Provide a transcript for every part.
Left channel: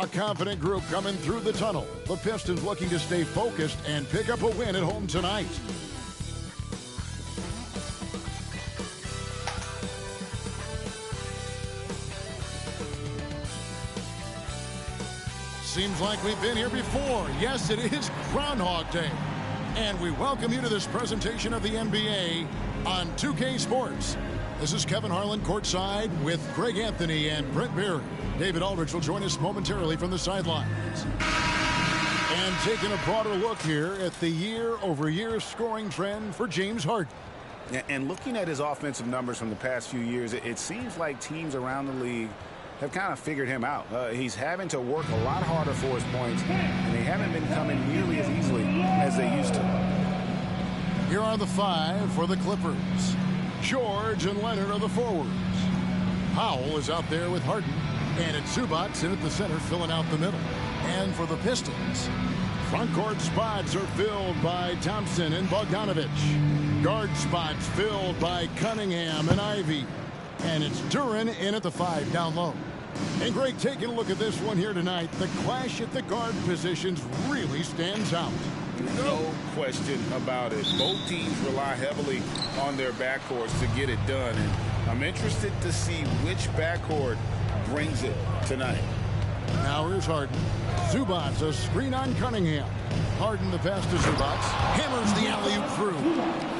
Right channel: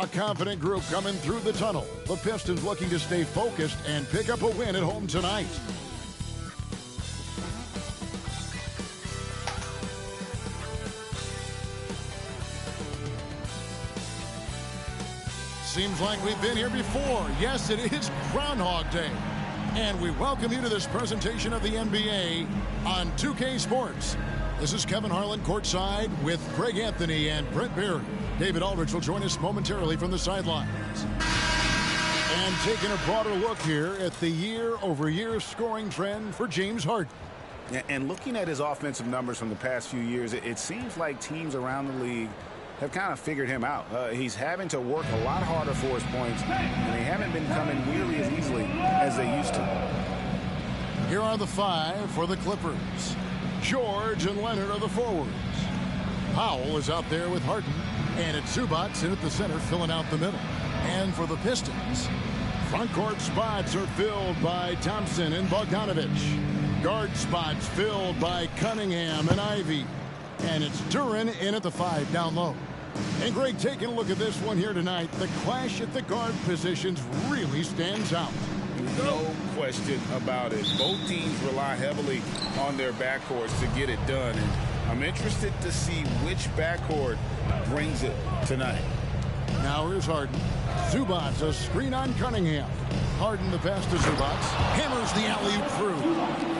A confident group coming through the tunnel. The Pistons looking to stay focused and pick up a win at home tonight. Seems like we've been here before. Yes, it is Groundhog Day. And we welcome you to this presentation of the NBA on 2K Sports. This is Kevin Harlan courtside with Greg Anthony and Brent Berry. David Aldridge will join us momentarily from the sidelines. And taking a broader look here at the year-over-year scoring trend for James Harden. And looking at his offensive numbers from the past few years, it seems like teams around the league have kind of figured him out. He's having to work a lot harder for his points, and they haven't been coming nearly as easily as they used to. Here are the five for the Clippers. George and Leonard are the forwards. Powell is out there with Harden. And it's Zubac in at the center, filling out the middle. And for the Pistons, front court spots are filled by Thompson and Bogdanovich. Guard spots filled by Cunningham and Ivy. And it's Duren in at the 5 down low. And Greg, taking a look at this one here tonight, the clash at the guard positions really stands out. No question about it. Both teams rely heavily on their backcourts to get it done. And I'm interested to see which backcourt brings it tonight. Now here's Harden. Zubac, a screen on Cunningham. Harden the pass to Zubac. Hammers the alley-oop through.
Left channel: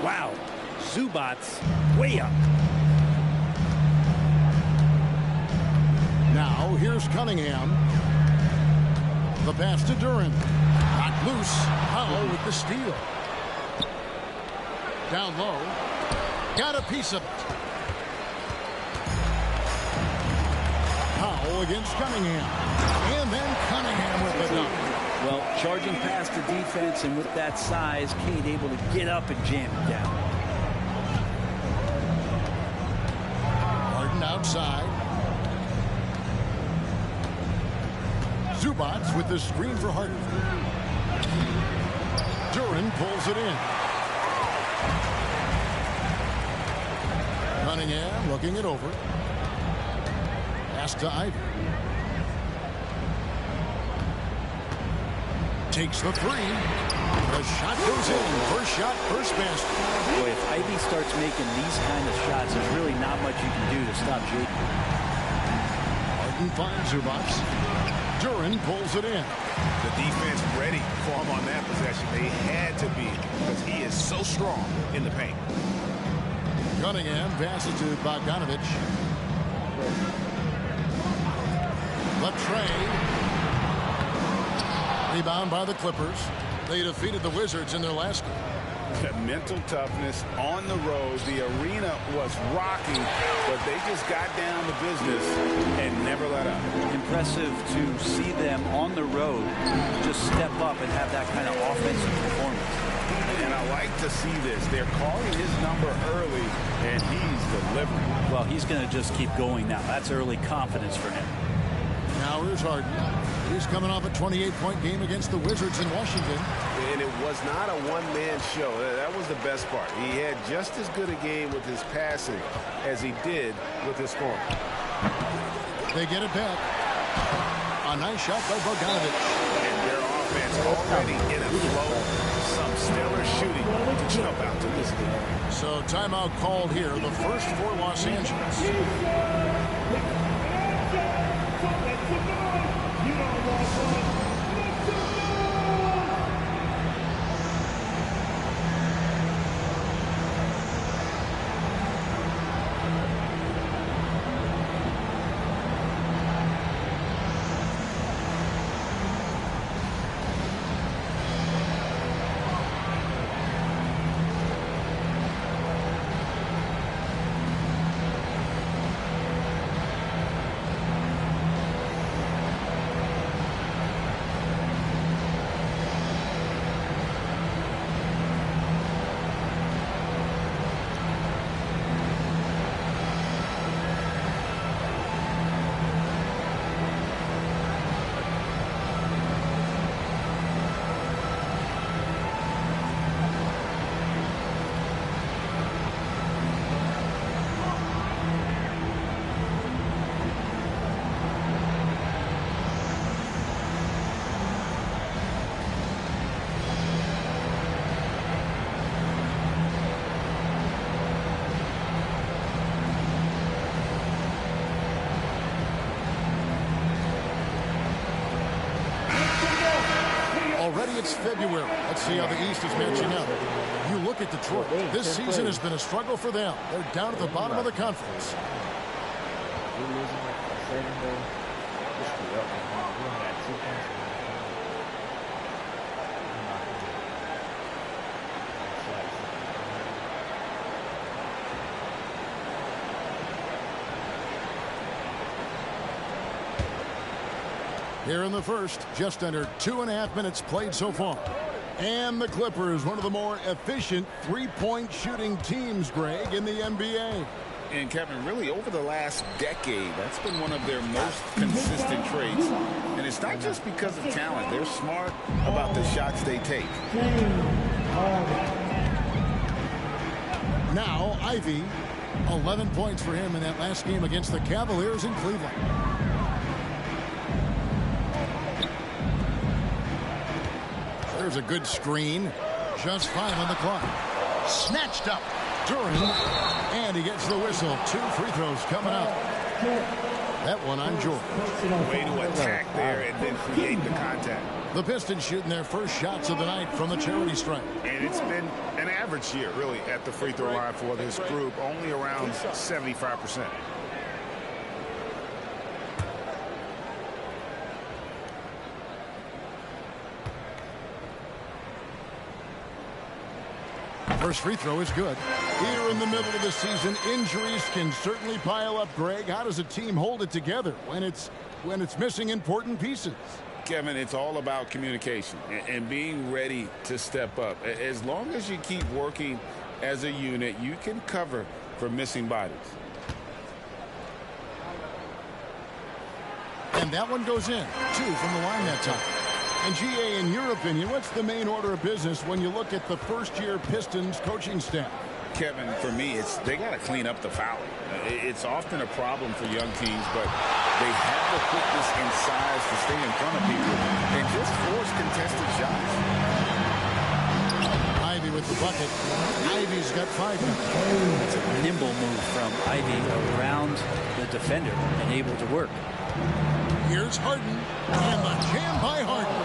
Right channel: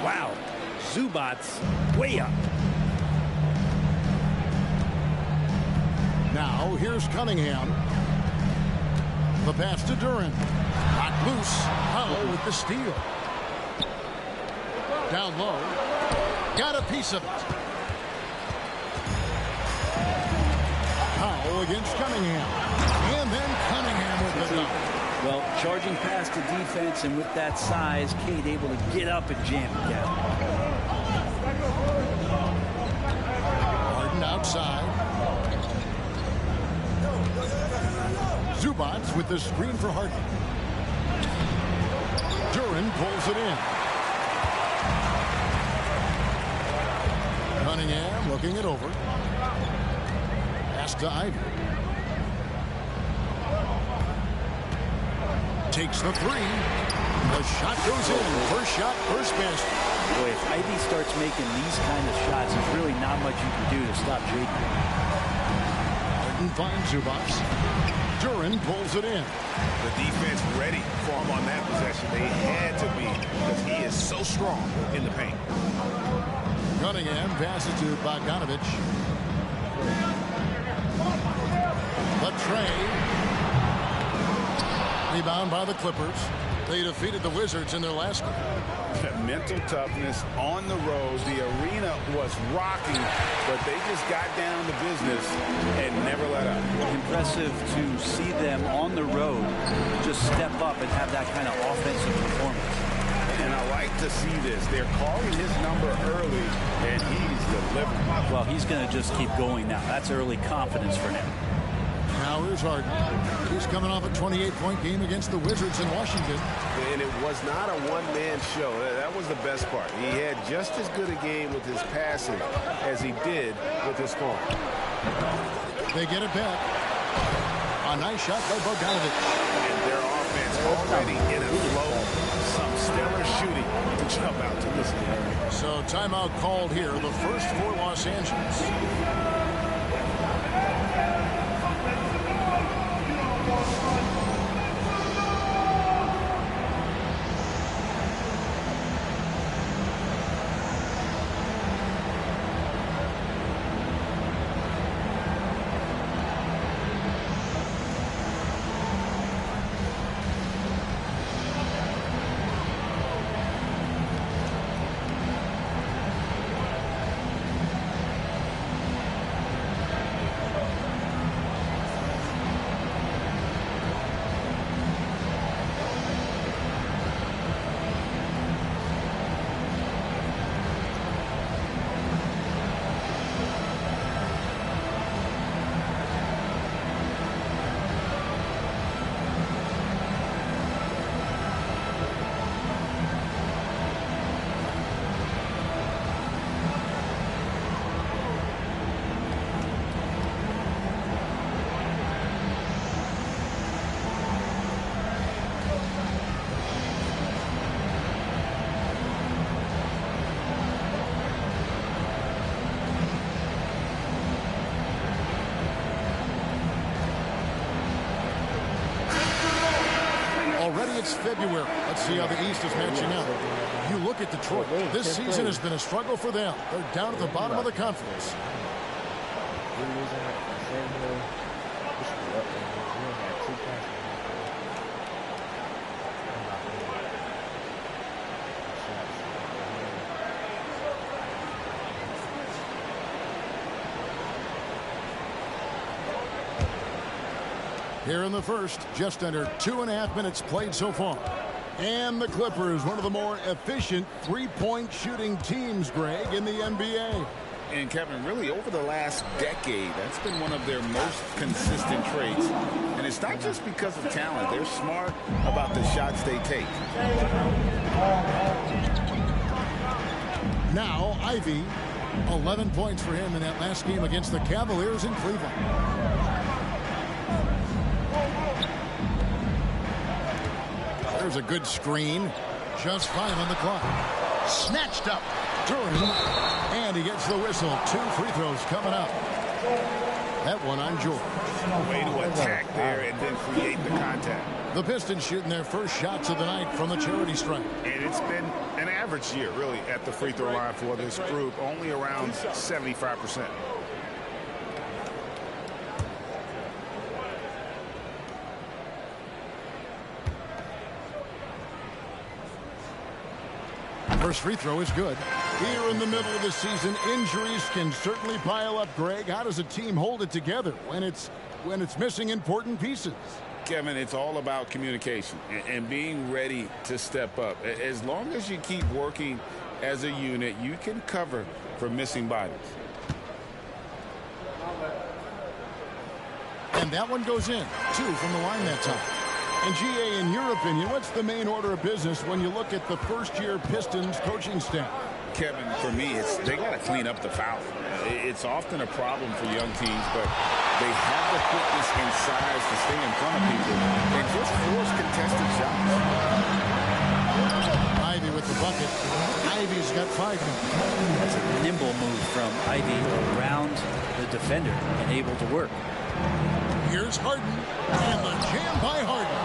Wow. Zubac way up. Now here's Cunningham. The pass to Duren. Knocked loose. Powell with the steal. Down low. Got a piece of it. Powell against Cunningham. And then Cunningham with the dunk. Well, charging past the defense, and with that size, Cade able to get up and jam it down. Harden outside. Zubac with the screen for Harden. Duren pulls it in. Cunningham looking it over. Pass to Ivy. Takes the three. The shot goes in. First shot, first basket. Boy, if Ivy starts making these kind of shots, there's really not much you can do to stop Jaden. Harden finds Zubac. Duren pulls it in. The defense ready for him on that possession. They had to be, because he is so strong in the paint. Cunningham passes to Bogdanovich. The tray. Rebound by the Clippers. They defeated the Wizards in their last game. Mental toughness on the road. The arena was rocking, but they just got down to business and never let up. Impressive to see them on the road just step up and have that kind of offensive performance. And I like to see this. They're calling his number early, and he's delivering. Well, he's going to just keep going now. That's early confidence for him. Now here's Harden. He's coming off a 28-point game against the Wizards in Washington. And it was not a one-man show. That was the best part. He had just as good a game with his passing as he did with his scoring. They get it back. A nice shot by Bogdanovich. And their offense already in a flow. Some stellar shooting to jump out to this league. So timeout called here. The first for Los Angeles. Already it's February. Let's see how the East is matching up. You look at Detroit. This season has been a struggle for them. They're down at the bottom of the conference. We're losing like 7 though. We should be up there. We only got 2 points. I'm not gonna shots. Here in the first, just under 2.5 minutes played so far. And the Clippers, one of the more efficient three-point shooting teams, Greg, in the NBA. And Kevin, really over the last decade, that's been one of their most consistent traits. And it's not just because of talent. They're smart about the shots they take. Now, Ivy, 11 points for him in that last game against the Cavaliers in Cleveland. There's a good screen. Just 5 on the clock. Snatched up. Duran. And he gets the whistle. 2 free throws coming up. That one on George. Way to attack there and then create the contact. The Pistons shooting their first shots of the night from the charity stripe. And it's been an average year, really, at the free throw line for this group. Only around 75%. First free throw is good. Here in the middle of the season, injuries can certainly pile up, Greg. How does a team hold it together when it's missing important pieces? Kevin, it's all about communication and being ready to step up. As long as you keep working as a unit, you can cover for missing bodies. And that one goes in. 2 from the line that time. And G.A., in your opinion, what's the main order of business when you look at the first-year Pistons coaching staff? Kevin, for me, they got to clean up the fouling. It's often a problem for young teams, but they have the quickness and size to stay in front of people and just force contested shots. Ivy with the bucket. Ivy's got 5 now. That's a nimble move from Ivy around the defender and able to work. Here's Harden, and the jam by Harden.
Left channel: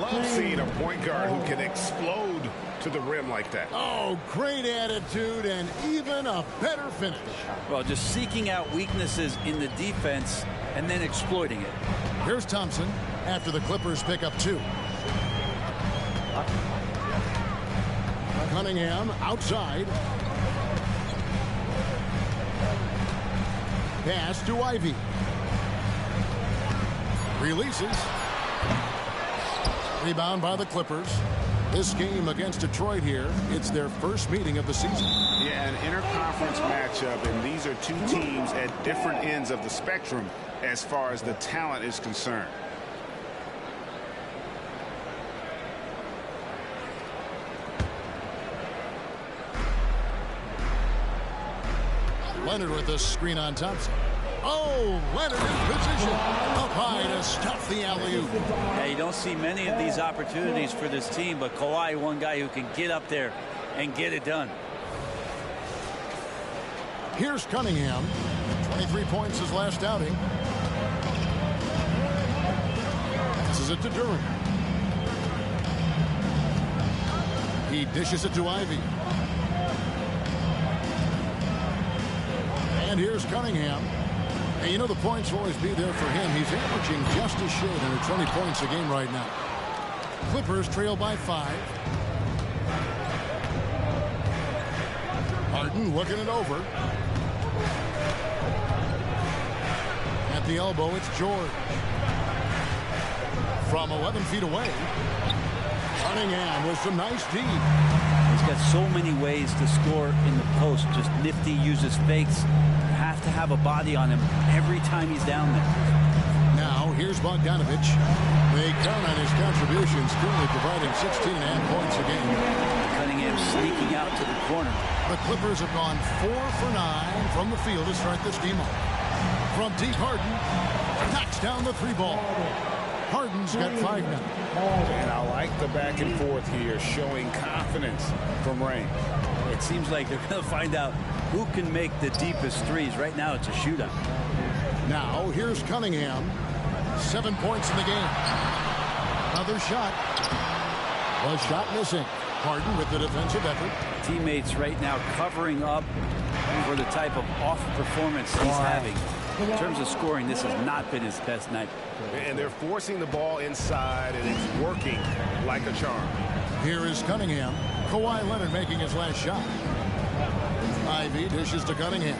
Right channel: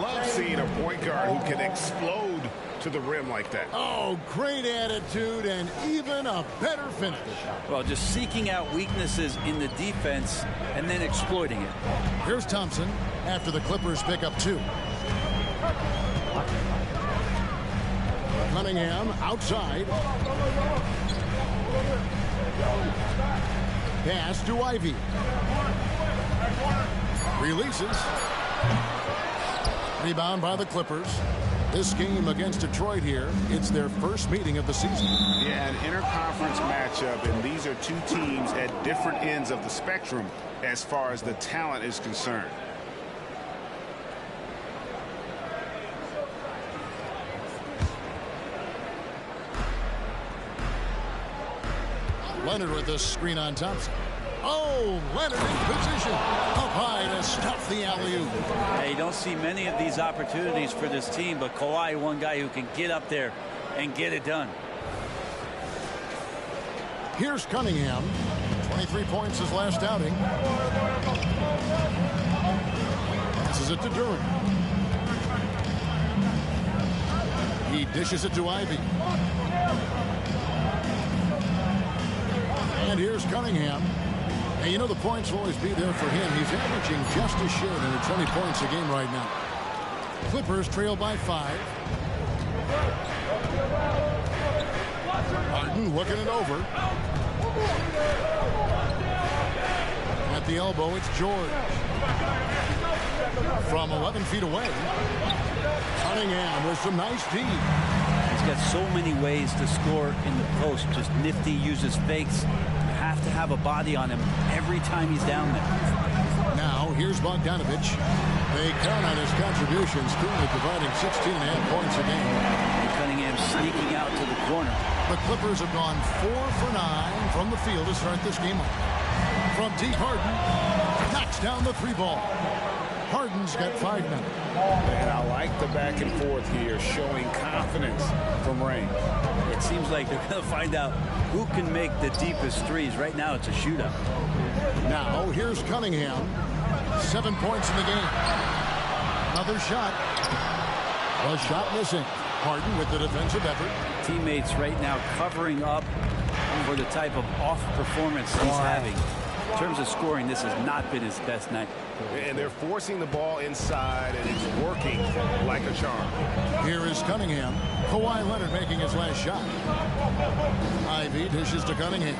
Love seeing a point guard who can explode to the rim like that. Oh, great attitude and even a better finish. Well, just seeking out weaknesses in the defense and then exploiting it. Here's Thompson after the Clippers pick up 2. Cunningham outside. Pass to Ivy. Releases. Rebound by the Clippers. This game against Detroit here, it's their first meeting of the season. Yeah, an interconference matchup, and these are 2 teams at different ends of the spectrum as far as the talent is concerned. Leonard with the screen on Thompson. Oh, Leonard in position. Up high to stuff the alley-oop. Yeah, you don't see many of these opportunities for this team, but Kawhi, one guy who can get up there and get it done. Here's Cunningham. 23 points his last outing. Passes it to Duran. He dishes it to Ivy. And here's Cunningham. And you know the points will always be there for him. He's averaging just a shade under 20 points a game right now. Clippers trail by 5. Harden looking it over. At the elbow, it's George. From 11 feet away, Cunningham with some nice D. He's got so many ways to score in the post. Just nifty, uses fakes. You have to have a body on him every time he's down there. Now, here's Bogdanovich. They count on his contributions, currently providing 16.5 points a game. And Cunningham sneaking out to the corner. The Clippers have gone 4 for 9 from the field to start this game off. From deep, Harden knocks down the 3 ball. Harden's got 5 now. And I like the back and forth here, showing confidence from range. It seems like they're going to find out who can make the deepest threes. Right now, it's a shootout. Now, here's Cunningham. 7 points in the game. Another shot. A shot missing. Harden with the defensive effort. Teammates right now covering up for the type of off performance he's having. In terms of scoring, this has not been his best night. And they're forcing the ball inside, and it's working like a charm. Here is Cunningham. Kawhi Leonard making his last shot. Ivy dishes to Cunningham.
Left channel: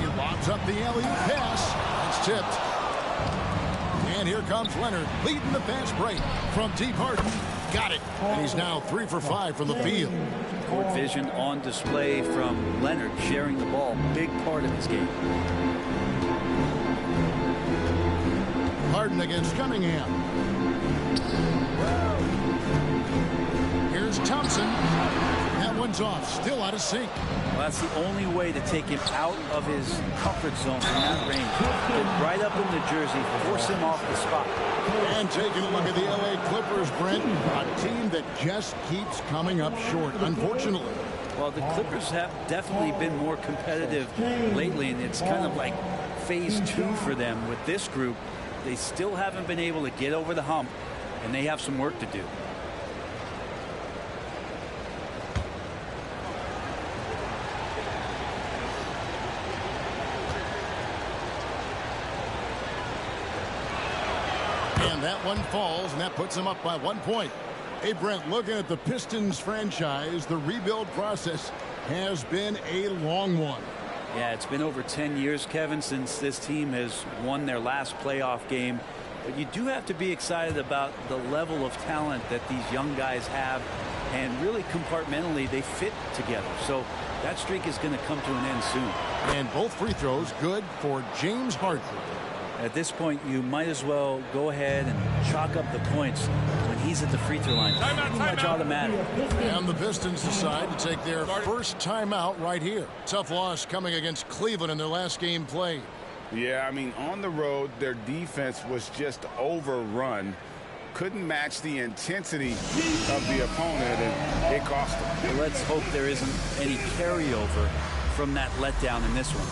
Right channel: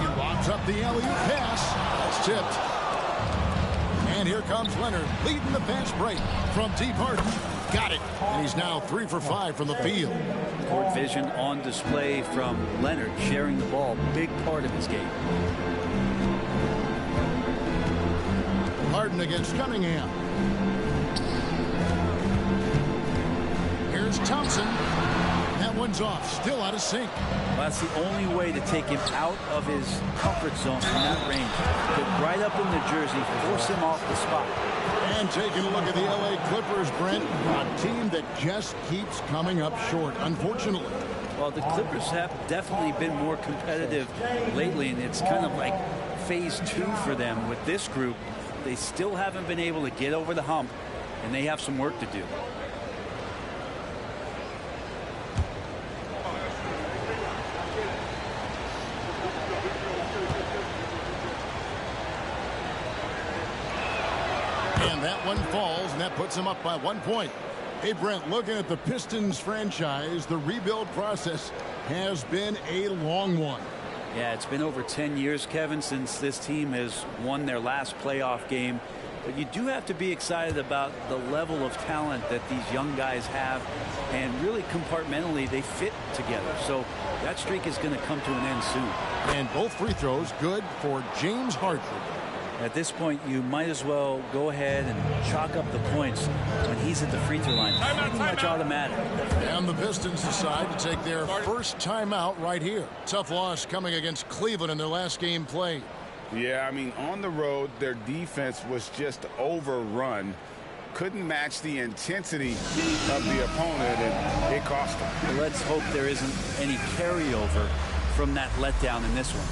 He lobs up the alley-oop pass. That's tipped. And here comes Leonard leading the fast break from deep. Harden. Got it. And he's now 3 for 5 from the field. Court vision on display from Leonard, sharing the ball. Big part of his game. Harden against Cunningham. Here's Thompson. That one's off. Still out of sync. Well, that's the only way to take him out of his comfort zone from that range. Get right up in the jersey, force him off the spot. And taking a look at the LA Clippers, Brent, a team that just keeps coming up short, unfortunately. Well, the Clippers have definitely been more competitive lately, and it's kind of like phase 2 for them with this group. They still haven't been able to get over the hump, and they have some work to do. And that one falls, and that puts them up by 1 point. Hey, Brent, looking at the Pistons franchise, the rebuild process has been a long one. Yeah, it's been over 10 years, Kevin, since this team has won their last playoff game. But you do have to be excited about the level of talent that these young guys have. And really compartmentally, they fit together. So that streak is going to come to an end soon. And both free throws good for James Harden. At this point, you might as well go ahead and chalk up the points when he's at the free throw line. Pretty much automatic. And the Pistons decide to take their first timeout right here. Tough loss coming against Cleveland in their last game played. Yeah, I mean, on the road, their defense was just overrun. Couldn't match the intensity of the opponent, and it cost them. Well, let's hope there isn't any carryover from that letdown in this one.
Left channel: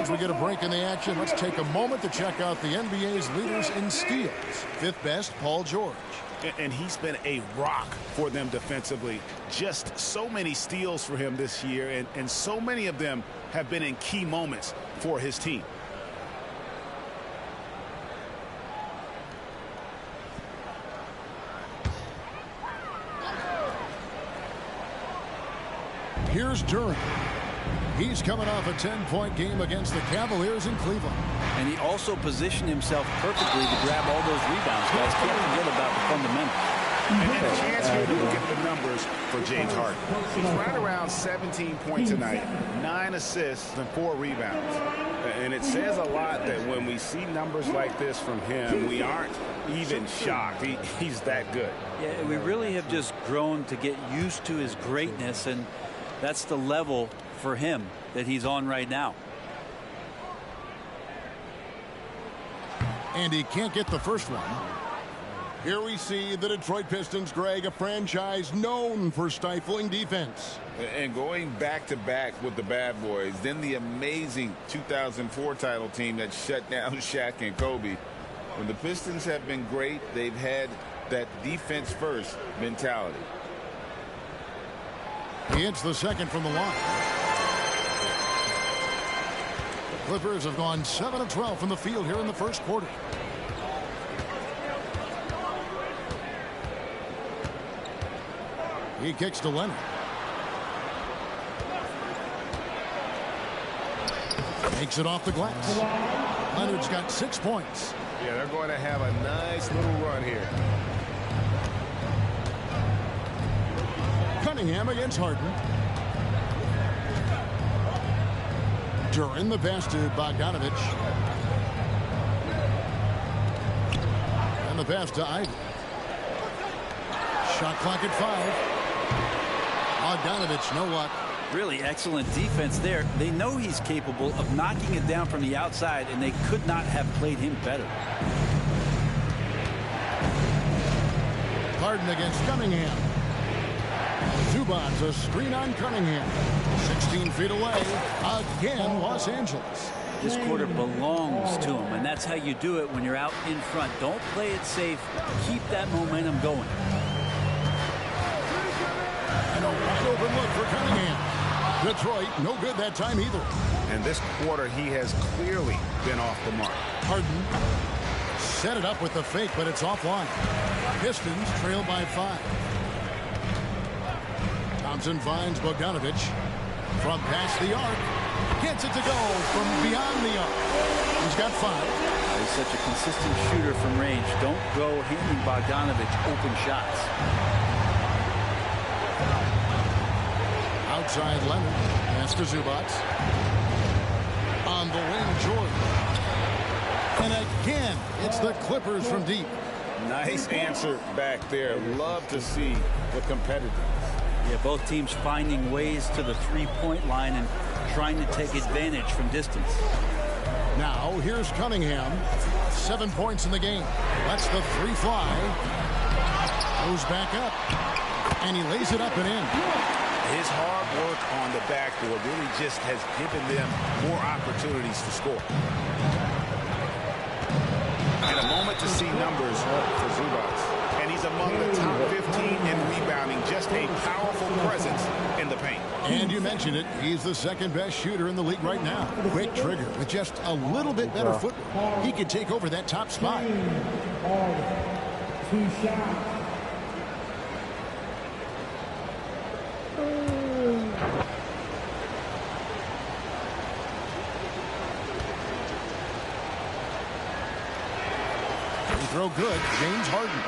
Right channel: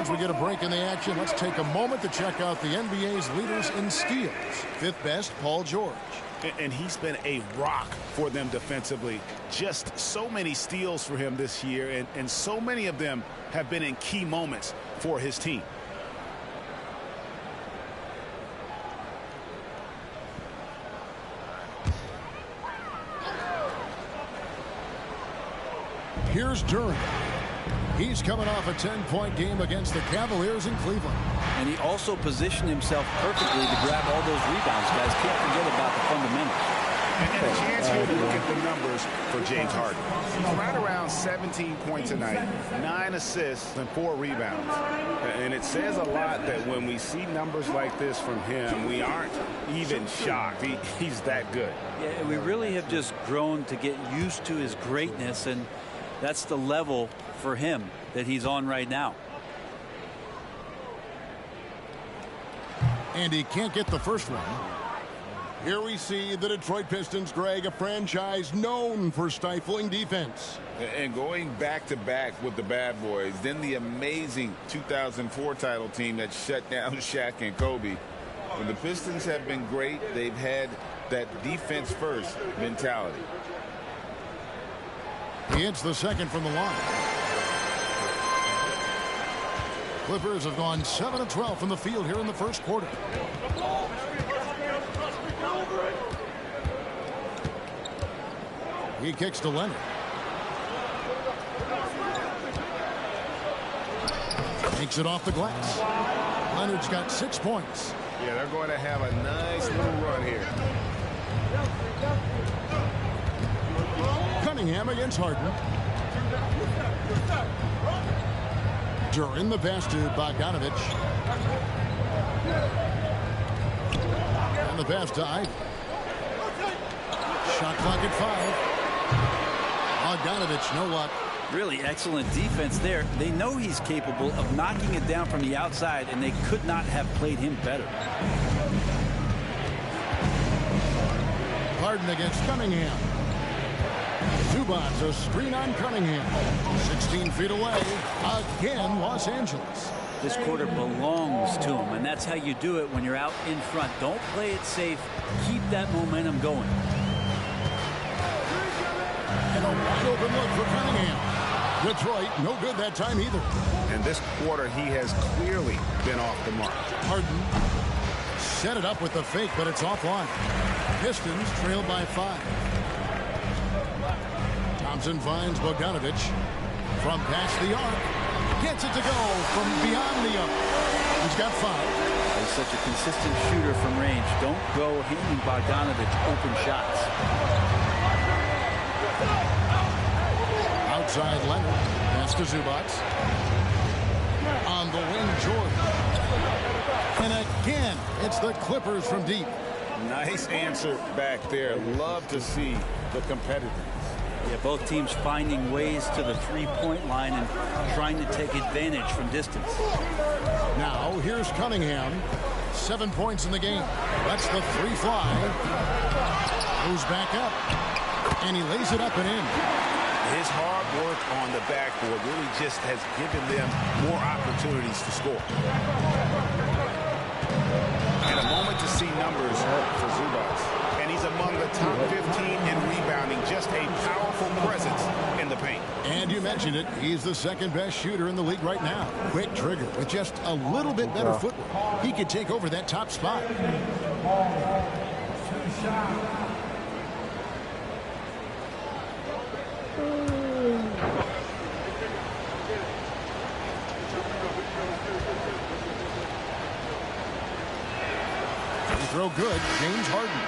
As we get a break in the action, let's take a moment to check out the NBA's leaders in steals. Fifth best, Paul George. And he's been a rock for them defensively. Just so many steals for him this year, and so many of them have been in key moments for his team. Here's Durant. He's coming off a 10-point game against the Cavaliers in Cleveland. And he also positioned himself perfectly to grab all those rebounds, guys. Can't forget about the fundamentals. And a chance here to look at the numbers for James Harden. He's right around 17 points tonight, 9 assists and 4 rebounds. And it says a lot that when we see numbers like this from him, we aren't even shocked. He's that good. Yeah, we really have just grown to get used to his greatness, and that's the level for him that he's on right now. And he can't get the first one. Here we see the Detroit Pistons, Greg, a franchise known for stifling defense. And going back-to-back with the bad boys, then the amazing 2004 title team that shut down Shaq and Kobe. When the Pistons have been great, they've had that defense-first mentality. He hits the second from the line. The Clippers have gone 7 of 12 from the field here in the first quarter. He kicks to Leonard. Makes it off the glass. Leonard's got 6 points. Yeah, they're going to have a nice little run here. Cunningham against Harden. Duran the pass to Bogdanovich. And the pass to Ivy. Shot clock at 5. Bogdanovich, no luck. Really excellent defense there. They know he's capable of knocking it down from the outside, and they could not have played him better. Harden against Cunningham. Zubac's a screen on Cunningham. 16 feet away. Again, Los Angeles. This quarter belongs to him, and that's how you do it when you're out in front. Don't play it safe. Keep that momentum going. And a wide open look for Cunningham. Detroit, no good that time either. And this quarter, he has clearly been off the mark. Harden set it up with the fake, but it's offline. Pistons trail by 5. Thompson finds Bogdanovich from past the arc. Gets it to go from beyond the arc. He's got 5. He's such a consistent shooter from range. Don't go handing Bogdanovich open shots. Outside Leonard. Pass to Zubac. On the wing, George. And again, it's the Clippers from deep. Nice answer back there. Love to see the competitiveness. Yeah, both teams finding ways to the three-point line and trying to take advantage from distance. Now, here's Cunningham. 7 points in the game. Lets the 3 fly. Goes back up. And he lays it up and in. His hard work on the backboard really just has given them more opportunities to score. And a moment to see numbers for Zubac. And he's among the top 15 in rebounding. Just a powerful presence in the paint. And you mentioned it. He's the second best shooter in the league right now. Quick trigger with just a little bit better footwork. He could take over that top spot. 2 shots. Free throw good. James Harden.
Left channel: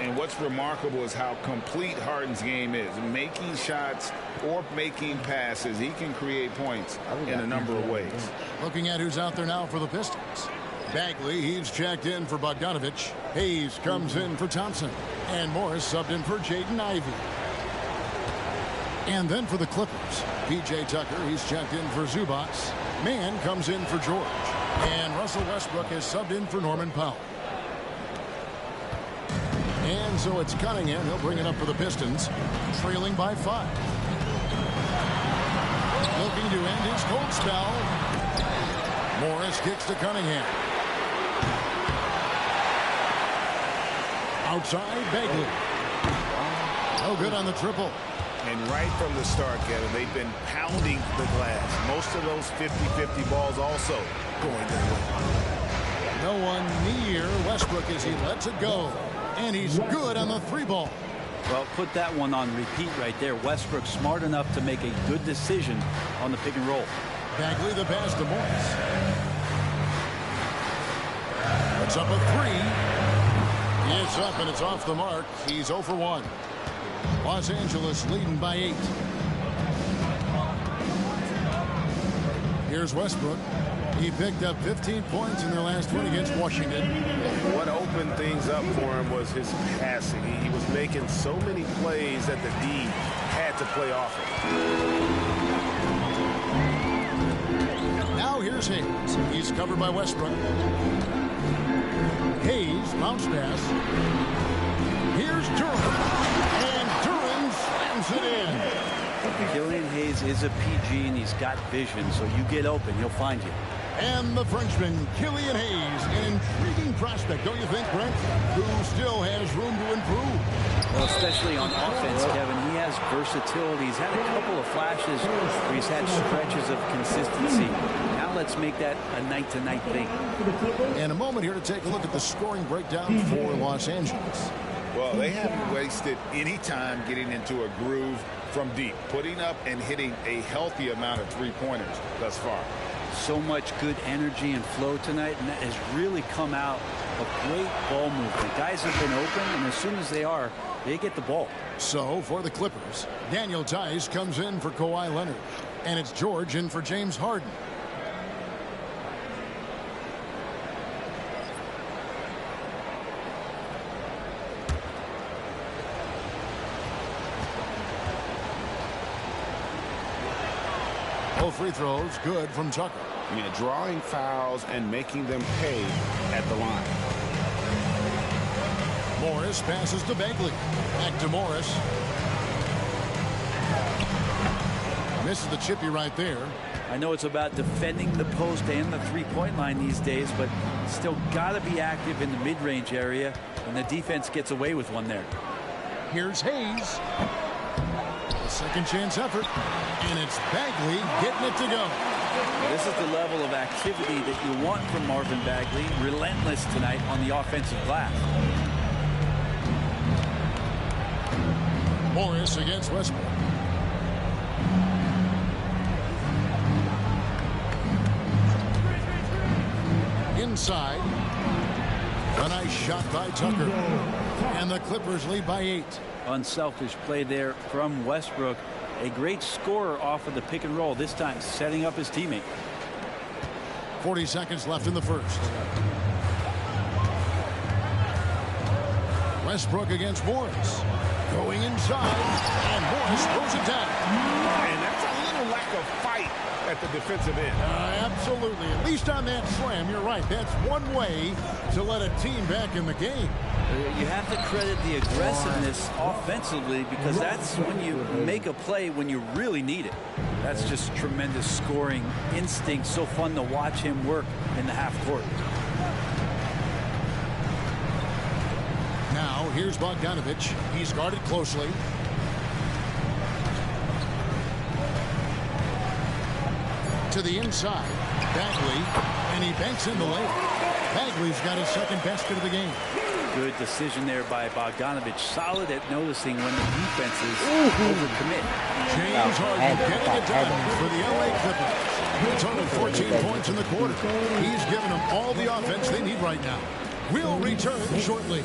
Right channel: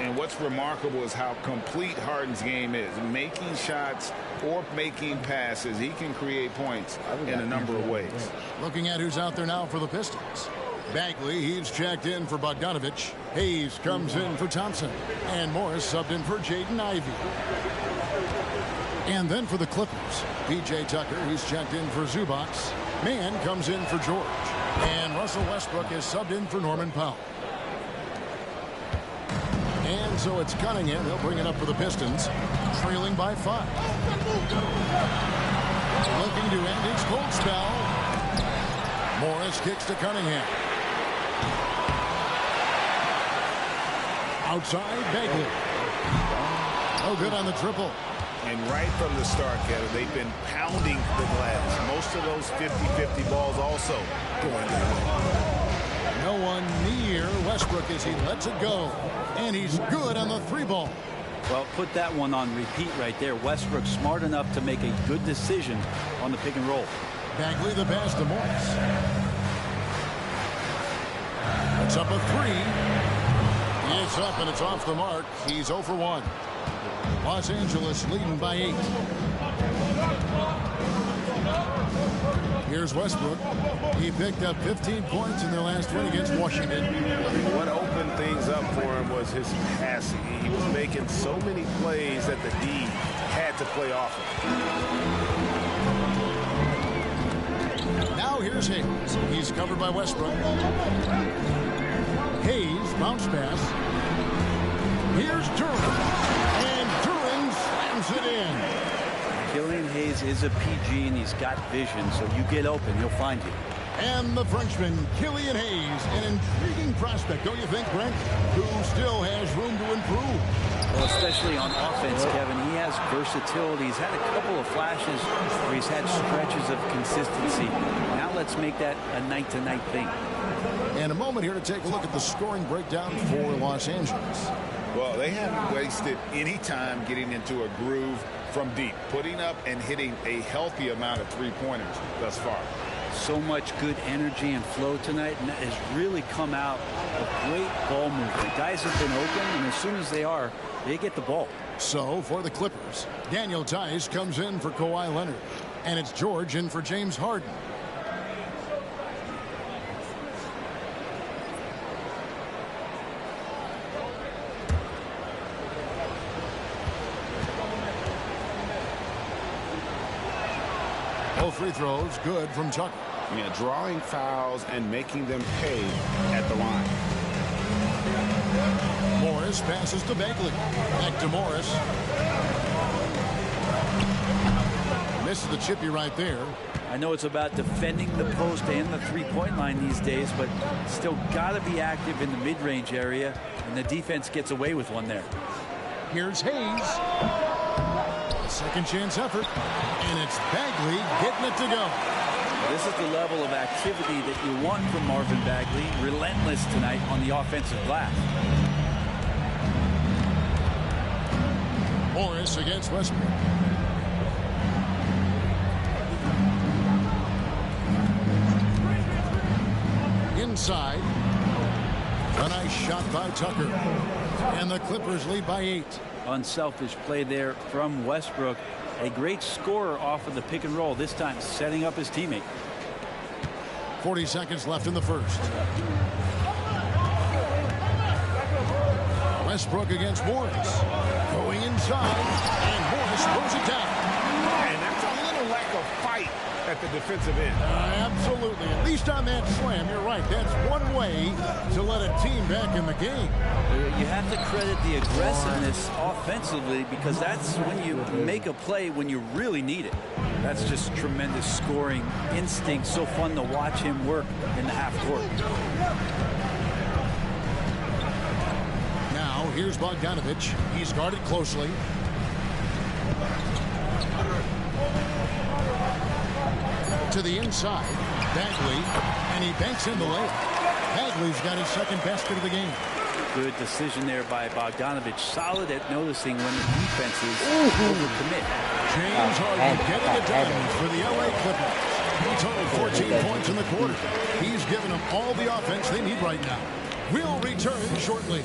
And what's remarkable is how complete Harden's game is. Making shots or making passes. He can create points in a number of ways. Looking at who's out there now for the Pistons. Bagley, he's checked in for Bogdanovich. Hayes comes in for Thompson. And Morris subbed in for Jaden Ivey. And then for the Clippers, P.J. Tucker, he's checked in for Zubac. Mann comes in for George. And Russell Westbrook is subbed in for Norman Powell. And so it's Cunningham. He'll bring it up for the Pistons, trailing by 5. Looking to end his cold spell. Morris kicks to Cunningham. Outside, Bagley. No good on the triple. And right from the start, Kevin, they've been pounding the glass. Most of those 50-50 balls also going their way. No one near Westbrook as he lets it go. And he's good on the 3 ball. Well, put that one on repeat right there. Westbrook smart enough to make a good decision on the pick and roll. Bagley the pass to Morris. Puts up a 3. It's up and it's off the mark. He's 0 for 1. Los Angeles leading by 8. Here's Westbrook. He picked up 15 points in their last win against Washington. What opened things up for him was his passing. He was making so many plays that the D had to play off of. Now here's Hayes. He's covered by Westbrook. Hayes, bounce pass. Here's Duran. And Duran slams it in. Killian Hayes is a PG, and he's got vision, so you get open, he'll find you. And the Frenchman, Killian Hayes, an intriguing prospect, don't you think, Brent? Who still has room to improve. Well, especially on offense, Kevin. He has versatility. He's had a couple of flashes where he's had stretches of consistency. Now let's make that a night-to-night thing. And a moment here to take a look at the scoring breakdown for Los Angeles. Well, they haven't wasted any time getting into a groove from deep, putting up and hitting a healthy amount of three-pointers thus far. So much good energy and flow tonight, and that has really come out of great ball movement. Guys have been open, and as soon as they are, they get the ball. So for the Clippers, Daniel Tice comes in for Kawhi Leonard, and it's George in for James Harden. Both free throws good from Tucker. Yeah, drawing fouls and making them pay at the line. Morris passes to Bagley. Back to Morris. Misses the chippy right there. I know it's about defending the post and the three-point line these days, but still got to be active in the mid-range area, and the defense gets away with one there. Here's Hayes. A second chance effort, and it's Bagley getting it to go. This is the level of activity that you want from Marvin Bagley. Relentless tonight on the offensive glass. Morris against Westbrook. Inside. A nice shot by Tucker. And the Clippers lead by 8. Unselfish play there from Westbrook. A great scorer off of the pick and roll, this time setting up his teammate. 40 seconds left in the first. Westbrook against Morris. Going inside, and Morris throws it down. And that's a little lack of fight at the defensive end. Absolutely. At least on that slam, you're right. That's one way to let a team back in the game. You have to credit the aggressiveness offensively, because that's when you make a play when you really need it. That's just tremendous scoring instinct. So fun to watch him work in the half court. Now here's Bogdanovich. He's guarded closely. To the inside. Bagley. And he banks in the layup. Bagley's got his second basket of the game. Good decision there by Bogdanovich. Solid at noticing when the defenses overcommit. James Harden getting it done for the LA Clippers. He totaled 14 points in the quarter. He's given them all the offense they need right now. We'll return shortly.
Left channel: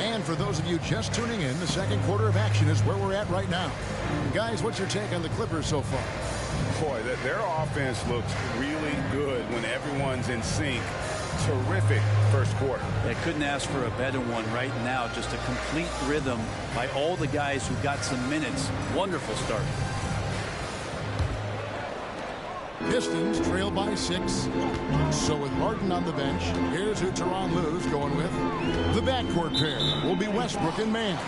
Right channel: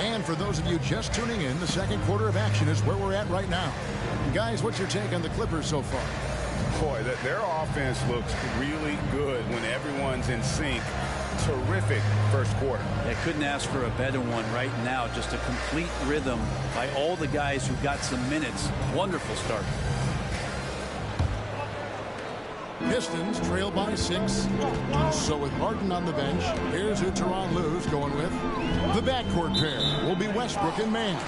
And for those of you just tuning in, the second quarter of action is where we're at right now. And guys, what's your take on the Clippers so far? Boy, their offense looks really good when everyone's in sync. Terrific first quarter. Yeah, couldn't ask for a better one right now. Just a complete rhythm by all the guys who got some minutes. Wonderful start. Pistons trail by 6. So with Harden on the bench, here's who Tyronn Lue's going with. The backcourt pair will be Westbrook and Mann.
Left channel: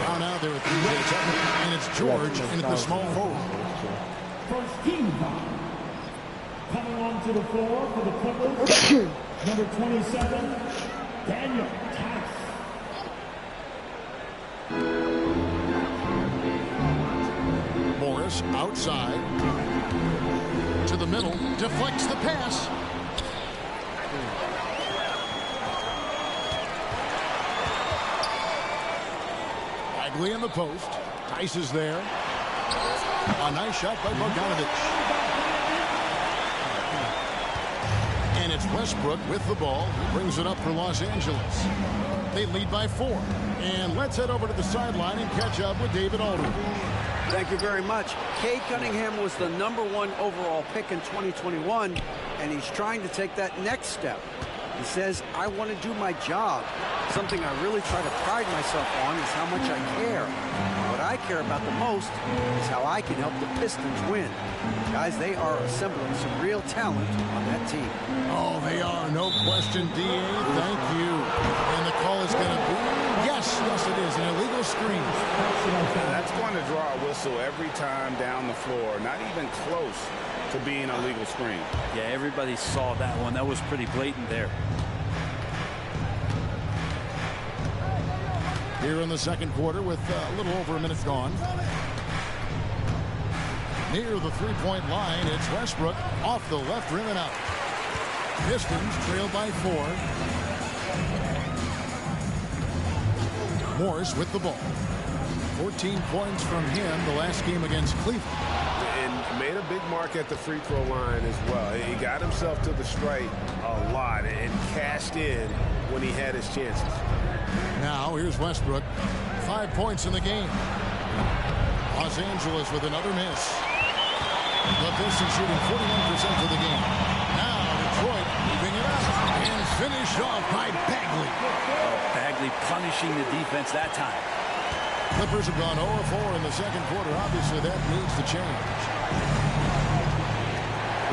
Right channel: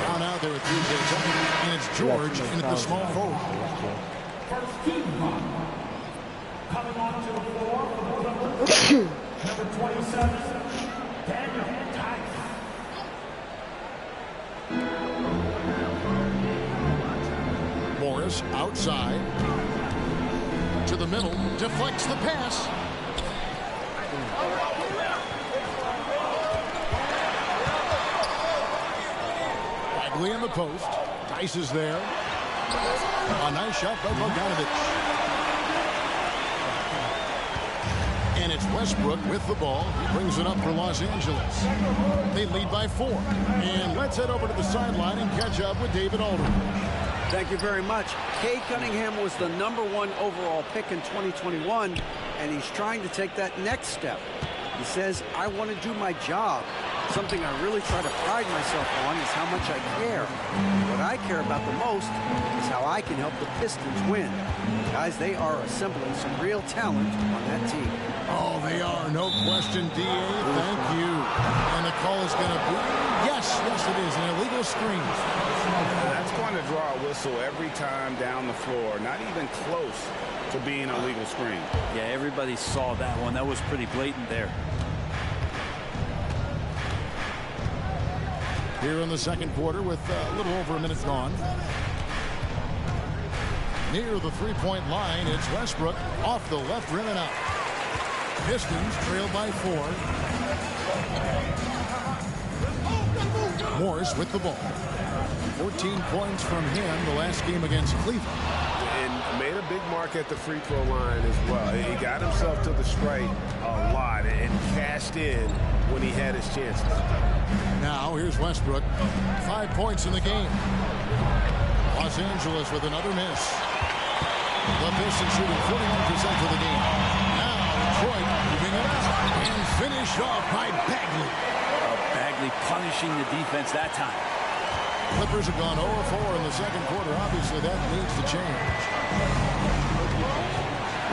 Down out there with 3 minutes up, and it's George in at the small forward. First team foul. Coming onto the floor for the Clippers, number 27, Daniel Tice. Morris outside. To the middle, deflects the pass. Bagley in the post. Tice is there. A nice shot by Bogdanovich. And And it's Westbrook with the ball. He brings it up for Los Angeles. They lead by 4. And let's head over to the sideline and catch up with David Aldridge. Thank you very much. Cade Cunningham was the #1 overall pick in 2021, and he's trying to take that next step. He says, I want to do my job. Something I really try to pride myself on is how much I care. What I care about the most is how I can help the Pistons win. Guys, they are assembling some real talent on that team. Oh, they are. No question, D.A. Thank you. And the call is going to be, yes, it is, an illegal screen. That's going to draw a whistle every time down the floor. Not even close to being a legal screen. Yeah, everybody saw that one. That was pretty blatant there. Here in the second quarter with a little over a minute gone. Near the three-point line, it's Westbrook off the left rim and out. Pistons trail by 4. Morris with the ball. 14 points from him the last game against Cleveland. And made a big mark at the free throw line as well. He got himself to the strike a lot and cashed in when he had his chances. Now here's Westbrook. 5 points in the game. Los Angeles with another miss. The Pistons shooting 41% for the game. Now Detroit moving it up and finished off by Bagley. Oh, Bagley punishing the defense that time. Clippers have gone 0-4 in the second quarter. Obviously, that needs to change.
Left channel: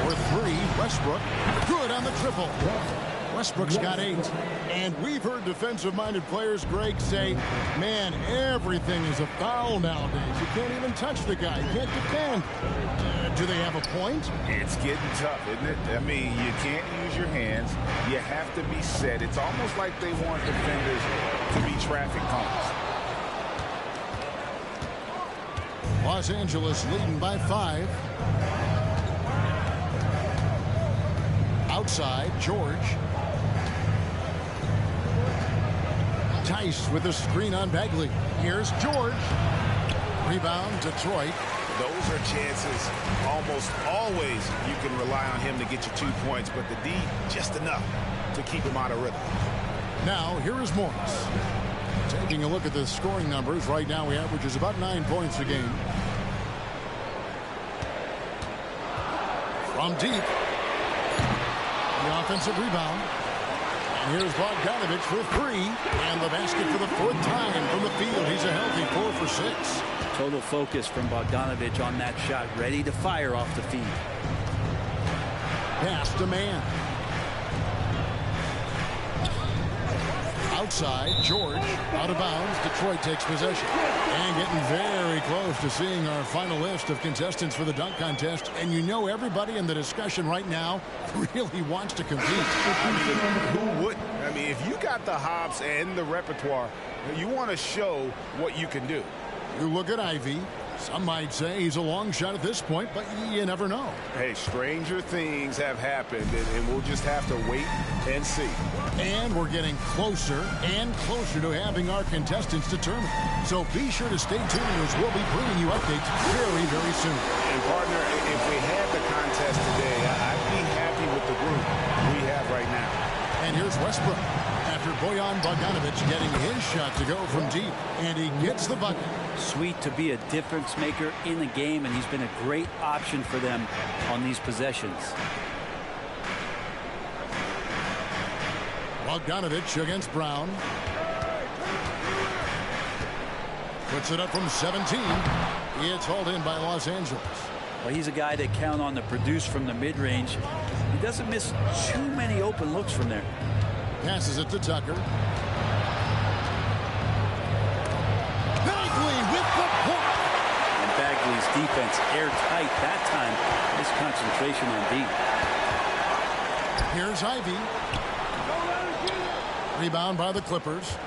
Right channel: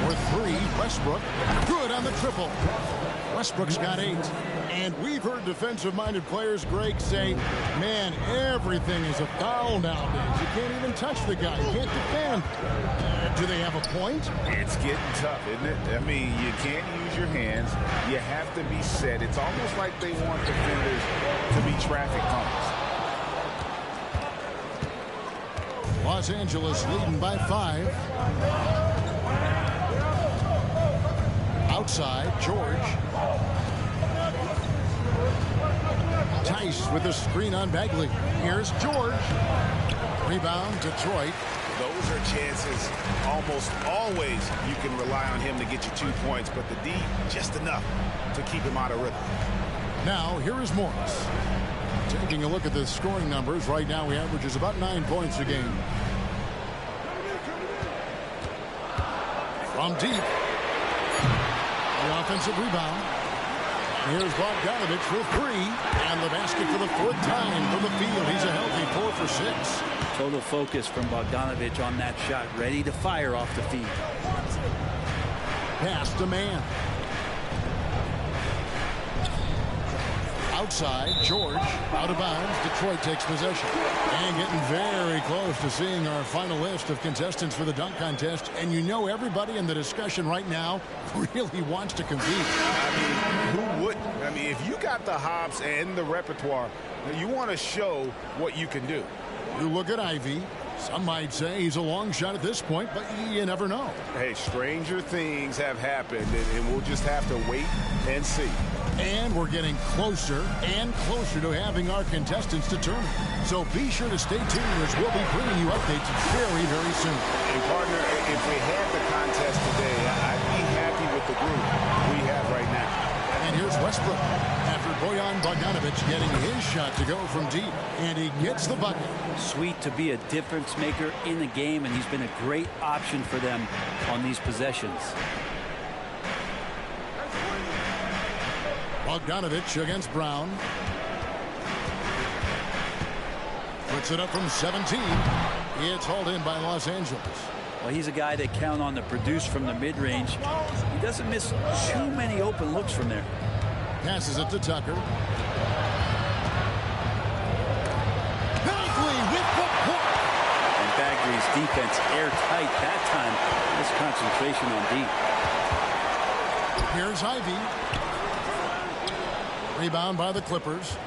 For 3, Westbrook. Good on the triple. Westbrook's got 8. And we've heard defensive-minded players, Greg, say, man, everything is a foul nowadays. You can't even touch the guy. You can't defend. Do they have a point? It's getting tough, isn't it? I mean, you can't use your hands. You have to be set. It's almost like they want defenders to be traffic cones. Los Angeles leading by 5. Outside, George. Tice with a screen on Bagley. Here's George. Rebound, Detroit. Those are chances almost always you can rely on him to get you 2 points, but the D just enough to keep him out of rhythm. Now, here is Morris. Taking a look at the scoring numbers, right now he averages about 9 points a game. From deep. The offensive rebound. And here's Bogdanovich for 3. And the basket for the 4th time from the field. He's a healthy 4 for 6. Total focus from Bogdanovich on that shot. Ready to fire off the feed. Pass to man. Outside, George, out of bounds. Detroit takes possession. And getting very close to seeing our final list of contestants for the dunk contest. And you know everybody in the discussion right now really wants to compete. I mean, who wouldn't? I mean, if you got the hops and the repertoire, you want to show what you can do. You look at Ivy. Some might say he's a long shot at this point, but you never know. Hey, stranger things have happened, and we'll just have to wait and see. And we're getting closer and closer to having our contestants determined. So be sure to stay tuned as we'll be bringing you updates very, very soon. And partner, if we had the contest today, I'd be happy with the group we have right now. And here's Westbrook after Bojan Bogdanović getting his shot to go from deep. And he gets the bucket. Sweet to be a difference maker in the game, and he's been a great option for them on these possessions. Bogdanović against Brown. Puts it up from 17. It's hauled in by Los Angeles. Well, he's a guy that count on to produce from the mid-range. He doesn't miss too many open looks from there. Passes it to Tucker. Bagley with the block. And Bagley's defense airtight that time. His concentration on D. Here's Ivy. Rebound by the Clippers.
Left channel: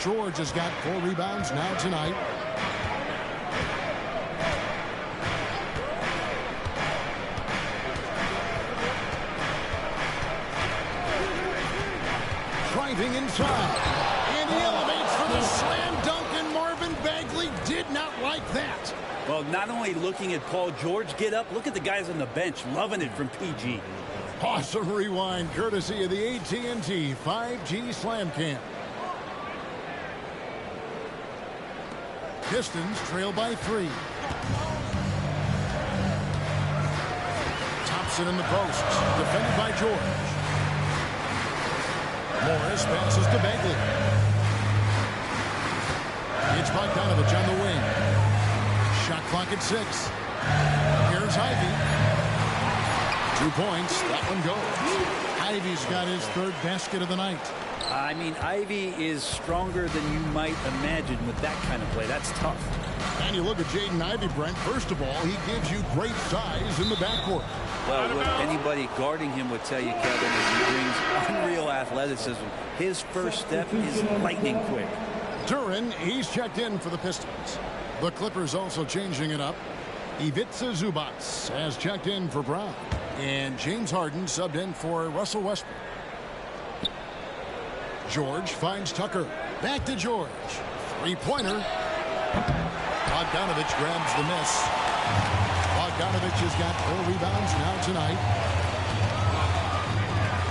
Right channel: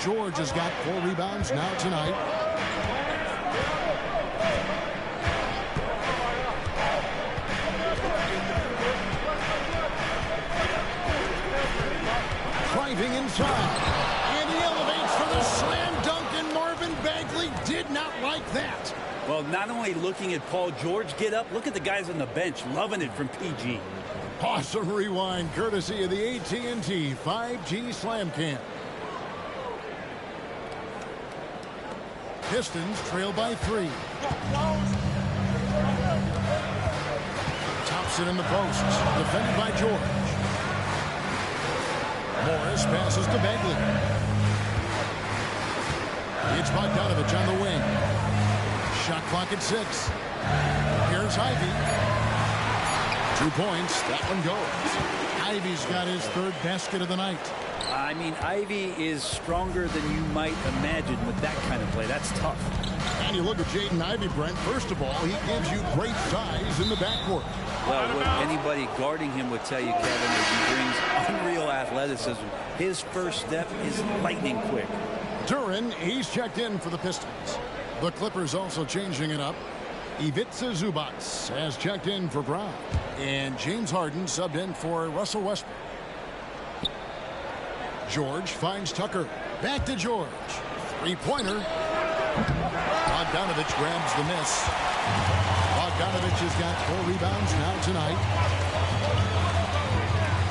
George has got 4 rebounds now tonight. Driving inside. And he elevates for the slam dunk, and Marvin Bagley did not like that. Well, not only looking at Paul George get up, look at the guys on the bench loving it from PG. Awesome rewind courtesy of the AT&T 5G Slam Cam. Pistons trail by 3. Thompson in the post, defended by George. Morris passes to Bagley. It's Bogdanovich on the wing. Shot clock at 6. Here's Ivy. 2 points. That one goes. Ivy's got his 3rd basket of the night. I mean, Ivy is stronger than you might imagine with that kind of play. That's tough. And you look at Jaden Ivey, Brent. First of all, he gives you great size in the backcourt. Well, what anybody guarding him would tell you, Kevin, is he brings unreal athleticism. His first step is lightning quick. Duran, he's checked in for the Pistons. The Clippers also changing it up. Ivica Zubac has checked in for Brown. And James Harden subbed in for Russell Westbrook. George finds Tucker. Back to George. 3-pointer. Bogdanovich grabs the miss. Bogdanovich has got 4 rebounds now tonight.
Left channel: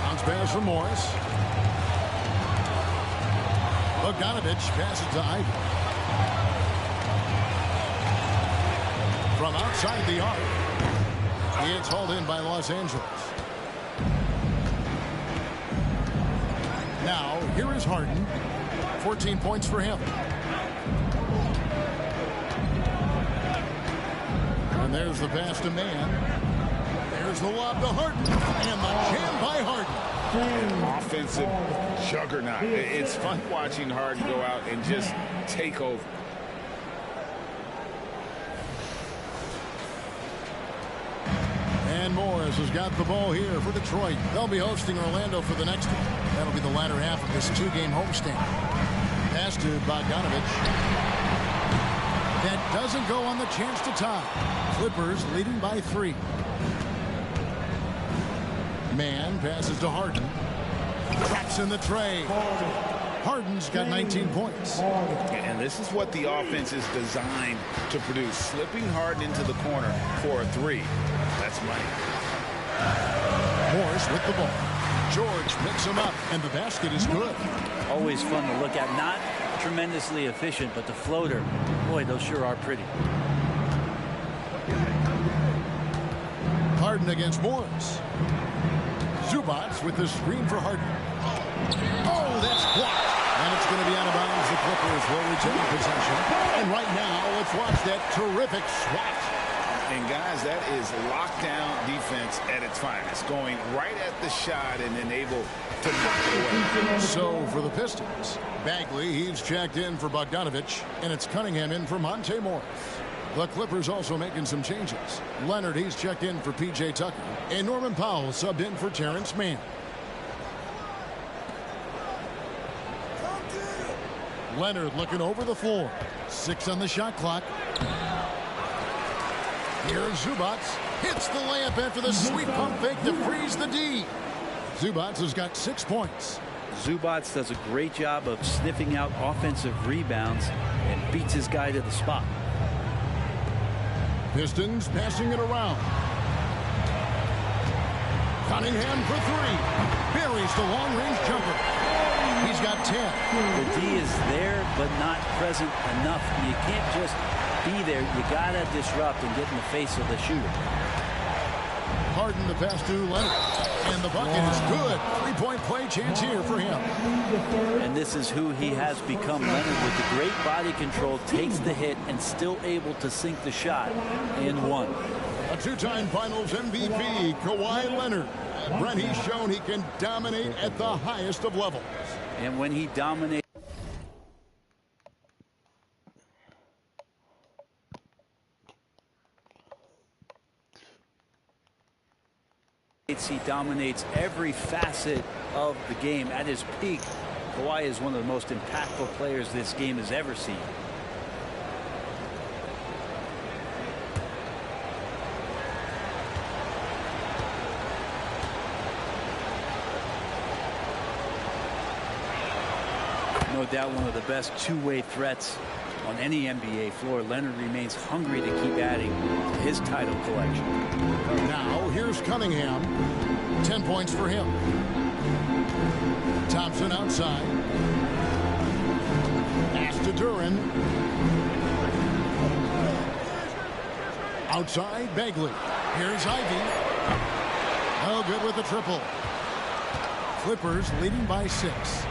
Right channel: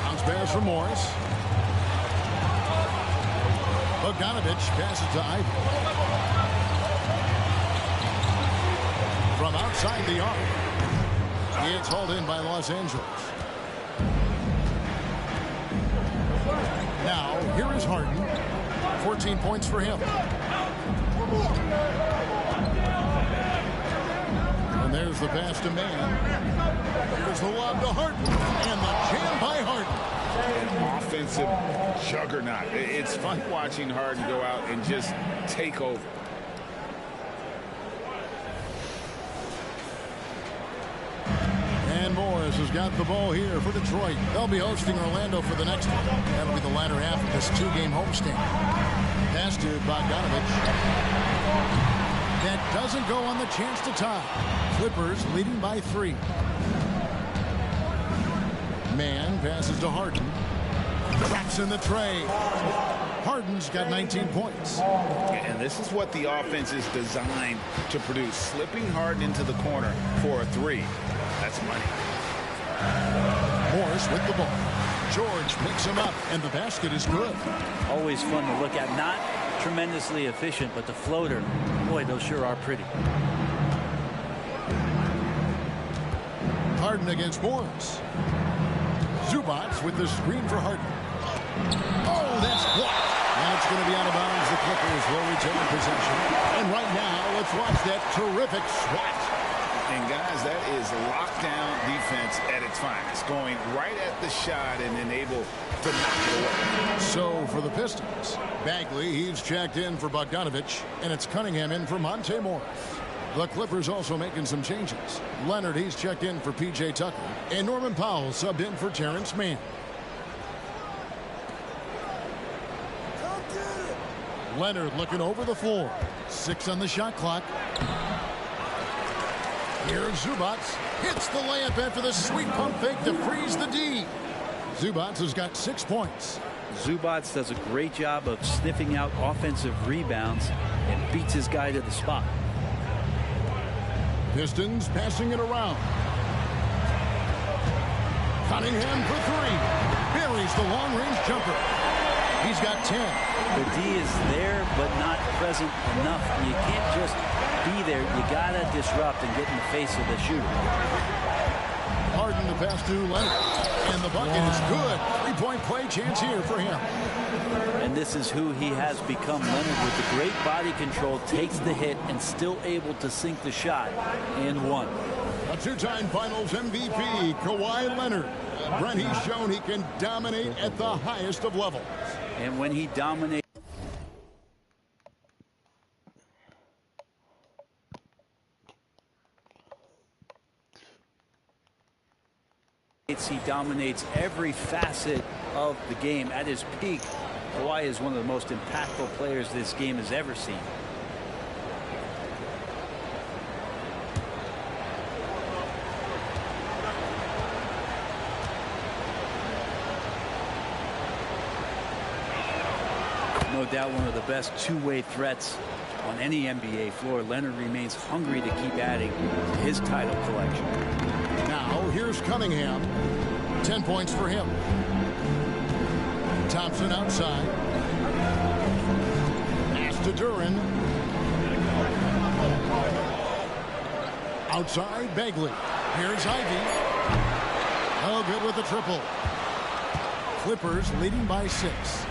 Bounce pass from Morris. Bogdanovich passes to Ivy. From outside the arc. It's hauled in by Los Angeles. Now, here is Harden. 14 points for him. And there's the pass to Mann. There's the lob to Harden. And the jam by Harden. An offensive juggernaut. It's fun watching Harden go out and just take over. And Morris has got the ball here for Detroit. They'll be hosting Orlando for the next one. That'll be the latter half of this 2-game homestand. Pass to Bogdanovich. That doesn't go on the chance to tie. Clippers leading by 3. Mann passes to Harden. Traps in the tray. Harden's got 19 points. And this is what the offense is designed to produce. Slipping Harden into the corner for a 3. That's money. Morris with the ball. George picks him up, and the basket is good. Always fun to look at. Not tremendously efficient, but the floater, boy, those sure are pretty. Harden against Morris. Zubac with the screen for Harden. Oh, that's blocked. And it's going to be out of bounds. The Clippers will retain possession. And right now, let's watch that terrific swat. And guys, that is lockdown defense at its finest, going right at the shot and then able to knock it away. So for the Pistons, Bagley, he's checked in for Bogdanovich, and it's Cunningham in for Monte Morris. The Clippers also making some changes. Leonard, he's checked in for P.J. Tucker, and Norman Powell subbed in for Terrence Mann. Leonard looking over the floor. 6 on the shot clock. Here's Zubac. Hits the layup after the sweet pump fake to freeze the D. Zubac has got 6 points. Zubac does a great job of sniffing out offensive rebounds and beats his guy to the spot. Pistons passing it around. Cunningham for 3. Buries the long-range jumper. He's got 10. The D is there, but not present enough. You can't just be there. You got to disrupt and get in the face of the shooter. Harden the pass to Leonard. And the bucket is good. 3-point play chance here for him. And this is who he has become. Leonard with the great body control takes the hit and still able to sink the shot and one. A 2-time finals MVP, Kawhi Leonard. Brent, he's shown he can dominate at the highest of levels. And when he dominates, he dominates every facet of the game. At his peak, Kawhi is one of the most impactful players this game has ever seen. No doubt one of the best two-way threats On any NBA floor, Leonard remains hungry to keep adding to his title collection. Now here's Cunningham. 10 points for him. Thompson outside. Pass to Duran. Outside, Bagley. Here's Ivy. Oh, good with the triple. Clippers leading by 6.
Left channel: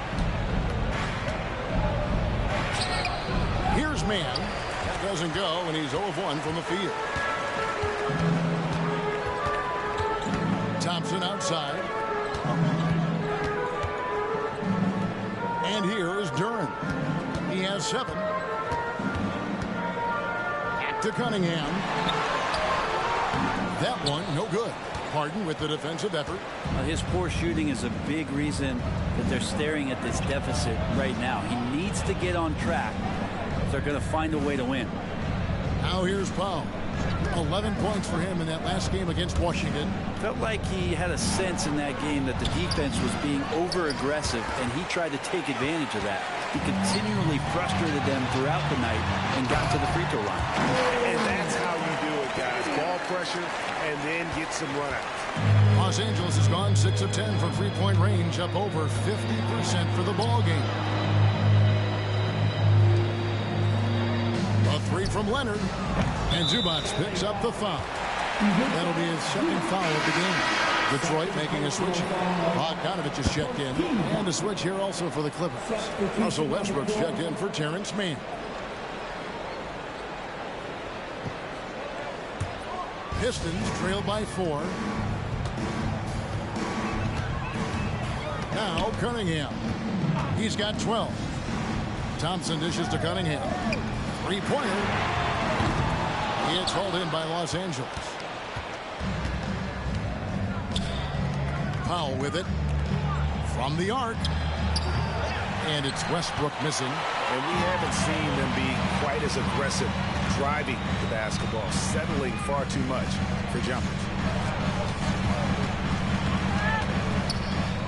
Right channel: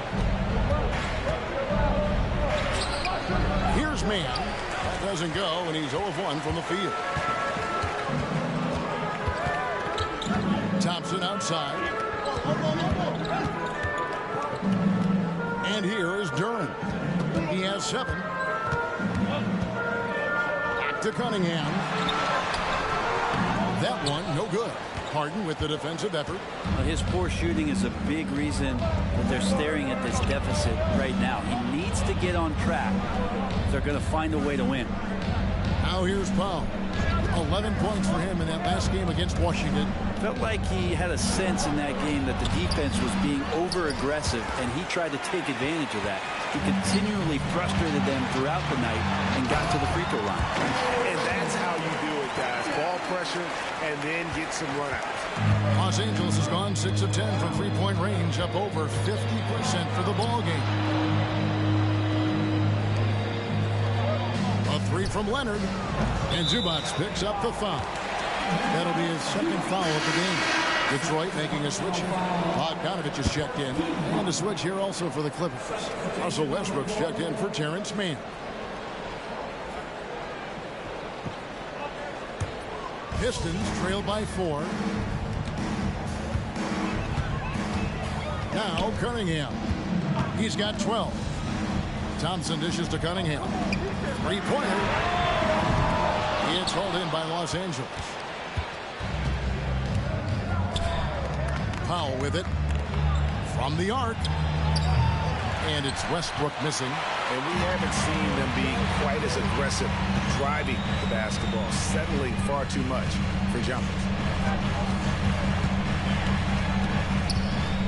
Here's Mann. That doesn't go, and he's 0 of 1 from the field. Thompson outside. And here is Duran. He has 7. Back to Cunningham. That one, no good. Harden with the defensive effort. Well, his poor shooting is a big reason that they're staring at this deficit right now. He needs to get on track if they're going to find a way to win. Now here's Powell. 11 points for him in that last game against Washington. Felt like he had a sense in that game that the defense was being over-aggressive, and he tried to take advantage of that. He continually frustrated them throughout the night and got to the free throw line. And that's how you do it, guys. Ball pressure and then get some runouts. Los Angeles has gone 6 of 10 from three-point range, up over 50% for the ball game. A 3 from Leonard, and Zubac picks up the foul. That'll be his second foul of the game. Detroit making a switch. Bogdanovich is checked in, and a switch here also for the Clippers. Russell Westbrook's checked in for Terrence Mann. Pistons trail by 4. Now Cunningham. He's got 12. Thompson dishes to Cunningham. Three-pointer. It's hauled in by Los Angeles. Powell with it. From the arc. And it's Westbrook missing. And we haven't seen them be quite as aggressive driving the basketball, settling far too much for jumpers.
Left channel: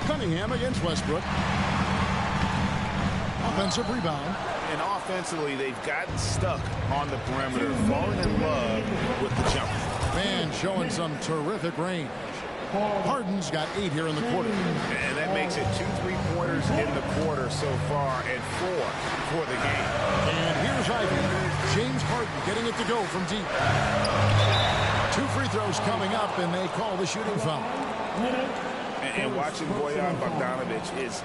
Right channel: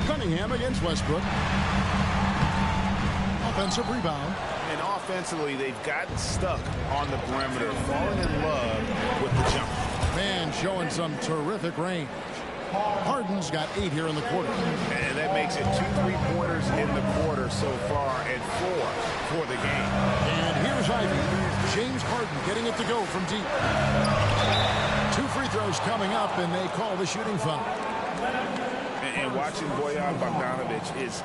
Cunningham against Westbrook. Offensive rebound. And offensively, they've gotten stuck on the perimeter, falling in love with the jumper. Man showing some terrific range. Harden's got 8 here in the quarter. And that makes it 2 3-pointers in the quarter so far and 4 for the game. And here's Ivy. James Harden getting it to go from deep. 2 free throws coming up, and they call the shooting foul. And watching Bojan Bogdanovich is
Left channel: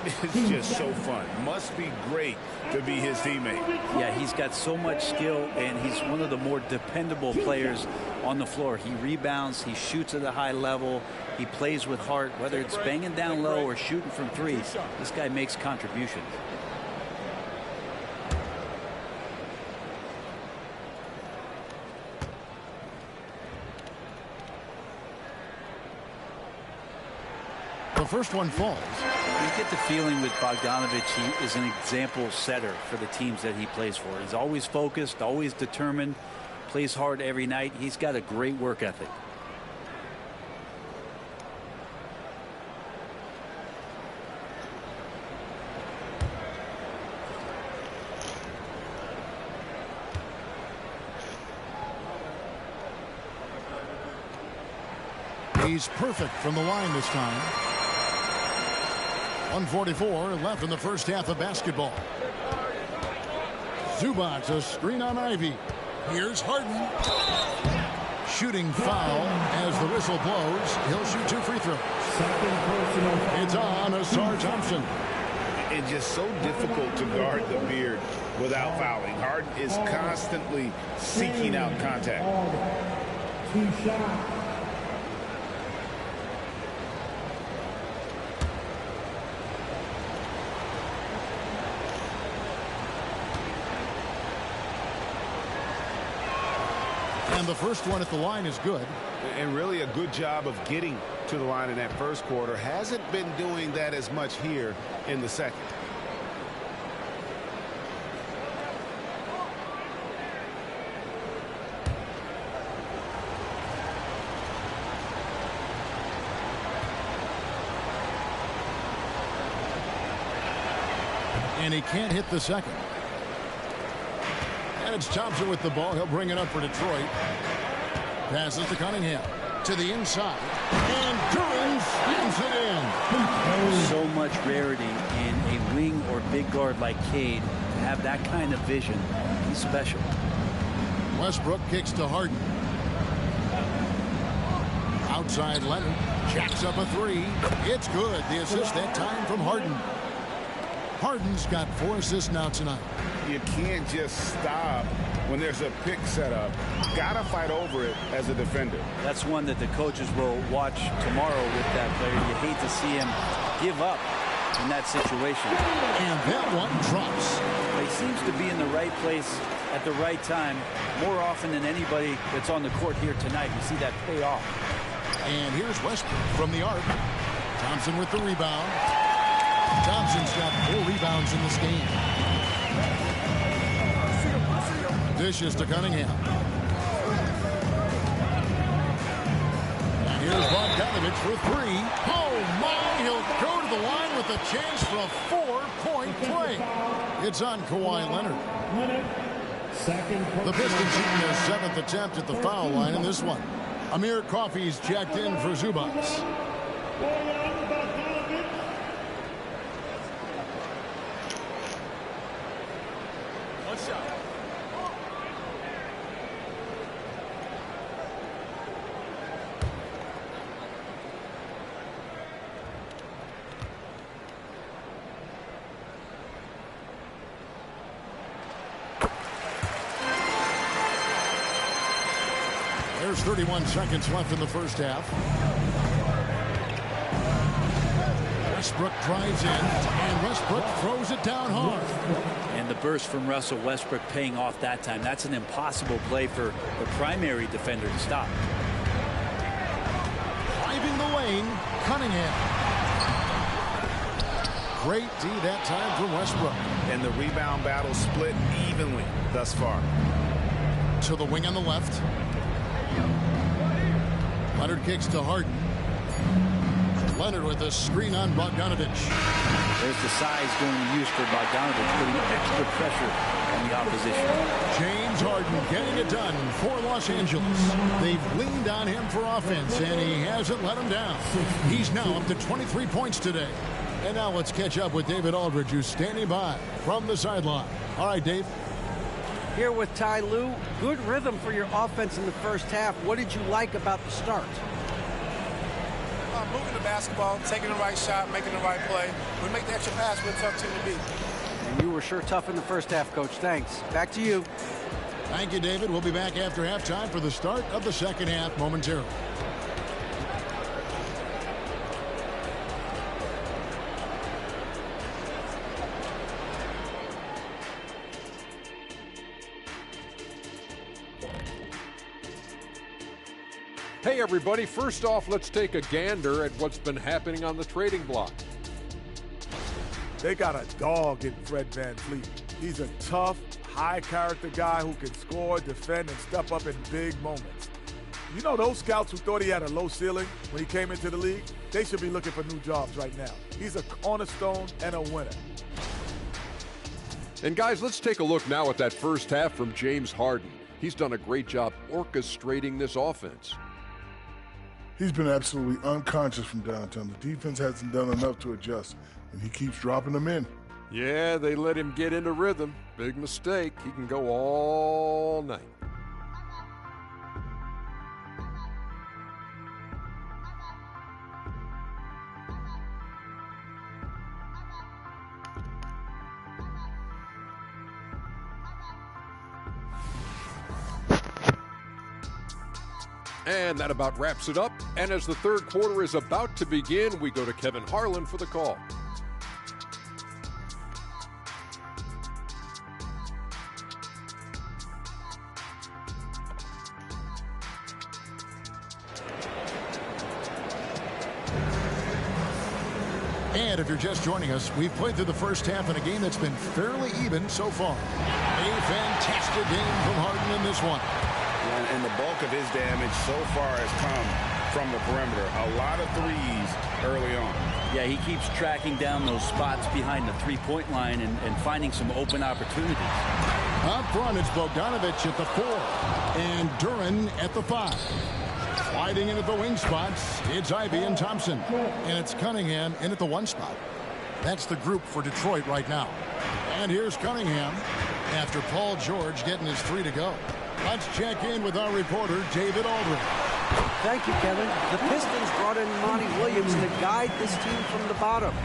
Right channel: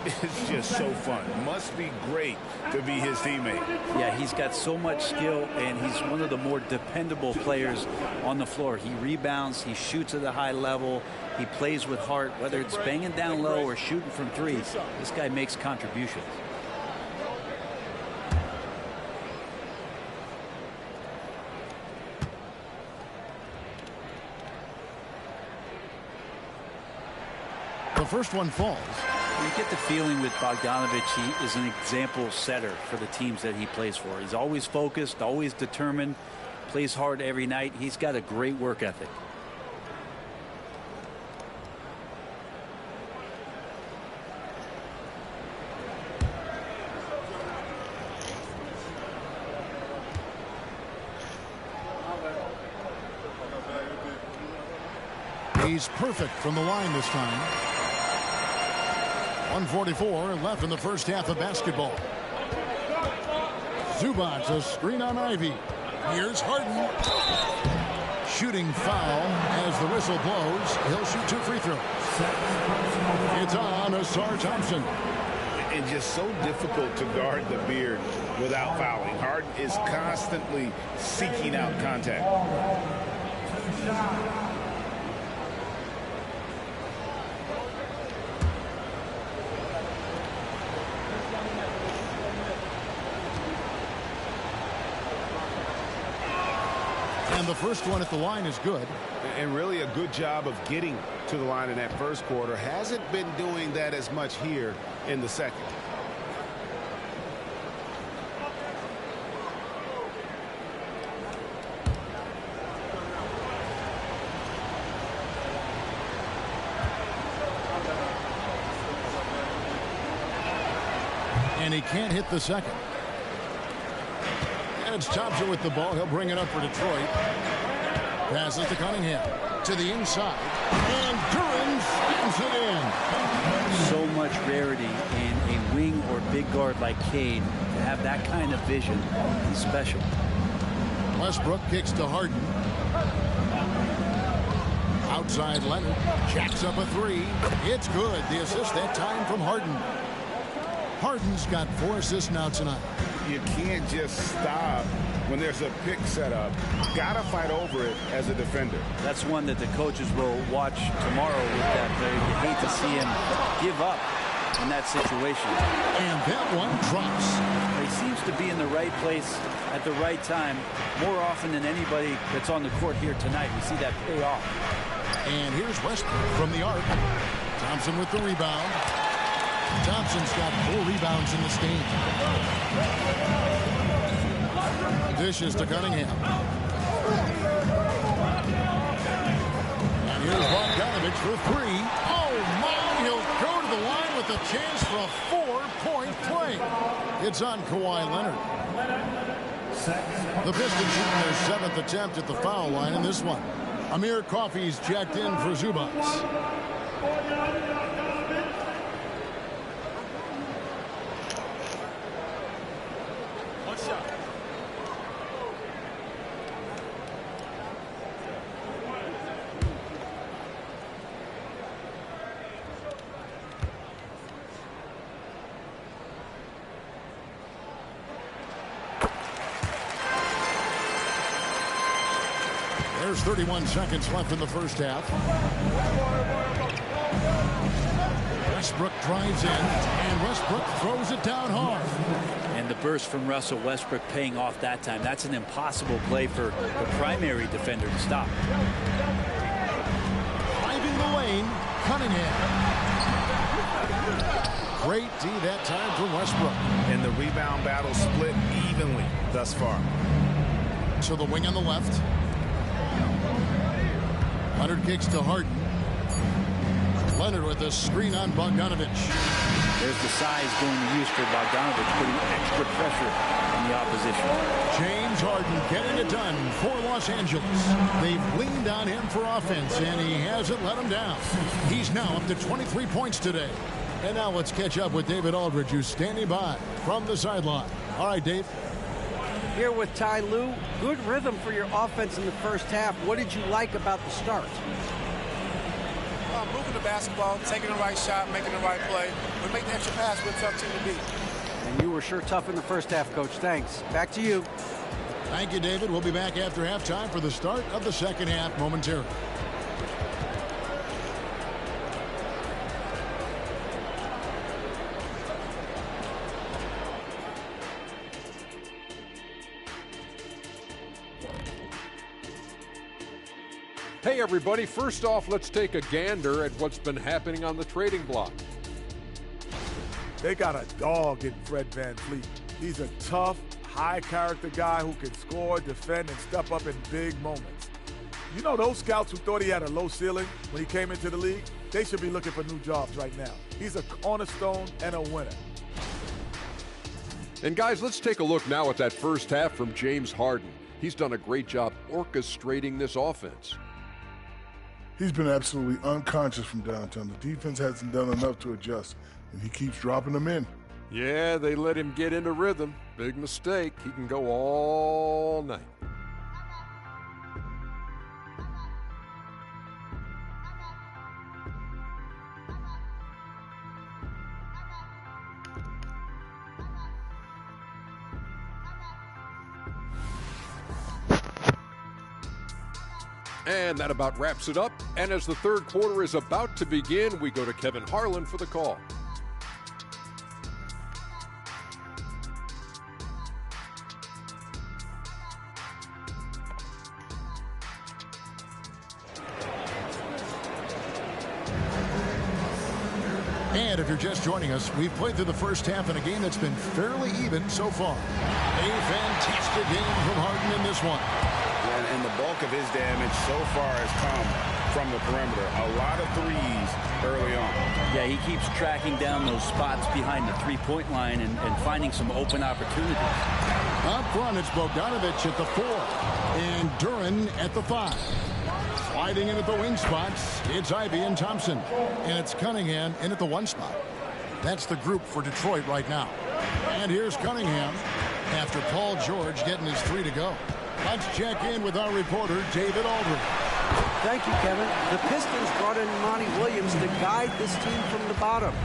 just so fun. Must be great to be his teammate. Yeah, he's got so much skill, and he's one of the more dependable players on the floor. He rebounds, he shoots at a high level, he plays with heart, whether it's banging down low or shooting from 3. This guy makes contributions. The first one falls. You get the feeling with Bogdanovich, he is an example setter for the teams that he plays for. He's always focused, always determined, plays hard every night. He's got a great work ethic. He's perfect from the line this time. 1:44 left in the first half of basketball. Zubac, a screen on Ivy. Here's Harden. Shooting foul as the whistle blows. He'll shoot 2 free throws. It's on Asar Thompson. It's just so difficult to guard the beard without fouling. Harden is constantly seeking out contact. 2 shots. And the first one at the line is good. And really a good job of getting to the line in that first quarter. Hasn't been doing that as much here in the second. And he can't hit the second. And it's Thompson with the ball. He'll bring it up for Detroit. Passes to Cunningham. To the inside. And Duran slams it in. So much rarity in a wing or big guard like Cade to have that kind of vision. He's special. Westbrook kicks to Harden. Outside Leonard. Jacks up a three. It's good. The assist that time from Harden. Harden's got 4 assists now tonight. You can't just stop when there's a pick set up. Gotta fight over it as a defender. That's one that the coaches will watch tomorrow with that player. You hate to see him give up in that situation. And that one drops. But he seems to be in the right place at the right time more often than anybody that's on the court here tonight. We see that pay off. And here's Westbrook from the arc. Thompson with the rebound. Thompson's got 4 rebounds in this game. Dishes to Cunningham. And here's Bogdanovich for 3. Oh, my! He'll go to the line with a chance for a 4-point play. It's on Kawhi Leonard. The Pistons shooting their 7th attempt at the foul line in this one. Amir Coffey's checked in for Zubac. One shot. There's 31 seconds left in the first half. Westbrook drives in, and Westbrook throws it down hard. And the burst from Russell Westbrook paying off that time. That's an impossible play for the primary defender to stop. Driving the lane, Cunningham. Great D that time from Westbrook. And the rebound battle split evenly thus far. To the wing on the left. Leonard kicks to Harden. Leonard with a screen on Bogdanovich. There's the size going to use for Bogdanovich, putting extra pressure on the opposition. James Harden getting it done for Los Angeles. They've leaned on him for offense, and he hasn't let them down. He's now up to 23 points today. And now let's catch up with David Aldridge, who's standing by from the sideline. All right, Dave. Here with Ty Lue. Good rhythm for your offense in the first half. What did you like about the start? Moving the basketball, taking the right shot, making the right play. We make the extra pass, we're a tough team to beat. And you were sure tough in the first half, Coach. Thanks. Back to you. Thank you, David. We'll be back after halftime for the start of the second half momentarily. Hey everybody, first off, let's take a gander at what's been happening on the trading block. They got a dog in Fred VanVleet. He's a tough, high-character guy who can score, defend, and step up in big moments. You know those scouts who thought he had a low ceiling when he came into the league? They should be looking for new jobs right now. He's a cornerstone and a winner. And guys, let's take a look now at that first half from James Harden. He's done a great job orchestrating this offense. He's been absolutely unconscious from downtown. The defense hasn't done enough to adjust, and he keeps dropping them in. Yeah, they let him get into rhythm. Big mistake. He can go all night. And that about wraps it up. And as the third quarter is about to begin, we go to Kevin Harlan for the call. And if you're just joining us, we've played through the first half in a game that's been fairly even so far. A fantastic game from Harden in this one. Yeah, and the bulk of his damage so far has come from the perimeter. A lot of threes early on. Yeah, he keeps tracking down those spots behind the three-point line and finding some open opportunities. Up front, it's Bogdanovich at the 4 and Duren at the 5. Sliding in at the wing spots, it's Ivy and Thompson. And it's Cunningham in at the 1 spot. That's the group for Detroit right now. And here's Cunningham after Paul George getting his 3 to go. Let's check in with our reporter, David Aldridge. Thank you, Kevin. The Pistons brought in Monty Williams to guide this team from the bottom.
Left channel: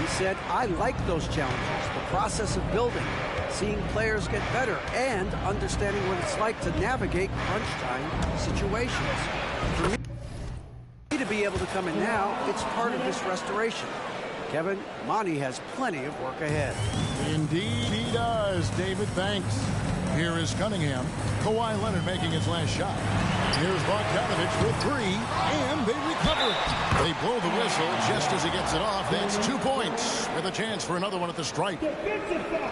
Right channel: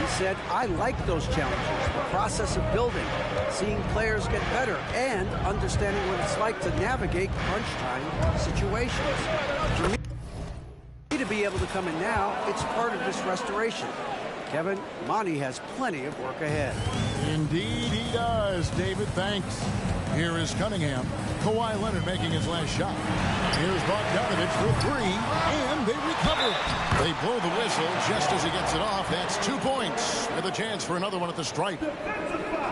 He said, I like those challenges, the process of building, seeing players get better, and understanding what it's like to navigate crunch time situations. For me to be able to come in now, it's part of this restoration. Kevin, Monty has plenty of work ahead. Indeed he does, David. Thanks. Here is Cunningham. Kawhi Leonard making his last shot. Here's Bogdanovich for 3, and they recover it. They blow the whistle just as he gets it off. That's 2 points with a chance for another one at the stripe.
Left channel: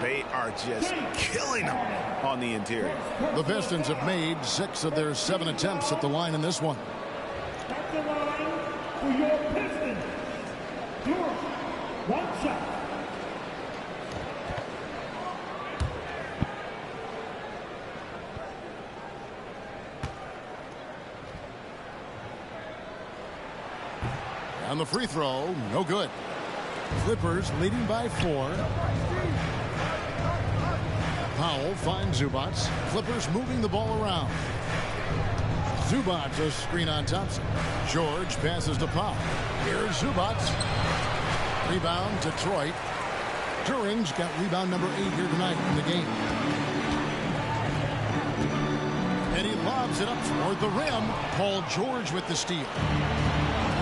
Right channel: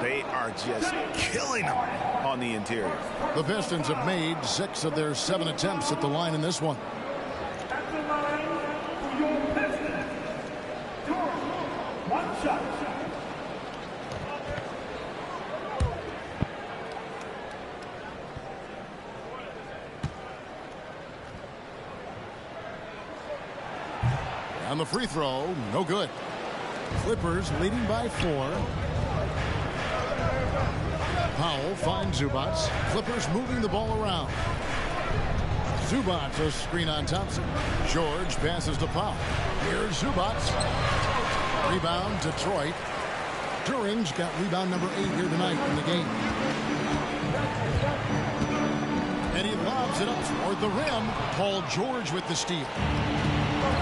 They are just killing them on the interior. The Pistons have made 6 of their 7 attempts at the line in this one. At the line for your Pistons, Duren, 1 shot. On the free throw, no good. Clippers leading by 4. Powell finds Zubac. Clippers moving the ball around. Zubac a screen on Thompson. George passes to Powell. Here's Zubac. Rebound Detroit. Duren's got rebound number 8 here tonight in the game. And he lobs it up toward the rim. Paul George with the steal.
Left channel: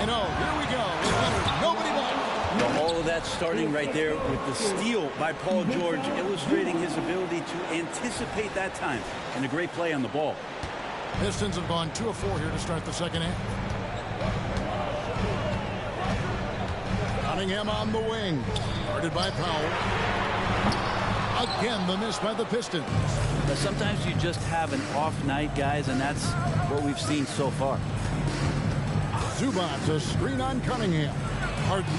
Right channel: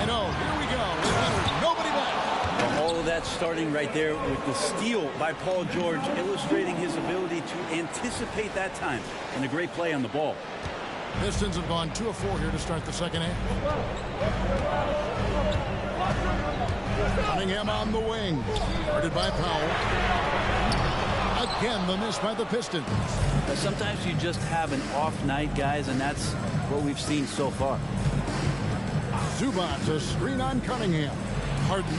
And oh, here we go with Leonard. Nobody back. Well, all of that starting right there with the steal by Paul George, illustrating his ability to anticipate that time. And a great play on the ball. Pistons have gone 2 of 4 here to start the second half. Cunningham on the wing. Guarded by Powell. Again, the miss by the Pistons. But sometimes you just have an off night, guys, and that's what we've seen so far. Zubac a screen on Cunningham. Harden.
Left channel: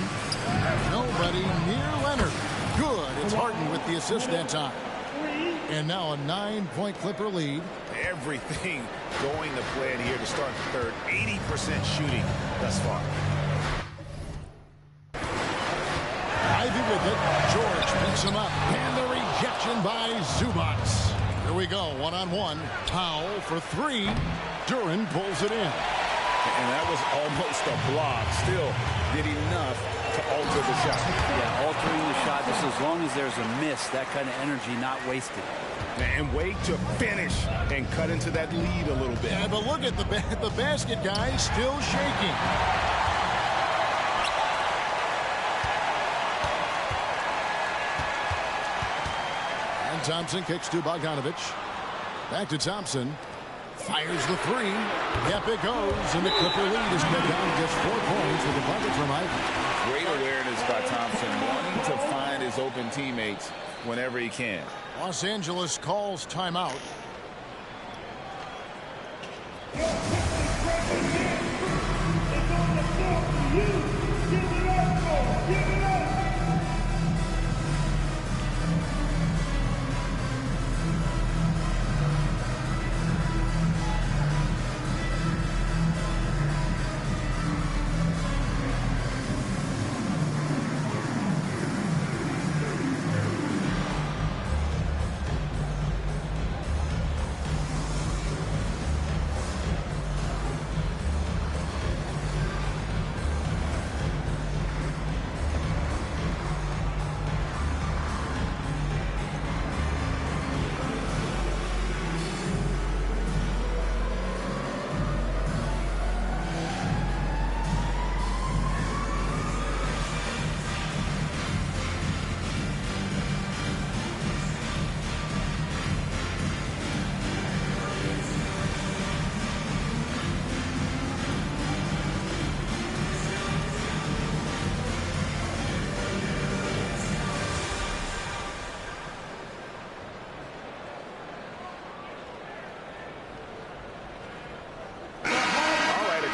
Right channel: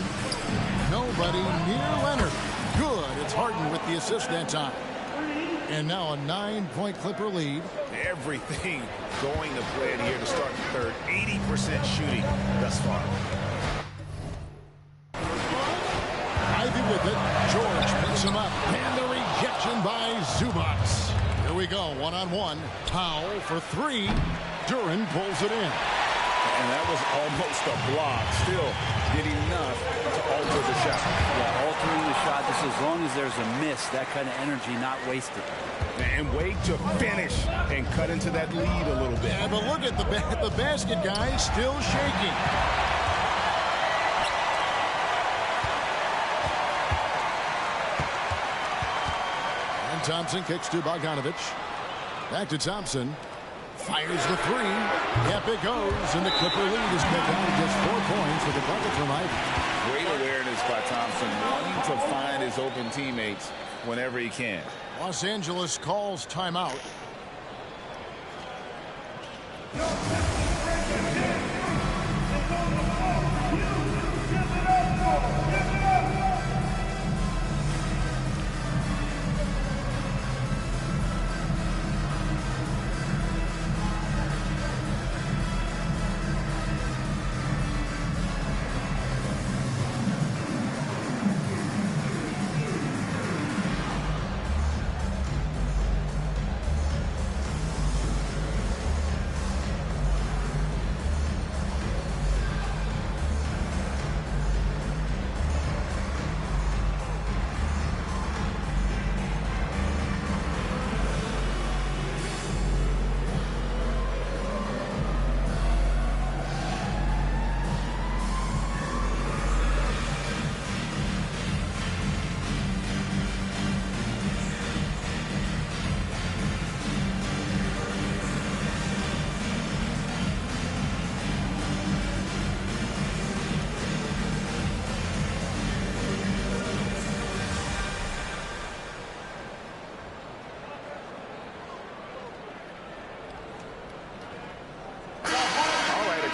Nobody near Leonard. Good. It's Harden with the assist that time. And now a 9-point Clipper lead. Everything going to plan here to start the third. 80% shooting thus far. Ivy with it. George picks him up. And the rejection by Zubac. Here we go. 1-on-1. Powell for 3. Duren pulls it in. And that was almost a block. Still did enough to alter the shot. Yeah, altering the shot just as long as there's a miss. That kind of energy not wasted. And wait to finish and cut into that lead a little bit. Yeah, but look at the basket, guys, still shaking. And Thompson kicks to Bogdanovich. Back to Thompson. Fires the 3. Yep, it goes. And the Clipper lead is cut down to just 4 points with a bucket from Ivy. Great awareness by Thompson, wanting to find his open teammates whenever he can. Los Angeles calls timeout.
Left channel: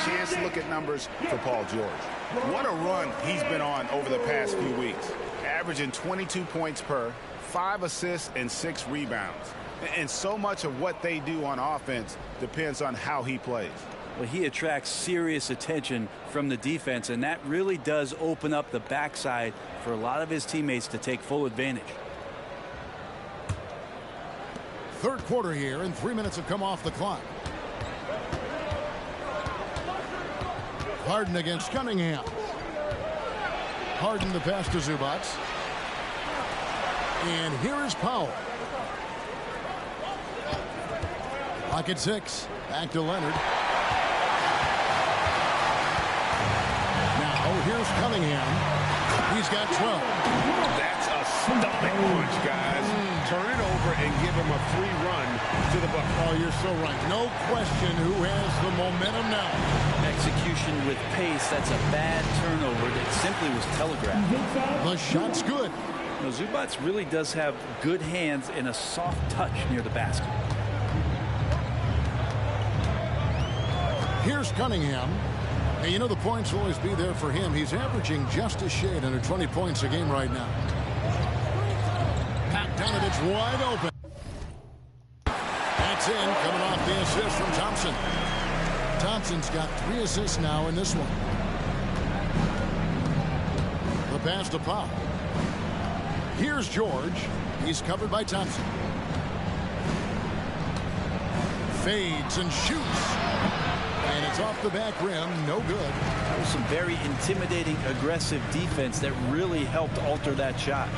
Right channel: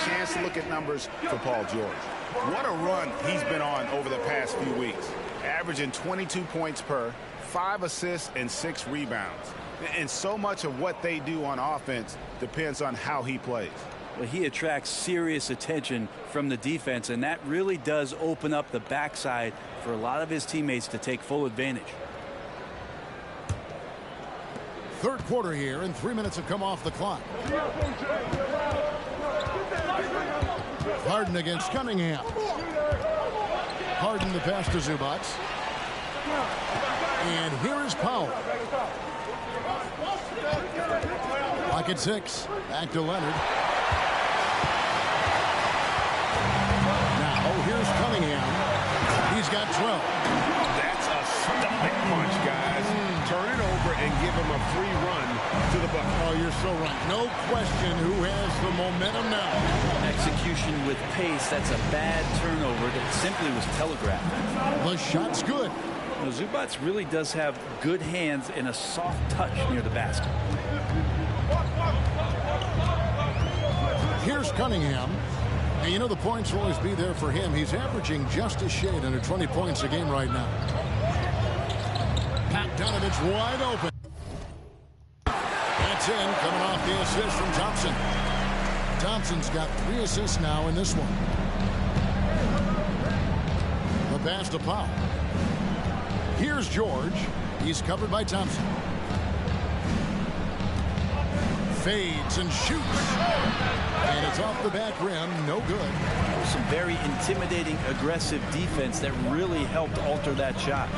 Chance to look at numbers for Paul George. What a run he's been on over the past few weeks. Averaging 22 points per, 5 assists, and 6 rebounds. And so much of what they do on offense depends on how he plays. Well, he attracts serious attention from the defense, and that really does open up the backside for a lot of his teammates to take full advantage. Third quarter here, and 3 minutes have come off the clock. Harden against Cunningham. Harden the pass to Zubac. And here is Powell. Lock at 6. Back to Leonard. Now here's Cunningham. He's got 12. That's a stomach punch, guys. Turn it over and give him a free run to the bucket. Oh, you're so right. No question who has the momentum now. Execution with pace. That's a bad turnover that simply was telegraphed. The shot's good. You know, Zubac really does have good hands and a soft touch near the basket. Here's Cunningham. And you know the points will always be there for him. He's averaging just a shade under 20 points a game right now. Bogdanovich wide open. That's in, coming off the assist from Thompson. Thompson's got 3 assists now in this one. The pass to Powell. Here's George. He's covered by Thompson. Fades and shoots. And it's off the back rim. No good. Some very intimidating, aggressive defense that really helped alter that shot.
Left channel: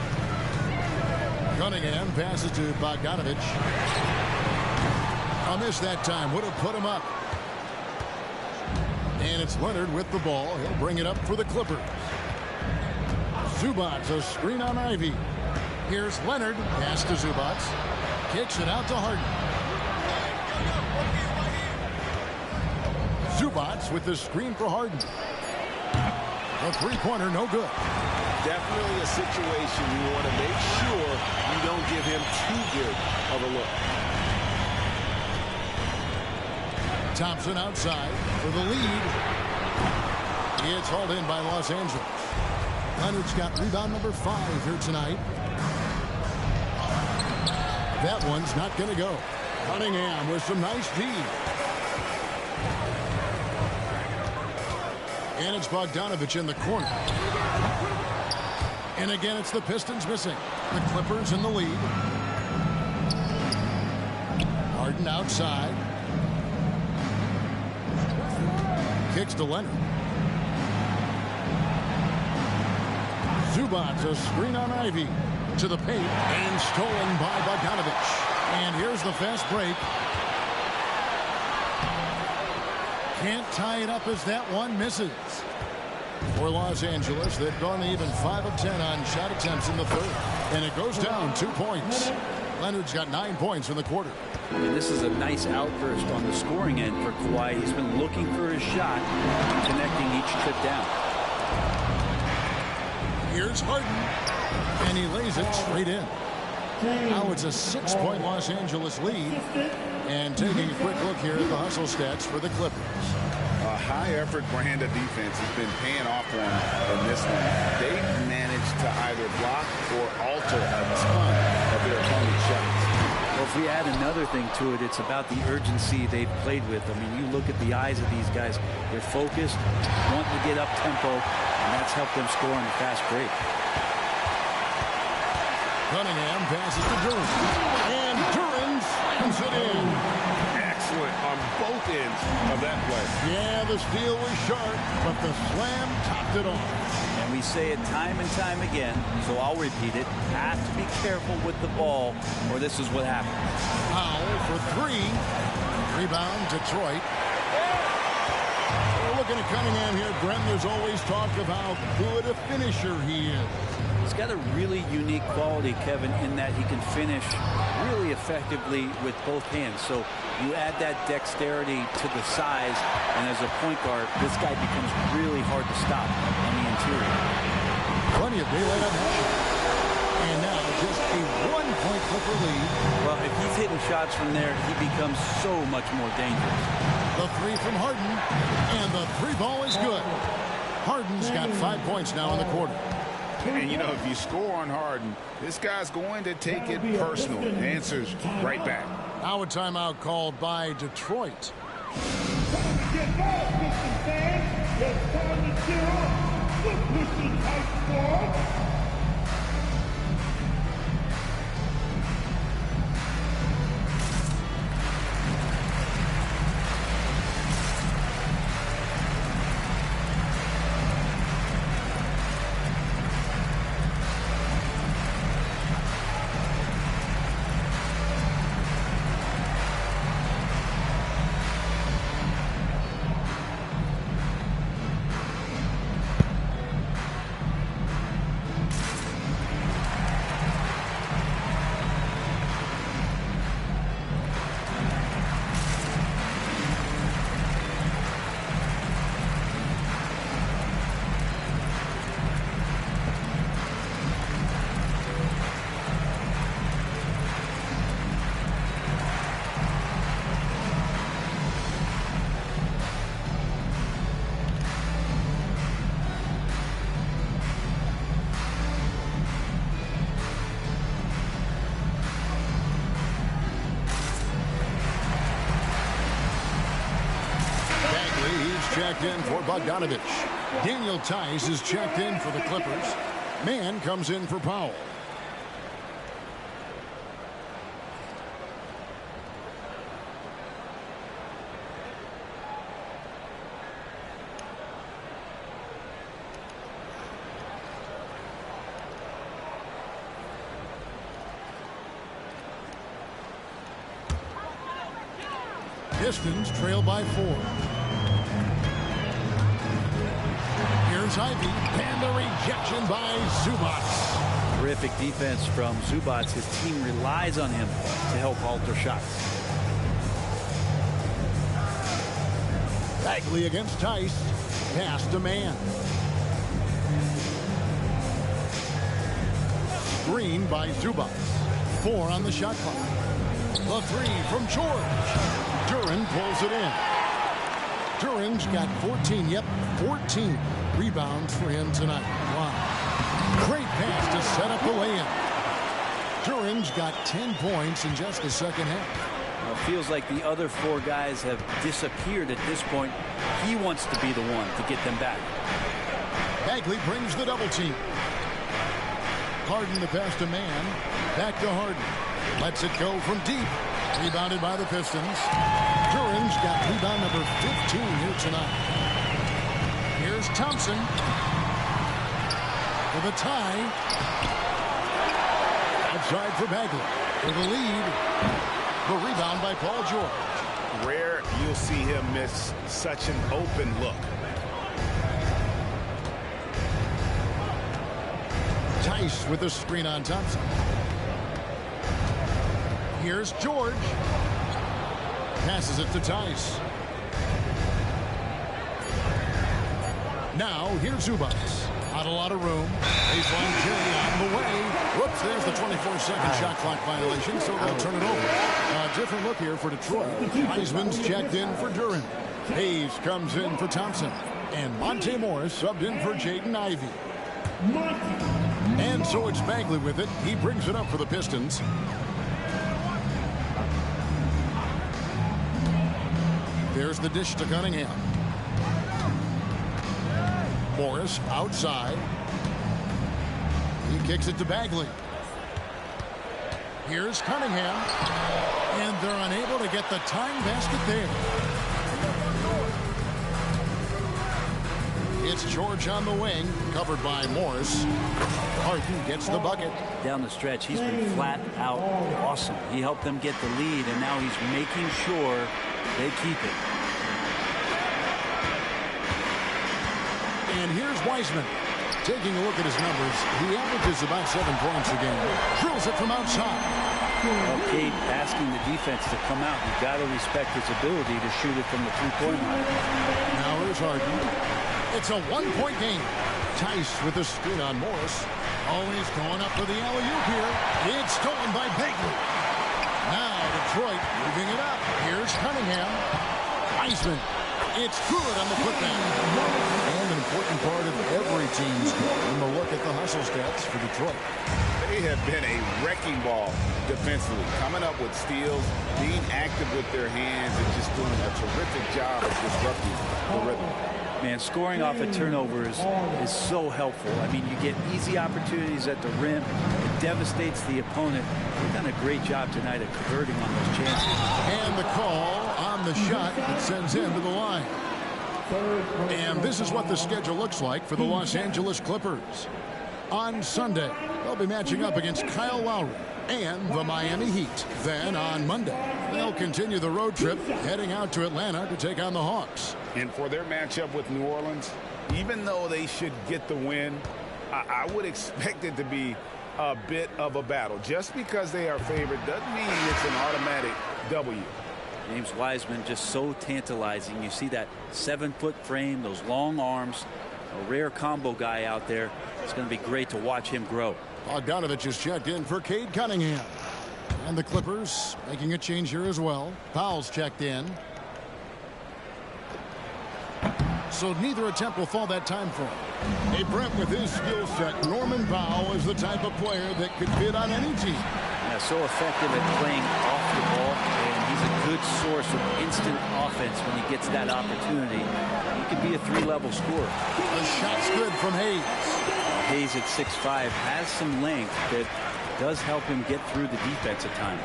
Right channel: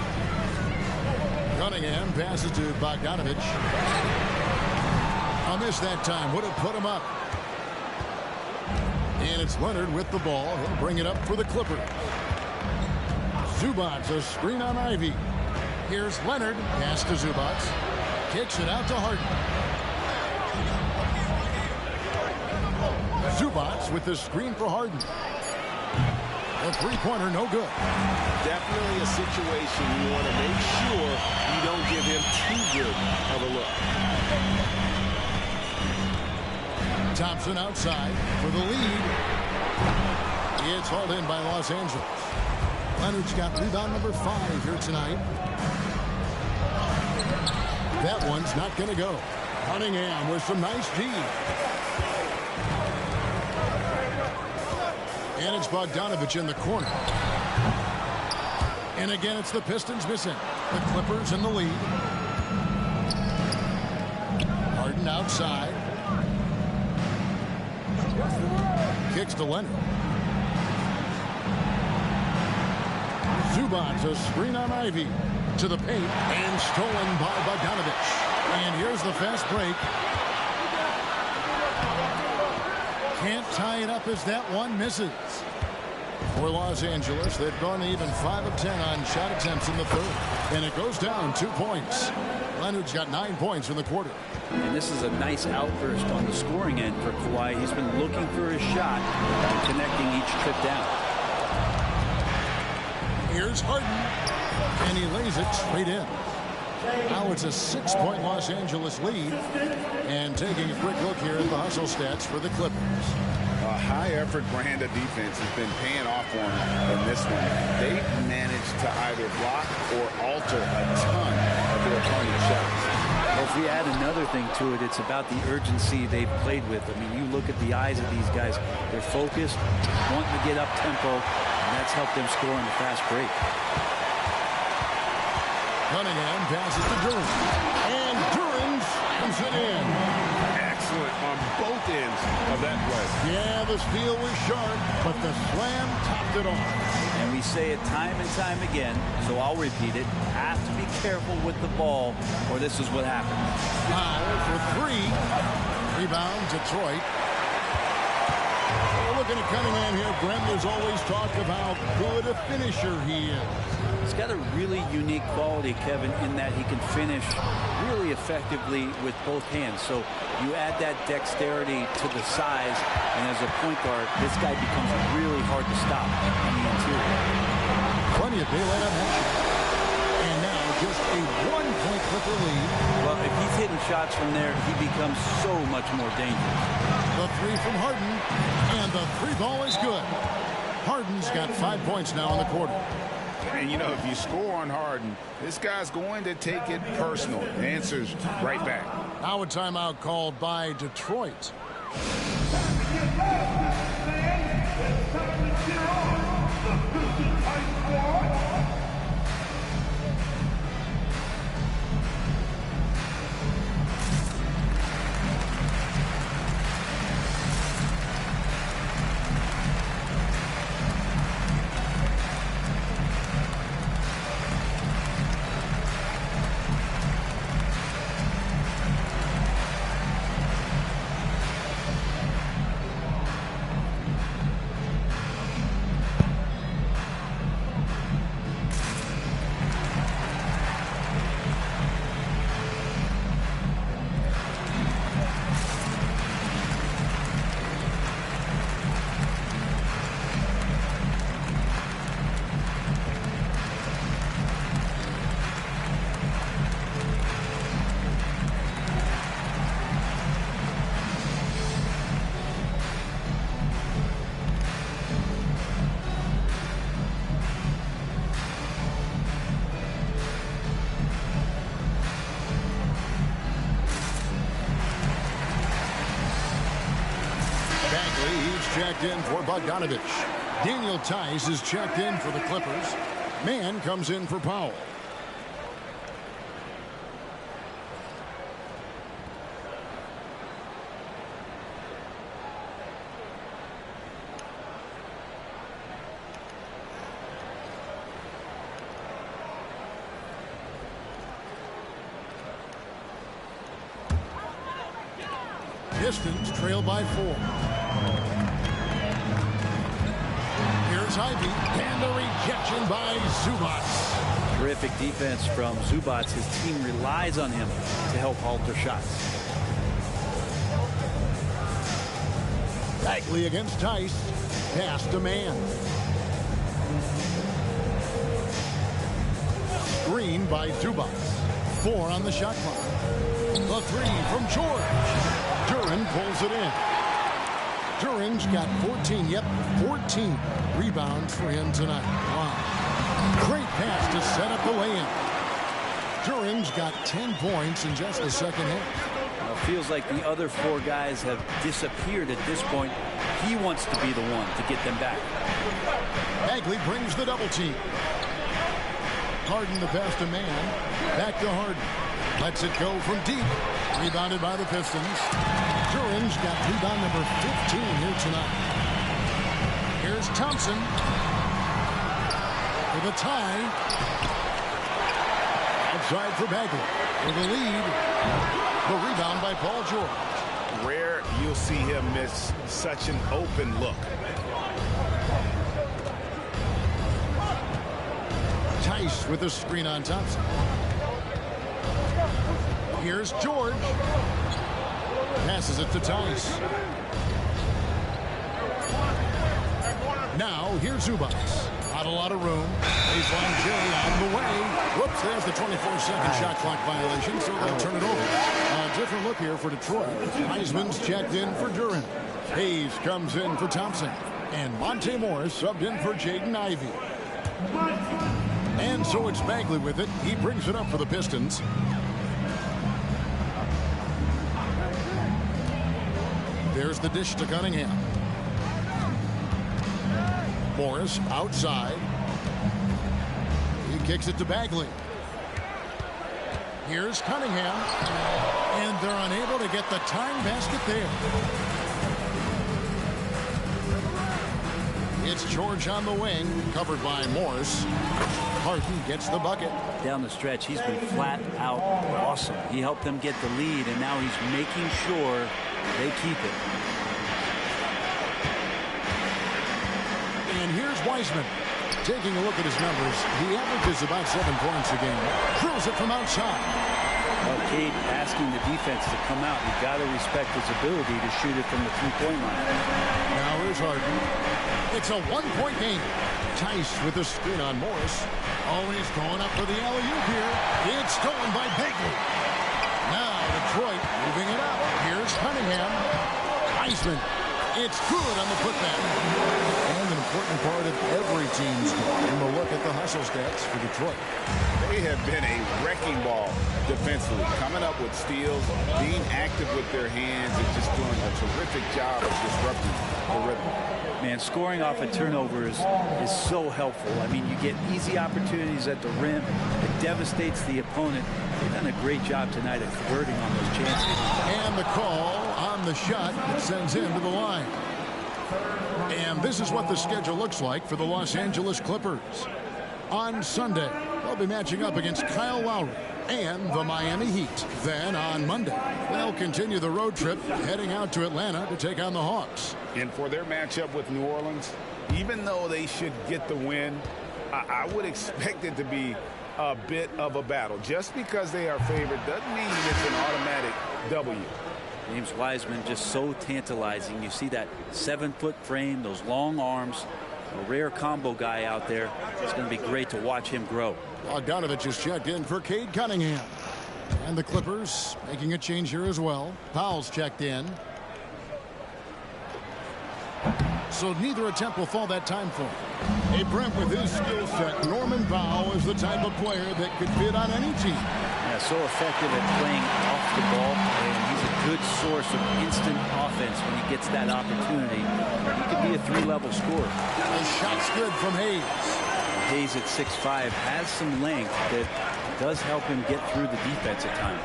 Cunningham passes to Bogdanovich. A miss that time. Would have put him up. And it's Leonard with the ball. He'll bring it up for the Clippers. Zubac, a screen on Ivy. Here's Leonard. Pass to Zubac. Kicks it out to Harden. Zubac with the screen for Harden. The three-pointer, no good. Definitely a situation you want to make sure you don't give him too good of a look. Thompson outside for the lead. It's hauled in by Los Angeles. Leonard's got rebound number 5 here tonight. That one's not going to go. Cunningham with some nice D. And it's Bogdanovich in the corner. And again, it's the Pistons missing. The Clippers in the lead. Harden outside. Kicks to Leonard. Zubac, a screen on Ivy. To the paint. And stolen by Bogdanovich. And here's the fast break. Can't tie it up as that one misses. For Los Angeles, they've gone even 5 of 10 on shot attempts in the third. And it goes down 2 points. Leonard's got 9 points in the quarter. And this is a nice outburst on the scoring end for Kawhi. He's been looking for his shot and connecting each trip down. Here's Harden. And he lays it straight in. Now it's a 6-point Los Angeles lead. And taking a quick look here at the hustle stats for the Clippers. A high-effort brand of defense has been paying off for them in this one. They've managed to either block or alter a ton of their opponent's shots. Well, if we add another thing to it, it's about the urgency they've played with. I mean, you look at the eyes of these guys. They're focused, wanting to get up tempo, and that's helped them score on the fast break. Cunningham passes to Duren. And Duren slams it in. Excellent on both ends of that play. Yeah, the steal was sharp, but the slam topped it off. And we say it time and time again, so I'll repeat it. Have to be careful with the ball, or this is what happens. Powell for 3. Rebound, Detroit. We're looking at Cunningham here, Brent. There's always talk of how good a finisher he is. He's got a really unique quality, Kevin, in that he can finish really effectively with both hands. So you add that dexterity to the size, and as a point guard, this guy becomes really hard to stop on the interior. Plenty of daylight on that shot. And now just a 1-point Clipper lead. Well, if he's hitting shots from there, he becomes so much more dangerous. The 3 from Harden, and the 3 ball is good. Harden's got 5 points now in the quarter. And, you know, if you score on Harden, this guy's going to take it personal. Answers right back. Now a timeout called by Detroit. Get back, Pistons fans. It's time to cheer on the Pistons Hype Squad. He's checked in for Bogdanovich. Daniel Tice is checked in for the Clippers. Mann comes in for Powell. Pistons trail by 4. Here's Ivy, and the rejection by Zubac. Terrific defense from Zubac. His team relies on him to help alter shots. Bagley against Tice. Pass to Mann. Screen by Zubac. 4 on the shot clock. The 3 from George. Duran pulls it in. Duran's got 14. Yep, 14 rebounds for him tonight. Wow. Great pass to set up the lay-in. Duran's got 10 points in just the second half. Well, it feels like the other 4 guys have disappeared at this point. He wants to be the one to get them back. Bagley brings the double team. Harden the pass to Mann. Back to Harden. Lets it go from deep. Rebounded by the Pistons. Duran's got rebound number 15 here tonight. Here's Thompson for the tie. Outside for Bagley for the lead. The rebound by Paul George. Rare you'll see him miss such an open look. Tice with a screen on Thompson. Here's George. Passes it to Tice. Now here's Zubac. Not a lot of room. Baseline Jerry on the way. Whoops, there's the 24-second shot clock violation, so they'll turn it over. A different look here for Detroit. Heisman's checked in for Duran. Hayes comes in for Thompson. And Monte Morris subbed in for Jaden Ivey. And so it's Bagley with it. He brings it up for the Pistons. There's the dish to Cunningham. Morris outside. He kicks it to Bagley. Here's Cunningham. And they're unable to get the tying basket there. It's George on the wing, covered by Morris. Harden gets the bucket. Down the stretch, he's been flat out awesome. He helped them get the lead, and now he's making sure they keep it. And here's Wiseman. Taking a look at his numbers, he averages about 7 points a game. Drills it from outside. Well, Kate asking the defense to come out. You've got to respect his ability to shoot it from the three-point line. Now here's Harden. It's a one-point game. Tice with a screen on Morris. Always going up for the alley-oop here. It's stolen by Bagley. Now Detroit moving it up. Here's Cunningham. Wiseman. It's good on the putback. And an important part of every team's game, a look at the hustle stats for Detroit. They have been a wrecking ball defensively, coming up with steals, being active with their hands, and just doing a terrific job of disrupting the rhythm. Man, scoring off of turnovers is so helpful. I mean, you get easy opportunities at the rim. It devastates the opponent. They've done a great job tonight of converting on those chances. And the call on the shot that sends him to the line. And this is what the schedule looks like for the Los Angeles Clippers. On Sunday, they'll be matching up against Kyle Lowry and the Miami Heat. Then on Monday, they'll continue the road trip heading out to Atlanta to take on the Hawks. And for their matchup with New Orleans, even though they should get the win, I would expect it to be a bit of a battle. Just because they are favored doesn't mean it's an automatic W. James Wiseman just so tantalizing. You see that 7-foot frame, those long arms, a rare combo guy out there. It's going to be great to watch him grow. Bogdanovich is checked in for Cade Cunningham. And the Clippers making a change here as well. Powell's checked in. So neither attempt will fall that time for him. Hey, Brent, with his skill set, Norman Powell is the type of player that could fit on any team. Yeah, so effective at playing off the ball, and he's a good source of instant offense when he gets that opportunity. He could be a 3-level scorer. The shot's good from Hayes. Hayes at 6'5" has some length that does help him get through the defense at times.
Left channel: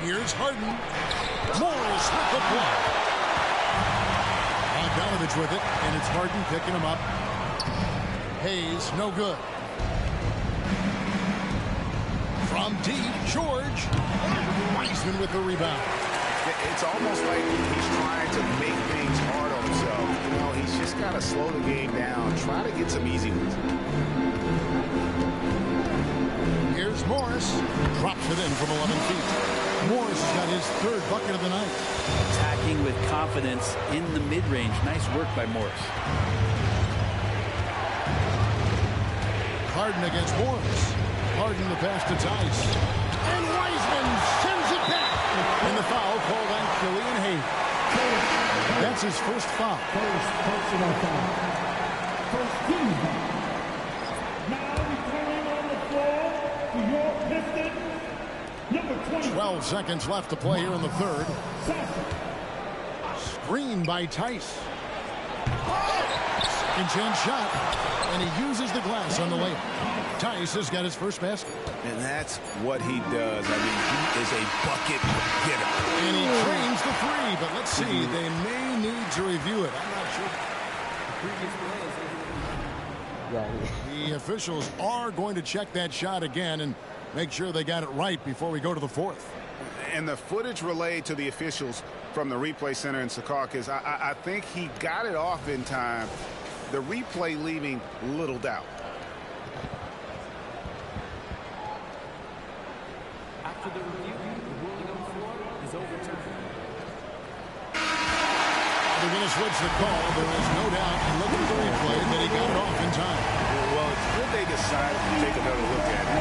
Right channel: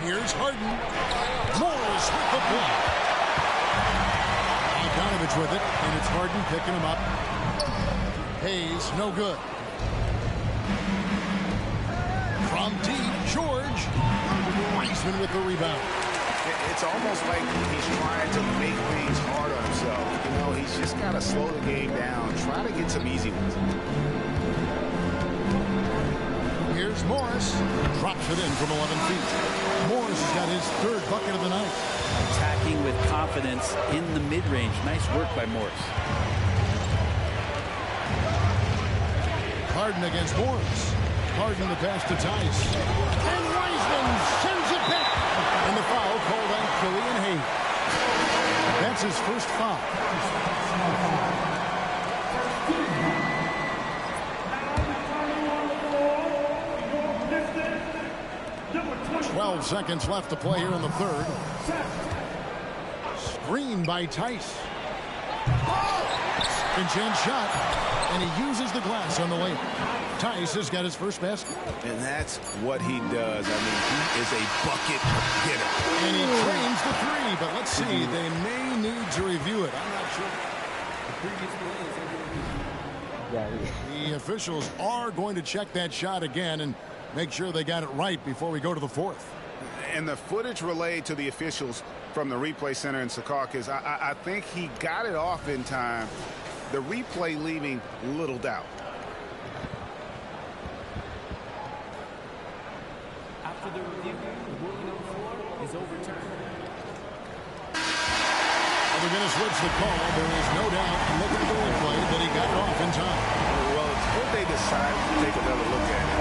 Here's Harden. Morris with the block. Bogdanovich with it, and it's Harden picking him up. Hayes, no good. From deep, George. Wiseman with the rebound. It's almost like he's trying to make things hard on himself. You know, he's just got to slow the game down, try to get some easy ones. Here's Morris. Drops it in from 11 feet. Morris has got his 3rd bucket of the night. Attacking with confidence in the mid-range. Nice work by Morris. Harden against Morris. Harden the pass to Tice. And Wiseman sends it back. And the foul called on Killian Hayes. That's his first foul. First personal foul. First team foul. Now returning on the floor for your Pistons, number 20. 12 seconds left to play here in the 3rd. Screen by Tice. Second chance shot. And he uses the glass on the layup. Tice has got his first basket. And that's what he does. I mean, he is a bucket getter. And he trains the 3, but let's see. They may need to review it. I'm not sure. The previous play is The officials are going to check that shot again and make sure they got it right before we go to the 4th. And the footage relayed to the officials from the replay center in Secaucus, I think he got it off in time. The replay leaving little doubt. After the review, the ruling on the floor is overturned. They're going to switch the call. There is no doubt, and looking at the replay, that he got it off in time. Well, it's good they decided to take another look at it.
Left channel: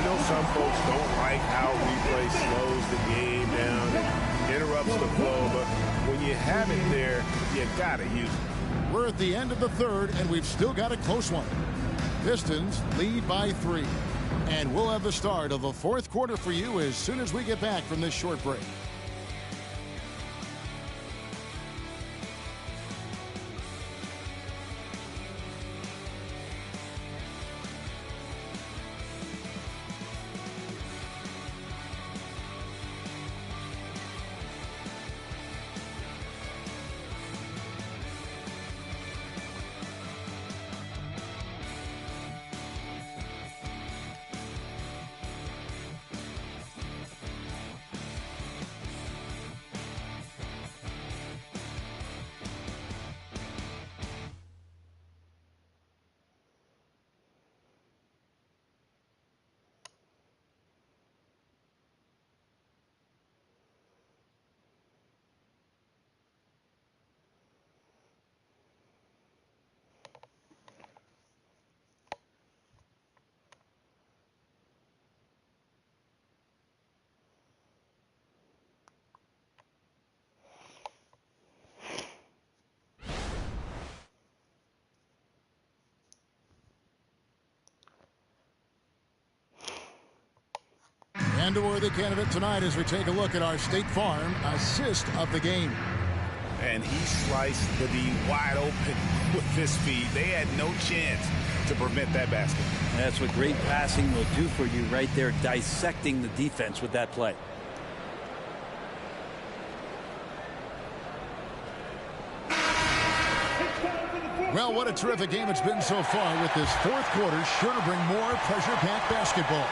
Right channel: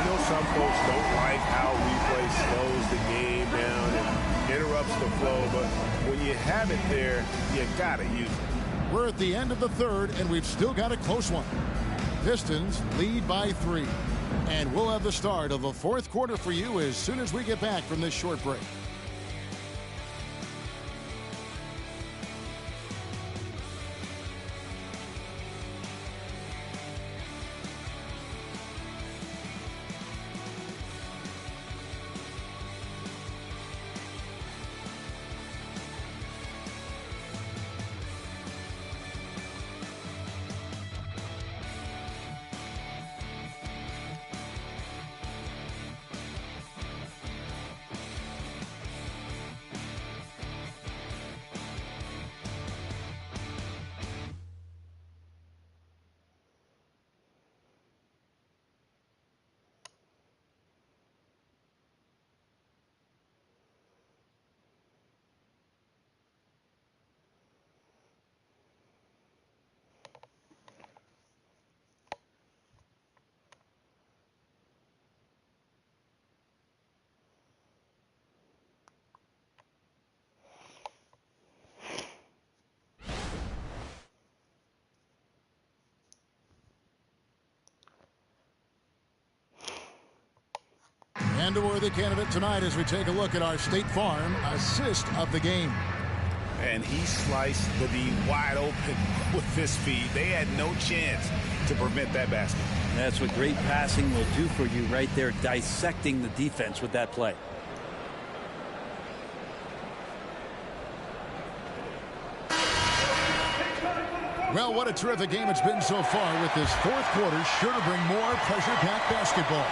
I know some folks don't like how replay slows the game down and interrupts the flow, but when you have it there, you got to use it. We're at the end of the 3rd, and we've still got a close one. Pistons lead by 3. And we'll have the start of the 4th quarter for you as soon as we get back from this short break. And a worthy candidate tonight as we take a look at our State Farm assist of the game. And he sliced the D wide open with this feed. They had no chance to prevent that basket. That's what great passing will do for you right there, dissecting the defense with that play. Well, what a terrific game it's been so far, with this fourth quarter sure to bring more pressure-packed basketball.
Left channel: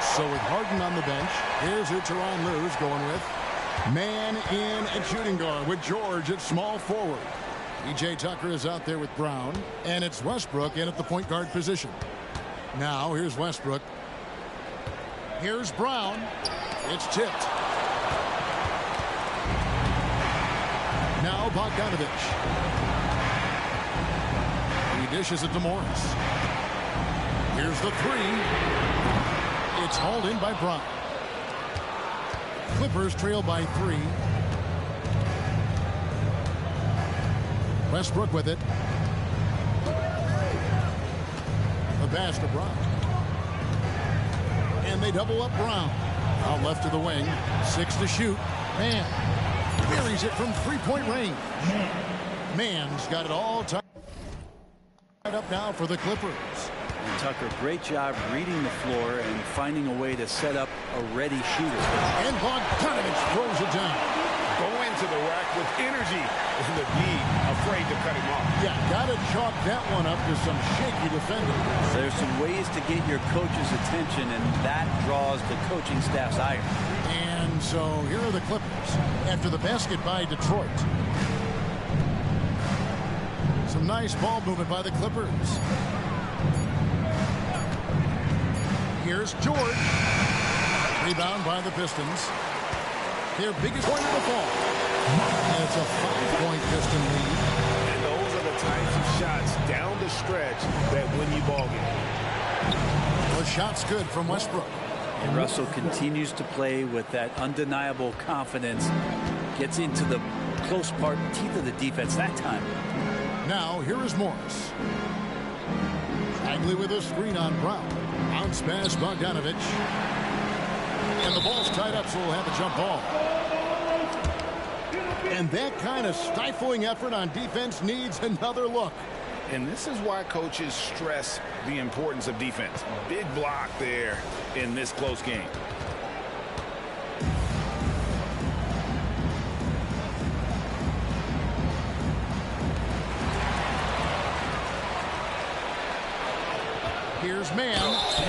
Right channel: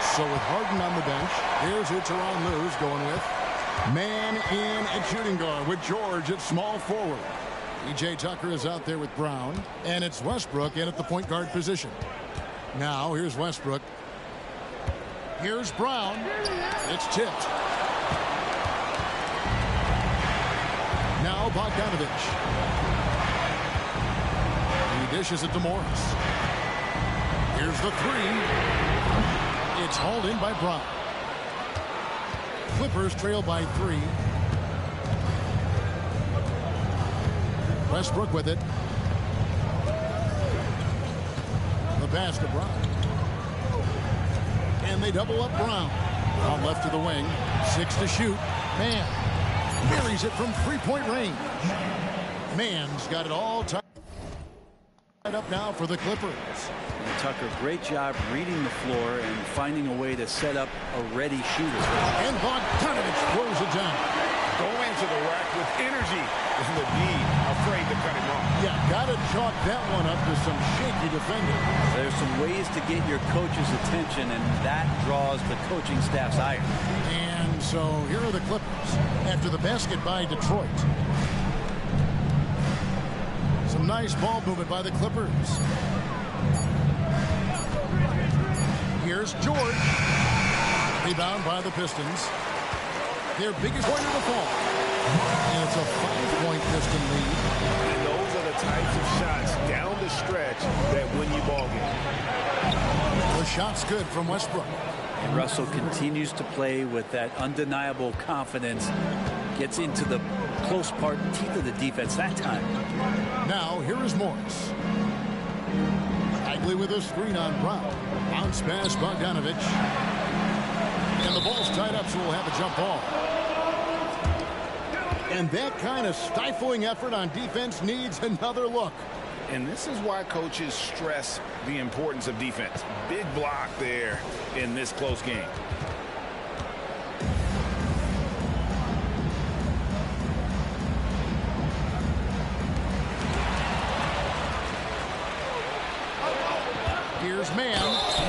So with Harden on the bench, here's who Tyronn Lue's going with. Man in at shooting guard with George at small forward. E.J. Tucker is out there with Brown, and it's Westbrook in at the point guard position. Now here's Westbrook. Here's Brown. It's tipped. Now Bogdanovich. He dishes it to Morris. Here's the three. It's hauled in by Brown. Clippers trail by 3. Westbrook with it. The pass to Brown. And they double up Brown. Out left to the wing. 6 to shoot. Man buries it from three-point range. Man's got it all tied up now for the Clippers. And Tucker, great job reading the floor and finding a way to set up a ready shooter. And Bogdanovich throws it down. Go into the rack with energy, and the D afraid to cut him off. Yeah, got to chalk that one up to some shaky defending. There's some ways to get your coach's attention, and that draws the coaching staff's ire. And so here are the Clippers after the basket by Detroit. Some nice ball movement by the Clippers. Here's George. Rebound by the Pistons. Their biggest point of the fall. And it's a 5-point Piston lead. And those are the types of shots down the stretch that win you ball game. The shot's good from Westbrook. And Russell continues to play with that undeniable confidence. Gets into the close part, teeth of the defense that time. Now here is Morris. Bagley with a screen on Brown. Bounce pass Bogdanovich. And the ball's tied up, so we'll have a jump ball. And that kind of stifling effort on defense needs another look. And this is why coaches stress the importance of defense. Big block there in this close game. Here's Man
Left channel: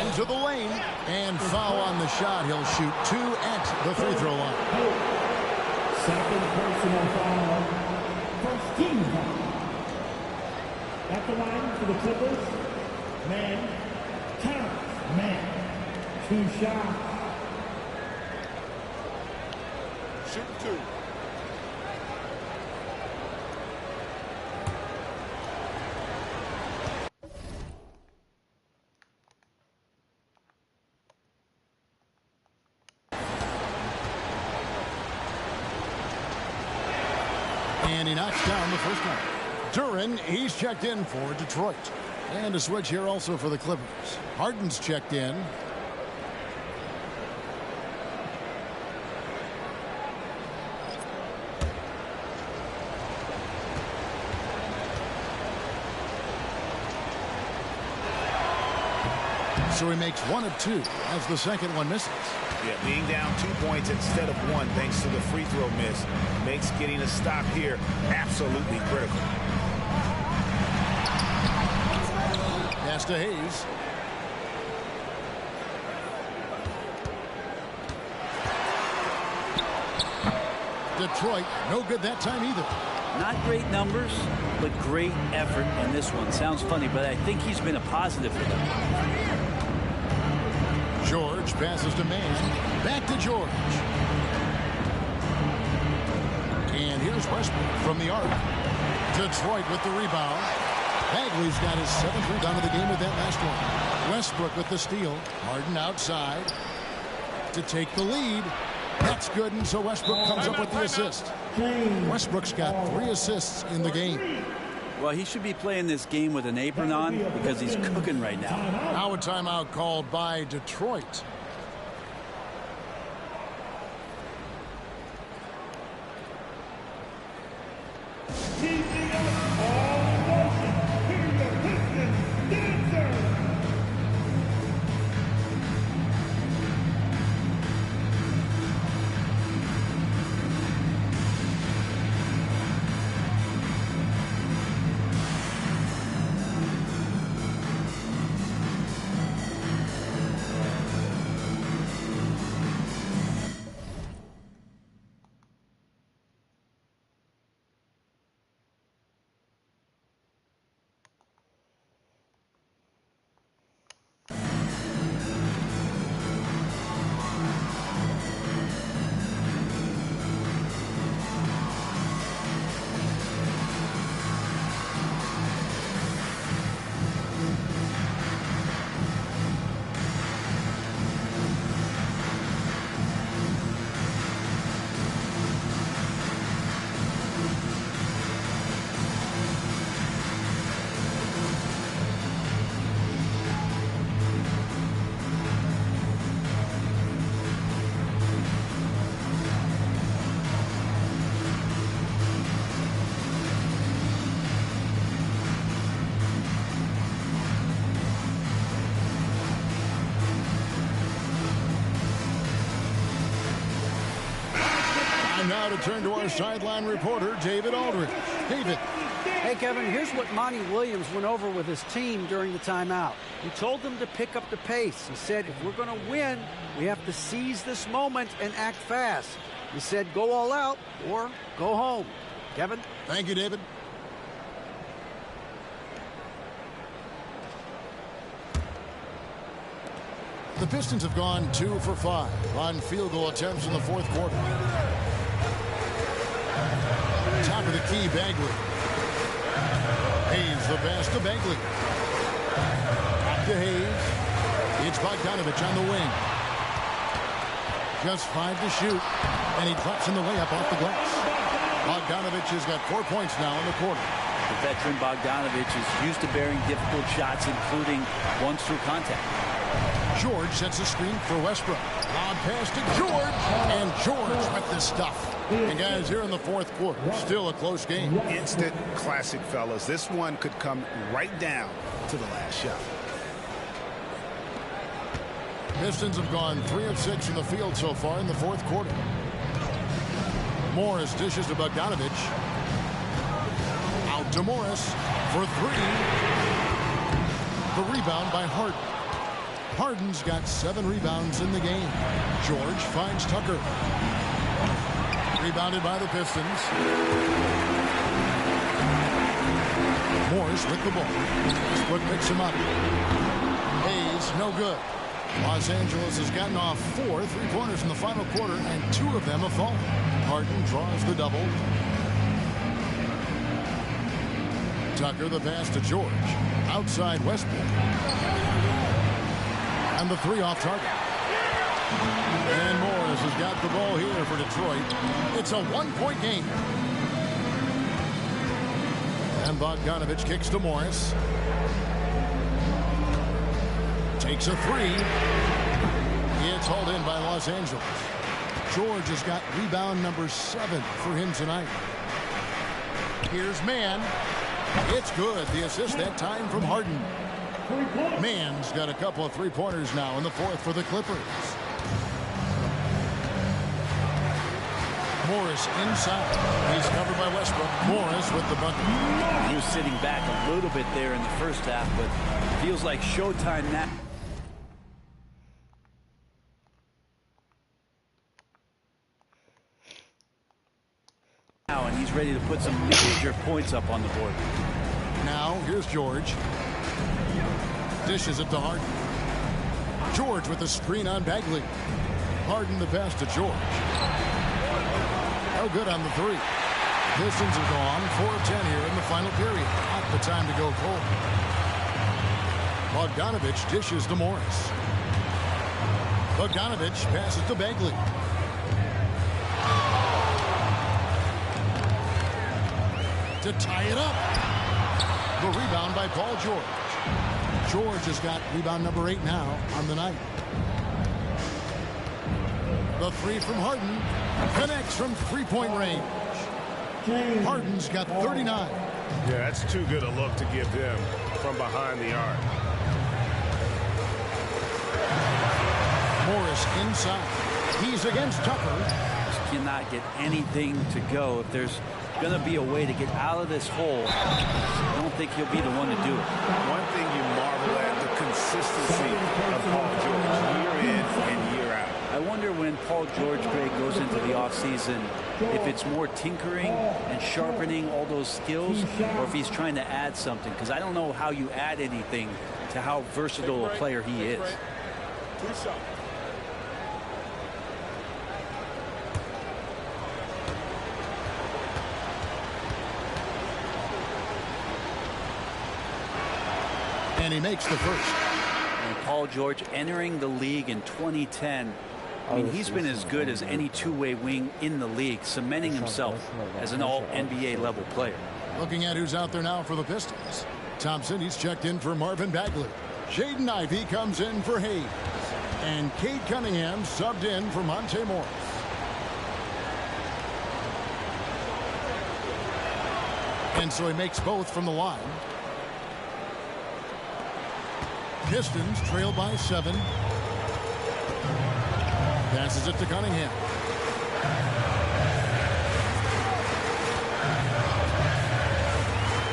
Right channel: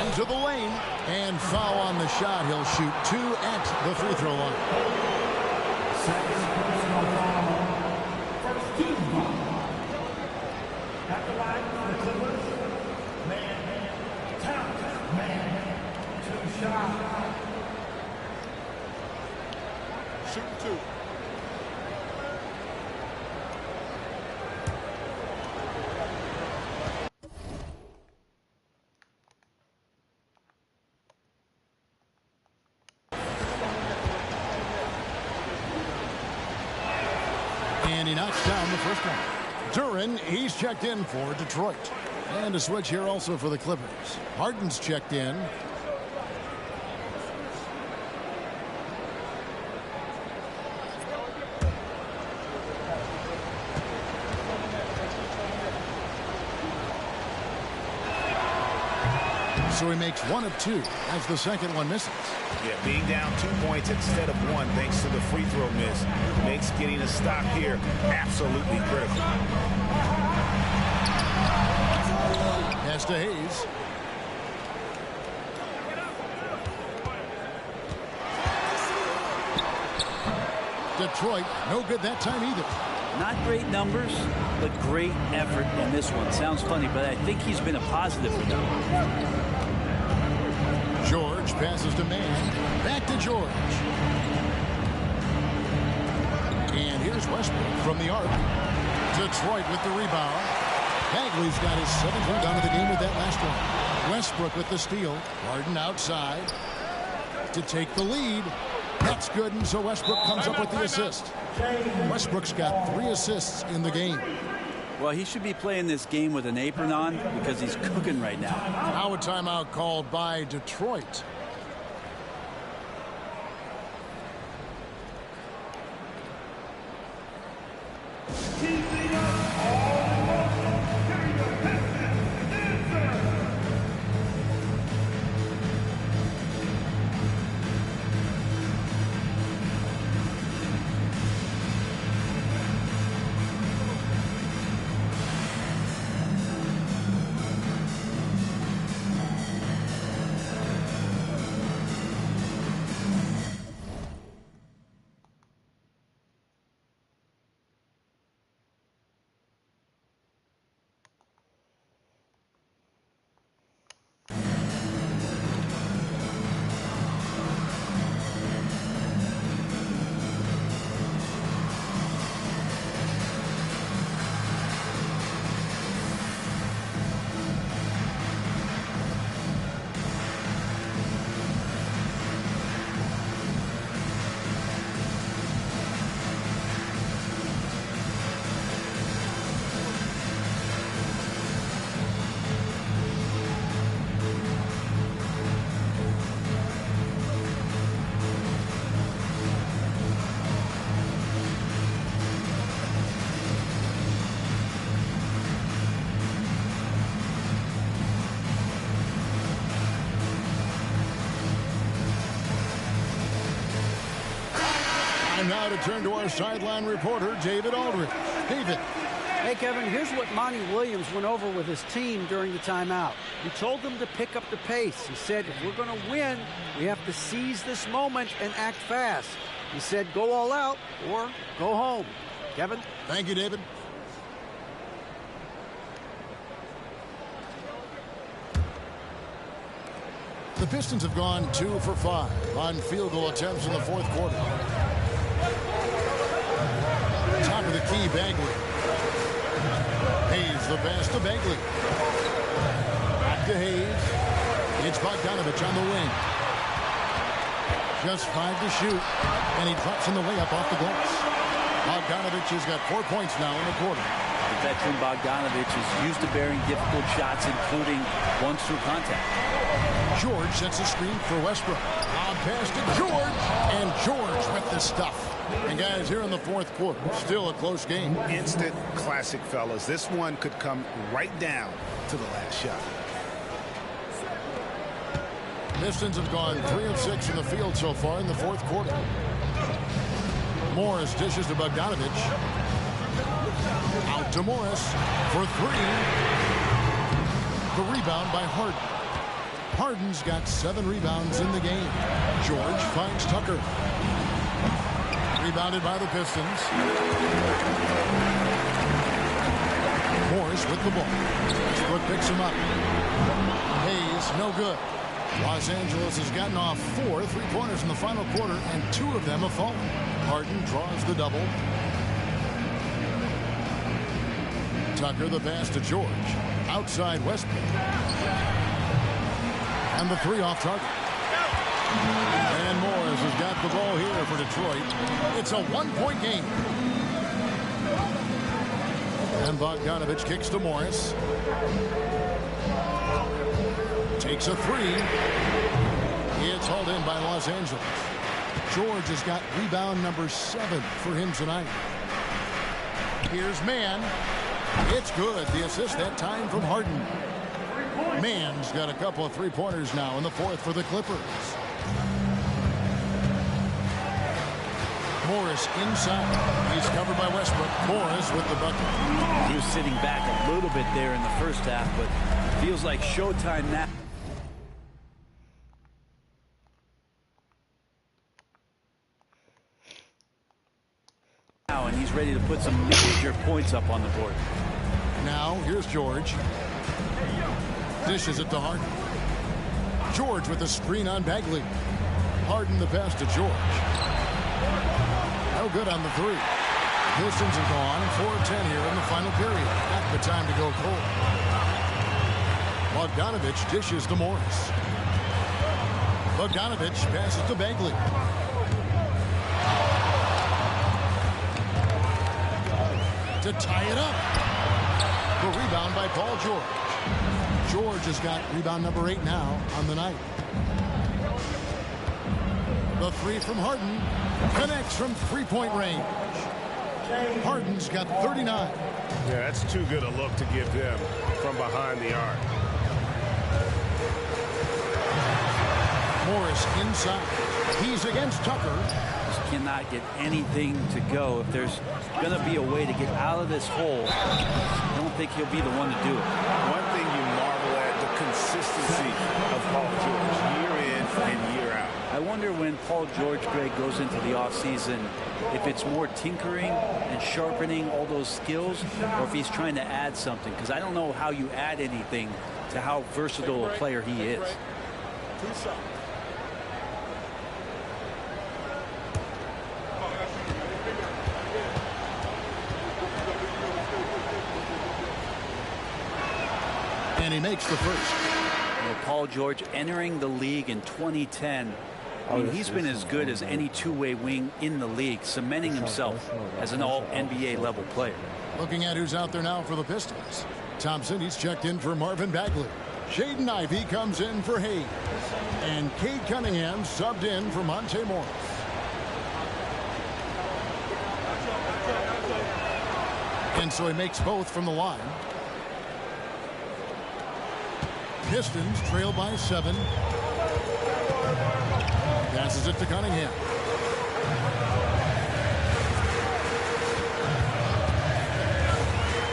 into the lane, and foul on the shot. He'll shoot 2 at the free throw line. Second personal foul. First team foul. At the line for the Clippers. Man. Terrence Man. 2 shots. Shooting 2. And he knocks down the first one. Duren, he's checked in for Detroit. And a switch here also for the Clippers. Harden's checked in. So he makes 1 of 2 as the second one misses. Yeah, being down 2 points instead of 1 thanks to the free throw miss makes getting a stop here absolutely critical. Pass to Hayes. Detroit, no good that time either. Not great numbers, but great effort in this one. Sounds funny, but I think he's been a positive for them. George passes to Man. Back to George. And here's Westbrook from the arc. Detroit with the rebound. Bagley's got his 7th rebound of the game with that last one. Westbrook with the steal. Harden outside to take the lead. That's good, and so Westbrook comes up with the assist. Westbrook's got 3 assists in the game. Well, he should be playing this game with an apron on because he's cooking right now. Now a timeout called by Detroit. keeping us all in motion. Give me your Pistons dancer. Time now to turn to our sideline reporter, David Aldridge. David. Hey, Kevin, here's what Monty Williams went over with his team during the timeout. He told them to pick up the pace. He said, if we're going to win, we have to seize this moment and act fast. He said, go all out or go home. Kevin? Thank you, David. The Pistons have gone 2 for 5 on field goal attempts in the fourth quarter. Top of the key, Bagley. Hayes the pass to Bagley. Back to Hayes. It's Bogdanovich on the wing. Just 5 to shoot, and he drops in the layup off the glass. Bogdanovich has got 4 points now in the quarter. The veteran Bogdanovich is used to bearing difficult shots, including ones through contact. George sets a screen for Westbrook. Lob pass to George, and George with the stuff. And guys, here in the fourth quarter, still a close game. Instant classic, fellas. This one could come right down to the last shot. Pistons have gone 3 of 6 from the field so far in the fourth quarter. Morris dishes to Bogdanovich. Out to Morris for 3. The rebound by Harden. Harden's got 7 rebounds in the game. George finds Tucker. Rebounded by the Pistons. Morris with the ball. Westbrook picks him up. Hayes, no good. Los Angeles has gotten off 4 3-pointers in the final quarter, and 2 of them have fallen. Harden draws the double. Tucker the pass to George. Outside Westbrook. And the 3 off target. And Morris has got the ball here for Detroit. It's a 1-point game. And Bogdanovich kicks to Morris. Takes a 3. It's hauled in by Los Angeles. George has got rebound number 7 for him tonight. Here's Mann. It's good. The assist that time from Harden. Mann's got a couple of 3-pointers now in the fourth for the Clippers. Morris inside. He's covered by Westbrook. Morris with the bucket. He was sitting back a little bit there in the first half, but feels like showtime now. And he's ready to put some major points up on the board. Now here's George. Dishes it to Harden. George with a screen on Bagley. Harden the pass to George. No good on the 3. The Pistons have gone 4 of 10 here in the final period. Not the time to go cold. Bogdanovich dishes to Morris. Bogdanovich passes to Bagley. To tie it up. The rebound by Paul George. George has got rebound number 8 now on the night. The 3 from Harden connects from 3-point range. Harden's got 39. Yeah, that's too good a look to give them from behind the arc. Morris inside. He's against Tucker. Just cannot get anything to go. If there's going to be a way to get out of this hole, I don't think he'll be the one to do it. One thing you marvel at, the consistency of Paul George, year in and year out. I wonder when Paul George, Greg, goes into the offseason, if it's more tinkering and sharpening all those skills, or if he's trying to add something. Because I don't know how you add anything to how versatile a player he is. 2 shots. And he makes the first. And Paul George entering the league in 2010. I mean, he's been as good as any two-way wing in the league, cementing himself as an all-NBA level player. Looking at who's out there now for the Pistons. Thompson, he's checked in for Marvin Bagley. Jaden Ivey comes in for Hayes. And Cade Cunningham subbed in for Monte Morris. And so he makes both from the line. Pistons trail by 7. Passes it to Cunningham.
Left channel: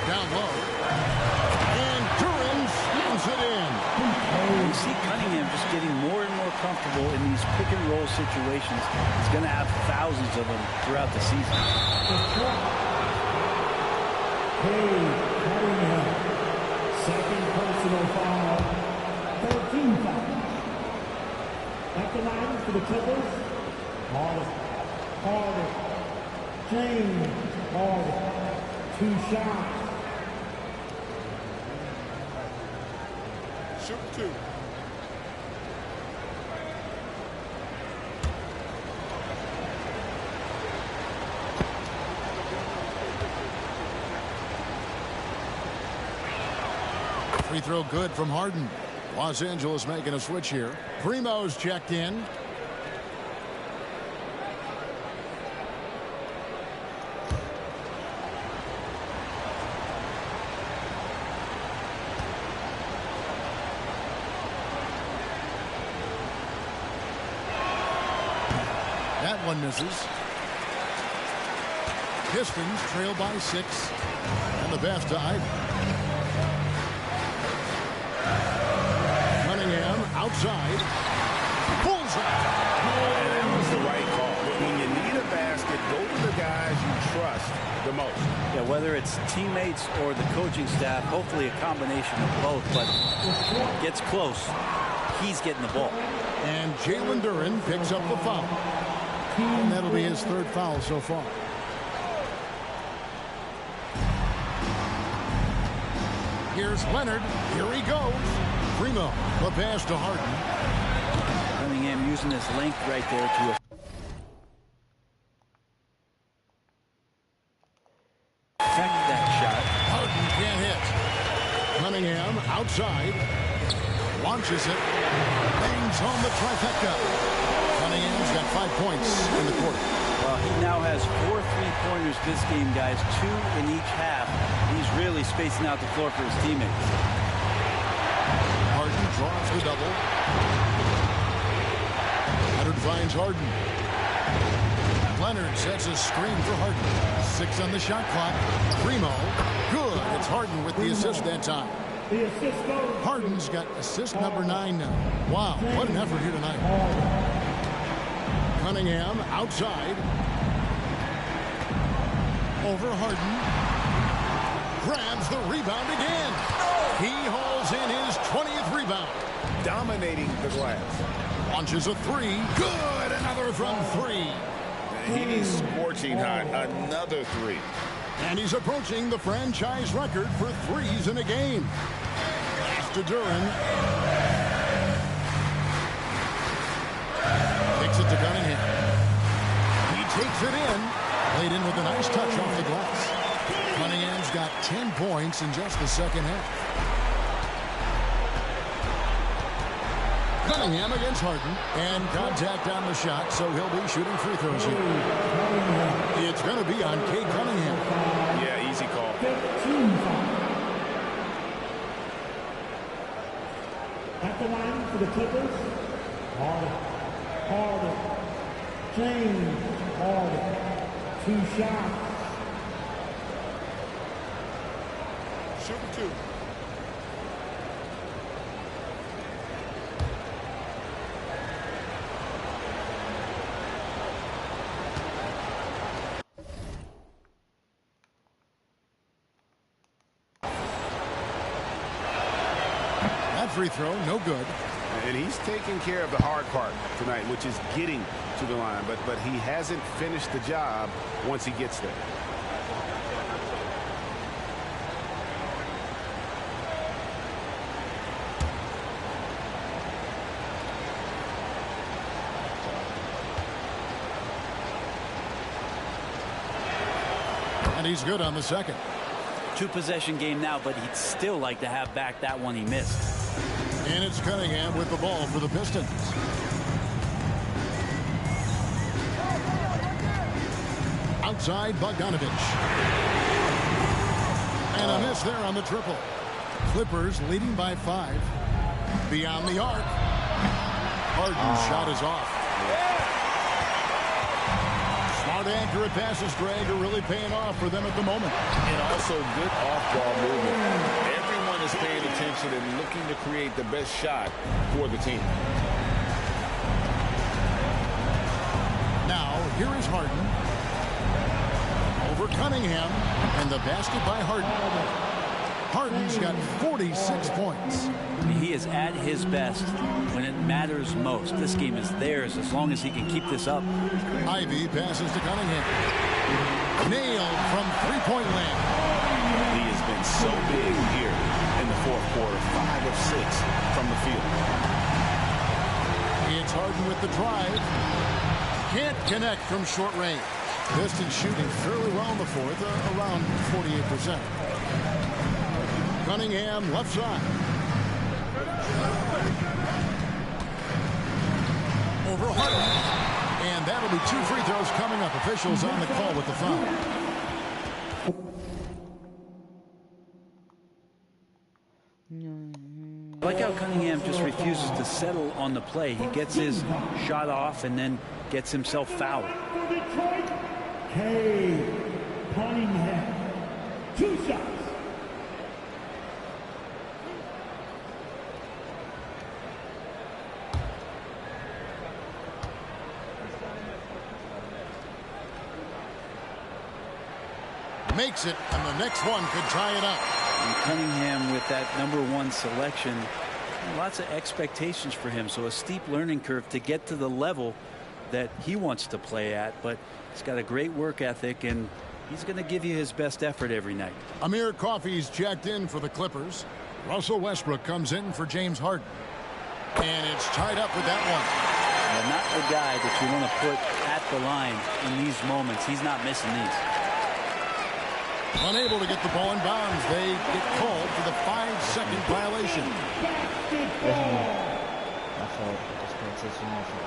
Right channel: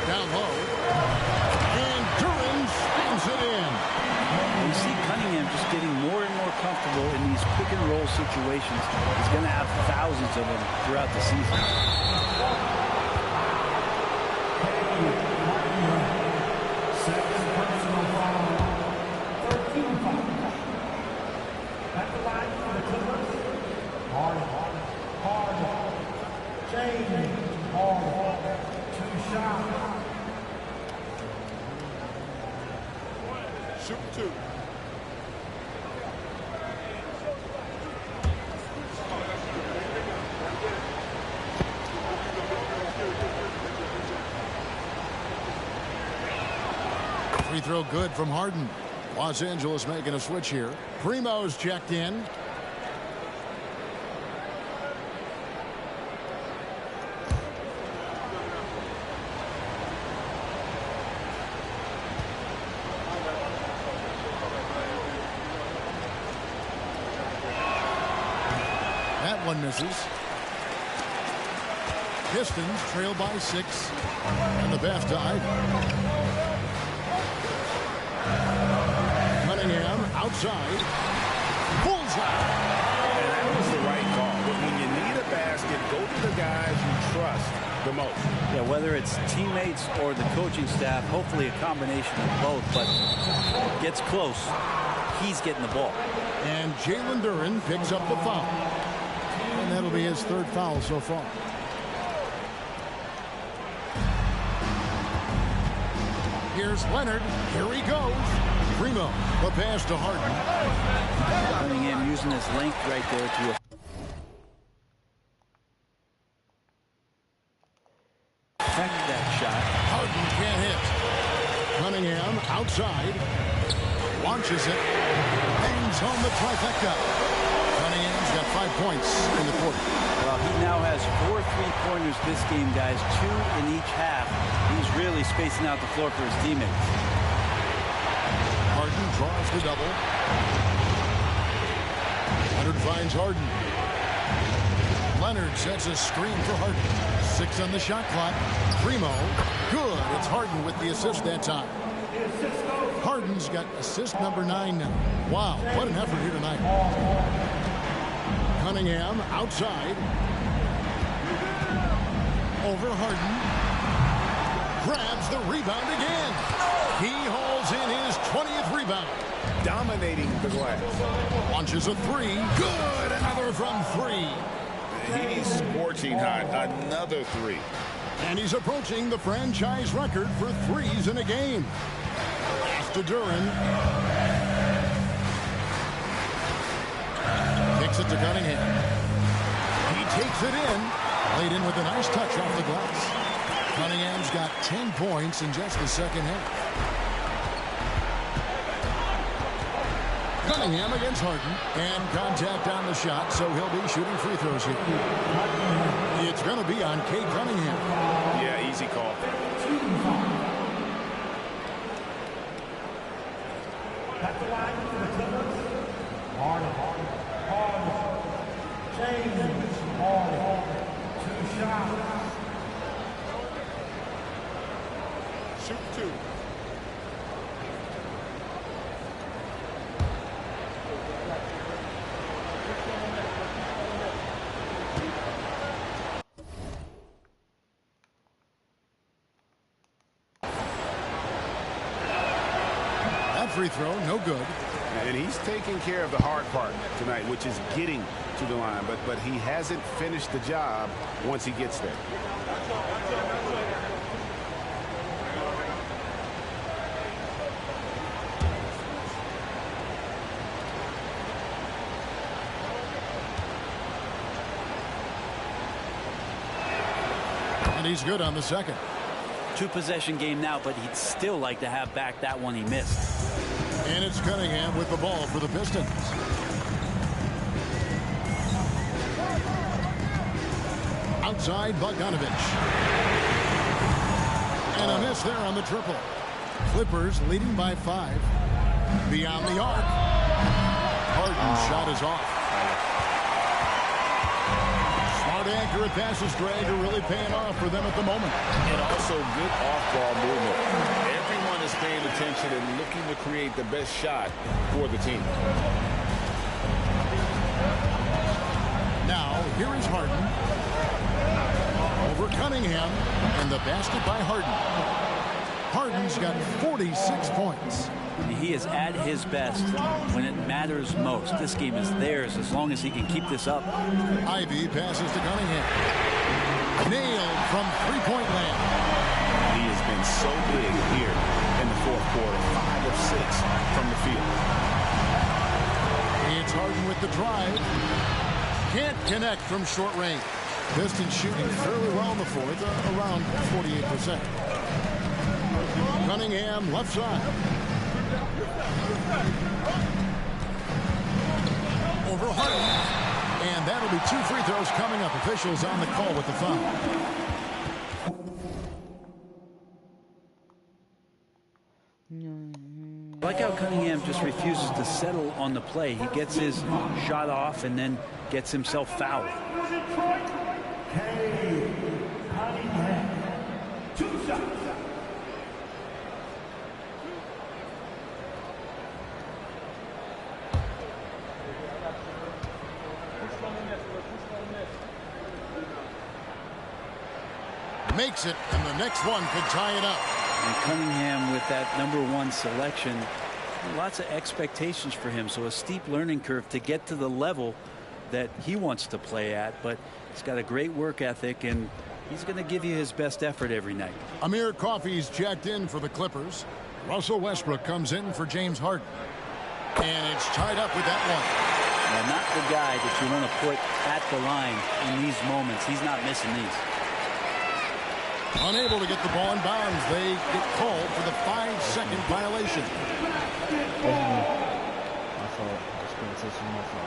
Down low. And Duran slams it in. You see Cunningham just getting more and more comfortable in these pick and roll situations. He's going to have thousands of them throughout the season. Second personal foul. 13 fouls. At the line for the Clippers, Harden. James Harden. 2 shots. Shoot 2. Free throw good from Harden. Los Angeles making a switch here. Primo's checked in. That one misses. Pistons trail by 6. And the pass to Ivey. Cunningham outside. Bullseye. And that was the right call. But when you need a basket, go to the guys you trust the most. Yeah, whether it's teammates or the coaching staff, hopefully a combination of both. But gets close. He's getting the ball. And Jalen Duran picks up the foul. And that'll be his 3rd foul so far. Here's Leonard. Here he goes. Primo, the pass to Harden. Cunningham using his length right there to affect that shot. Harden can't hit. Cunningham outside. Launches it. Bangs home the trifecta. Cunningham's got 5 points in the quarter. Well, he now has 4 3-pointers this game, guys. 2 in each half. He's really spacing out the floor for his teammates. Harden draws the double. Leonard finds Harden. Leonard sets a screen for Harden. 6 on the shot clock. Primo, good. It's Harden with the assist that time. Harden's got assist number 9 now. Wow, what an effort here tonight. Cunningham outside. Over Harden. Grabs the rebound again. He hauls in his 20th rebound. Dominating the glass. Launches a 3. Good. Another from 3. He's scorching hot. Another 3. And he's approaching the franchise record for 3s in a game. Pass to Duran. Kicks it to Cunningham. He takes it in. Laid in with a nice touch off the glass. Cunningham's got 10 points in just the second half. Cunningham against Harden. And contact on the shot, so he'll be shooting free throws here. It's going to be on Cade Cunningham. Yeah, easy call. At the line for the Clippers, Harden. James Harden. 2 shots. Shooting 2. That free throw, no good. And he's taking care of the hard part tonight, which is getting to the line. But he hasn't finished the job once he gets there. And he's good on the second. 2-possession game now, but he'd still like to have back that one he missed. And it's Cunningham with the ball for the Pistons. Outside Bogdanovich. And a miss there on the triple. Clippers leading by 5. Beyond the arc. Harden's shot is off. Smart, accurate passes, Greg, are really paying off for them at the moment. And also good off-ball movement. Everyone is paying attention and looking to create the best shot for the team. Now, here is Harden. Over Cunningham. And the basket by Harden. Harden's got 46 points. He is at his best when it matters most. This game is theirs as long as he can keep this up. Ivy passes to Cunningham. Nailed from three-point land. He has been so big here in the fourth quarter. 5 of 6 from the field. It's Harden with the drive. Can't connect from short range. Pistons shooting fairly well in the fourth, around 48%. Cunningham left side. Over Harden. And that'll be 2 free throws coming up. Officials on the call with the foul. I like how Cunningham just refuses to settle on the play. He gets his shot off and then gets himself fouled. Cade Cunningham. 2 shots. Makes it, and the next one could tie it up. And Cunningham with that #1 selection, lots of expectations for him, so a steep learning curve to get to the level that he wants to play at, but he's got a great work ethic and he's going to give you his best effort every night. Amir Coffey's checked in for the Clippers. Russell Westbrook comes in for James Harden. And it's tied up with that one. And not the guy that you want to put at the line in these moments. He's not missing these. Unable to get the ball in bounds. They get called for the 5-second violation. My fault. Just paying attention to my fault.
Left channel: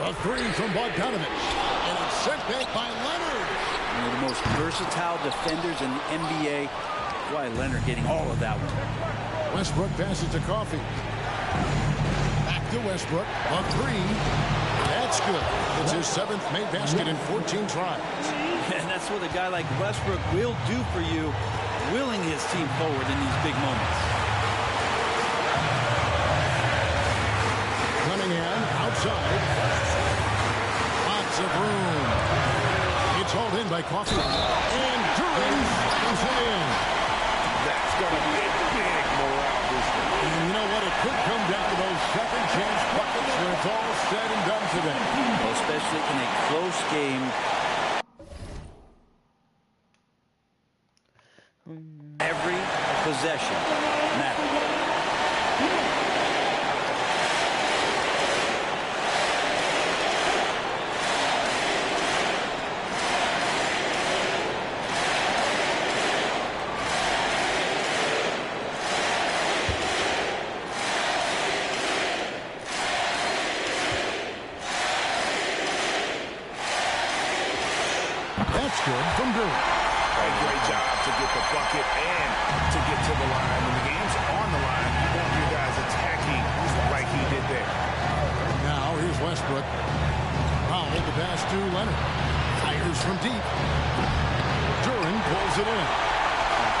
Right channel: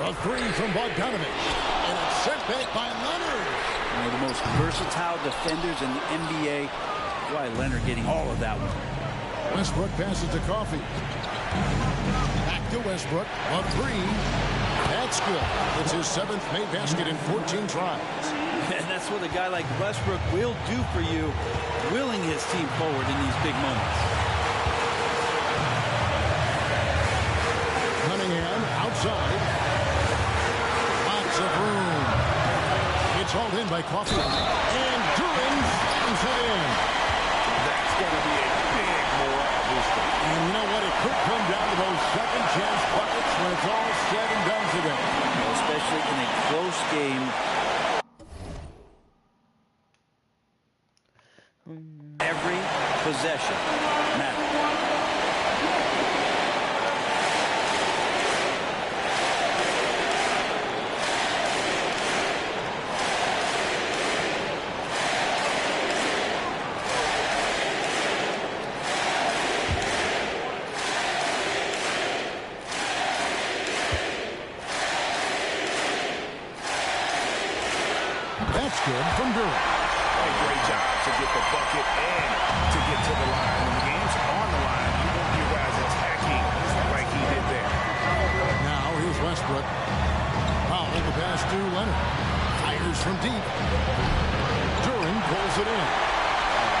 A 3 from Bogdanovich. And it's sent back by Leonard. One of the most versatile defenders in the NBA. Why Leonard getting all of that one. Westbrook passes to Coffey. Back to Westbrook. A 3. That's good. It's his 7th made basket in 14 tries. And that's what a guy like Westbrook will do for you, willing his team forward in these big moments. Cunningham outside. Lots of room. It's hauled in by Coffey. And Duran slams it in. That's going to be a big morale booster. And you know what? It could come down to those second chance buckets when it's all said and done today. Well, especially in a close game. Every possession matters. good from Durham. A great job to get the bucket and to get to the line. When the game's on the line, you want your guys attacking like he did there. Now here's Westbrook. Powell, the pass to Leonard. Fires from deep. Duran pulls it in.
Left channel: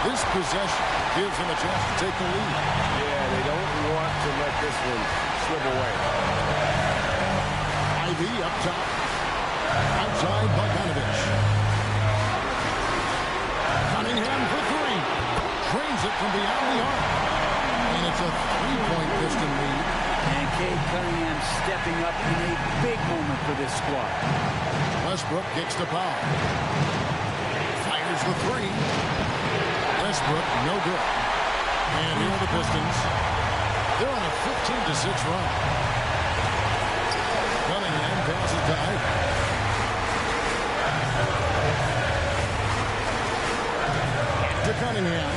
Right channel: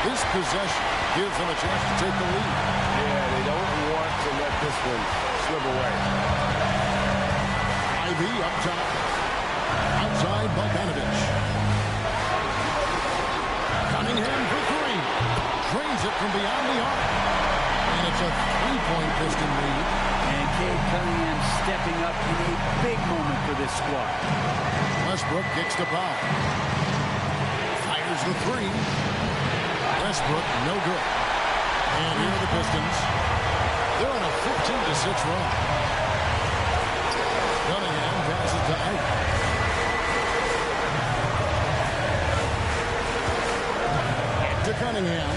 This possession gives them a chance to take the lead. Yeah, they don't want to let this one slip away. Ivy up top. Outside Bogdanovich. Cunningham for three. Drains it from beyond the arc. And it's a three-point Piston lead. And Cade Cunningham stepping up in a big moment for this squad. Westbrook kicks to Powell. Fires the three. Westbrook, no good. And here are the Pistons. They're on a 15-6 run. Cunningham passes to Ivy. Back to Cunningham.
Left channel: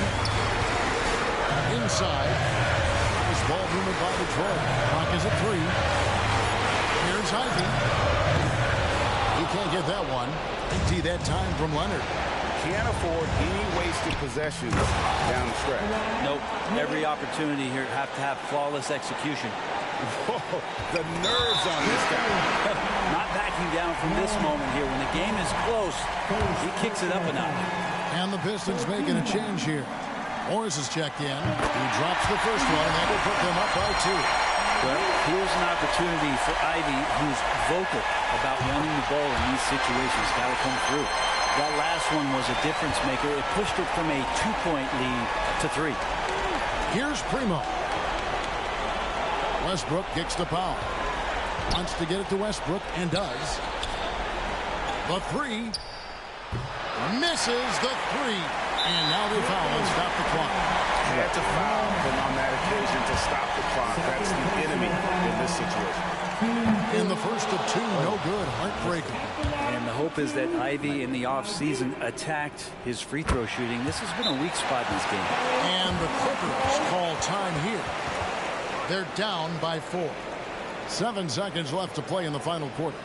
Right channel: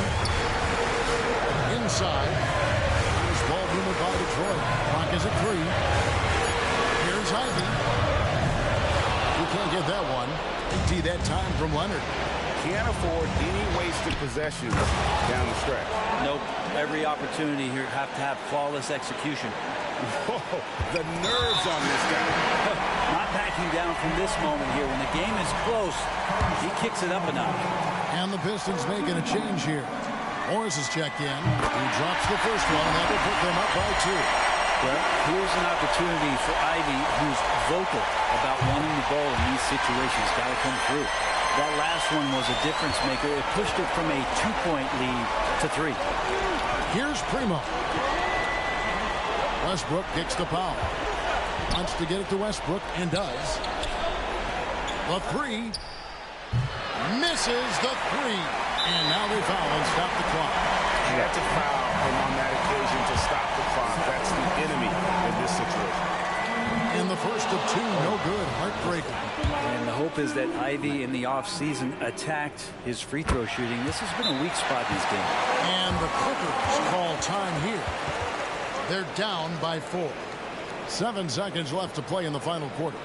Inside. Nice ball movement by Detroit. Clock is at 3. Here's Ivy. He can't get that one. Big T that time from Leonard. Can't afford any wasted possessions down the stretch. Nope. Every opportunity here have to have flawless execution. Whoa, the nerves on this guy. Not backing down from this moment here. When the game is close, he kicks it up a notch. And the Pistons making a change here. Morris has checked in. He drops the first one, and that will put them up by 2. Well, here's an opportunity for Ivy, who's vocal about wanting the ball in these situations. Got to come through. That last one was a difference maker. It pushed it from a 2-point lead to 3. Here's Primo. Westbrook kicks to Powell. Wants to get it to Westbrook, and does. The three. Misses the 3. And now they foul and stop the clock. Had to foul, and on that occasion to stop the clock. That's the enemy in this situation. In the first of 2, no good. Heartbreaker. And the hope is that Ivy in the offseason attacked his free throw shooting. This has been a weak spot in this game. And the Clippers call time here. They're down by 4. 7 seconds left to play in the final quarter.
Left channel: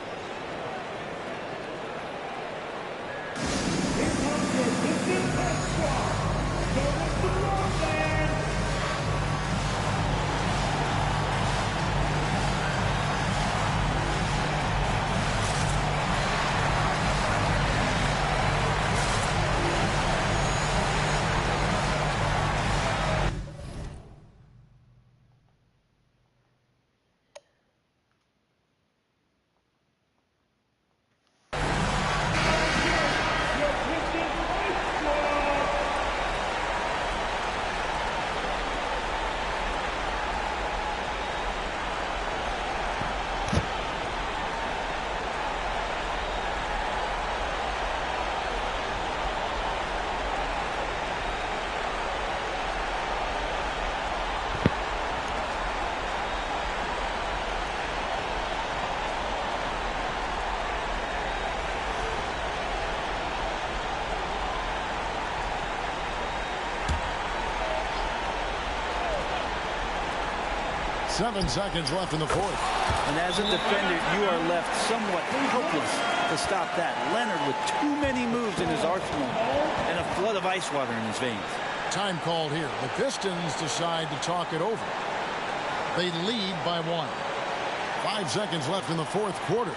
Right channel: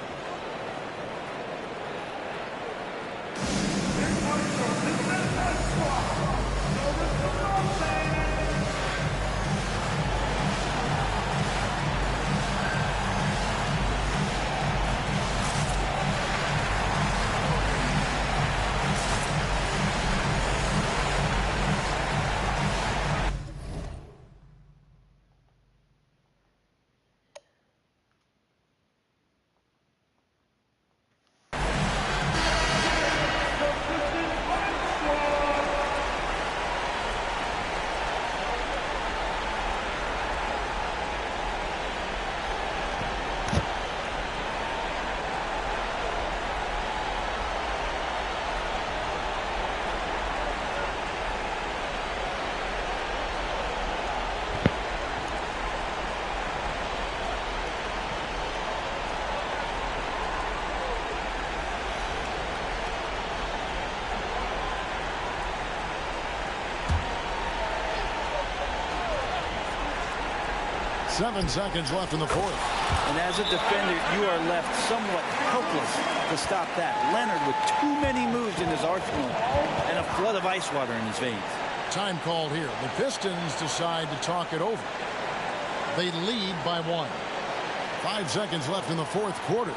Seven seconds left in the fourth. And as a defender, you are left somewhat helpless to stop that. Leonard with too many moves in his arsenal and a flood of ice water in his veins. Time called here. The Pistons decide to talk it over. They lead by 1. 5 seconds left in the fourth quarter.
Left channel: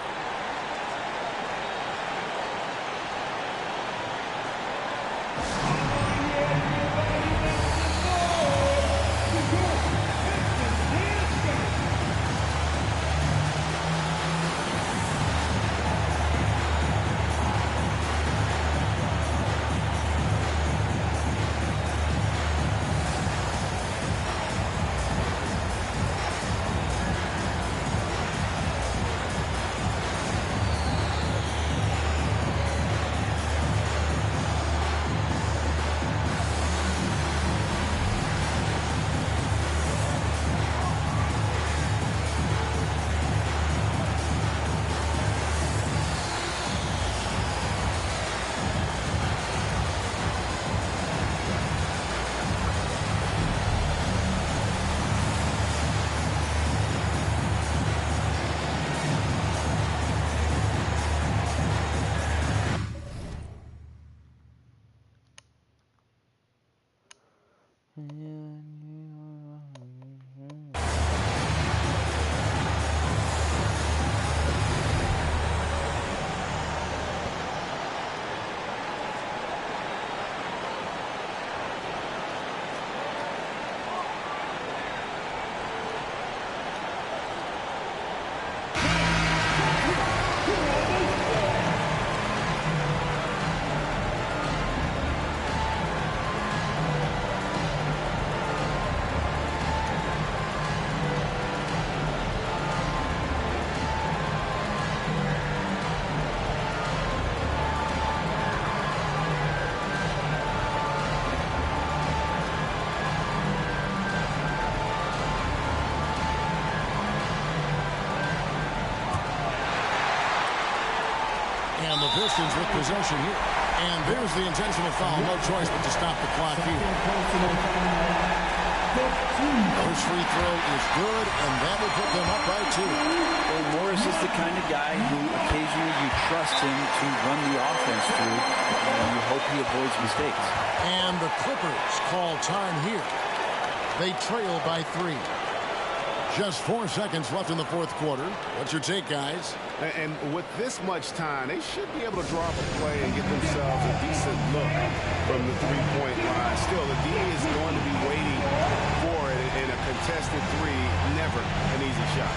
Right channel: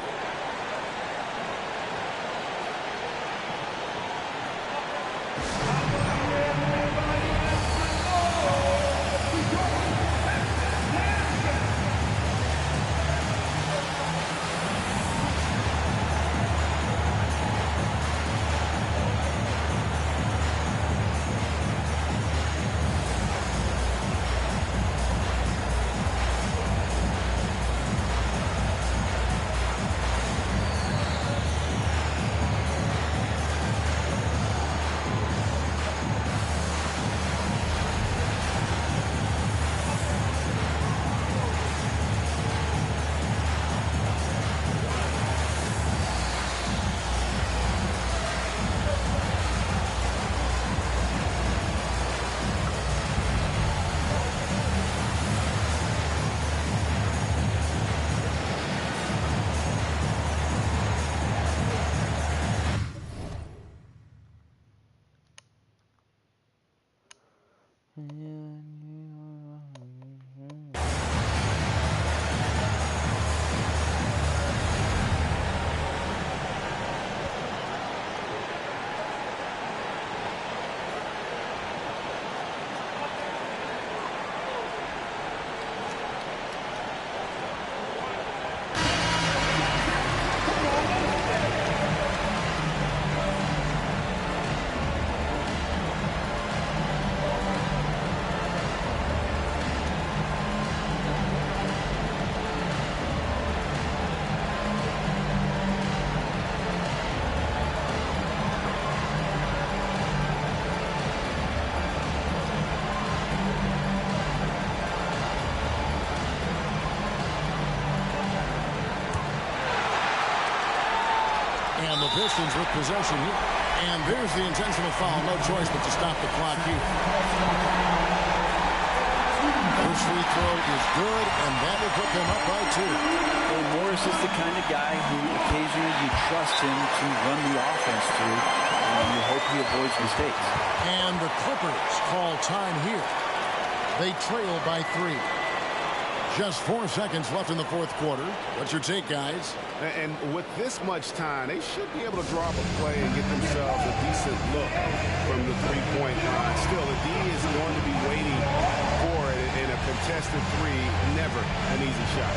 And the Pistons with possession here. And there's the intentional foul. No choice but to stop the clock here. First free throw is good, and that will put them up by 2. Well, Morris is the kind of guy who occasionally you trust him to run the offense through, and you hope he avoids mistakes. And the Clippers call time here. They trail by 3. Just 4 seconds left in the fourth quarter. What's your take, guys? And with this much time, they should be able to draw up a play and get themselves a decent look from the three-point line. Still, the D is going to be waiting for it in a contested three. Never an easy shot.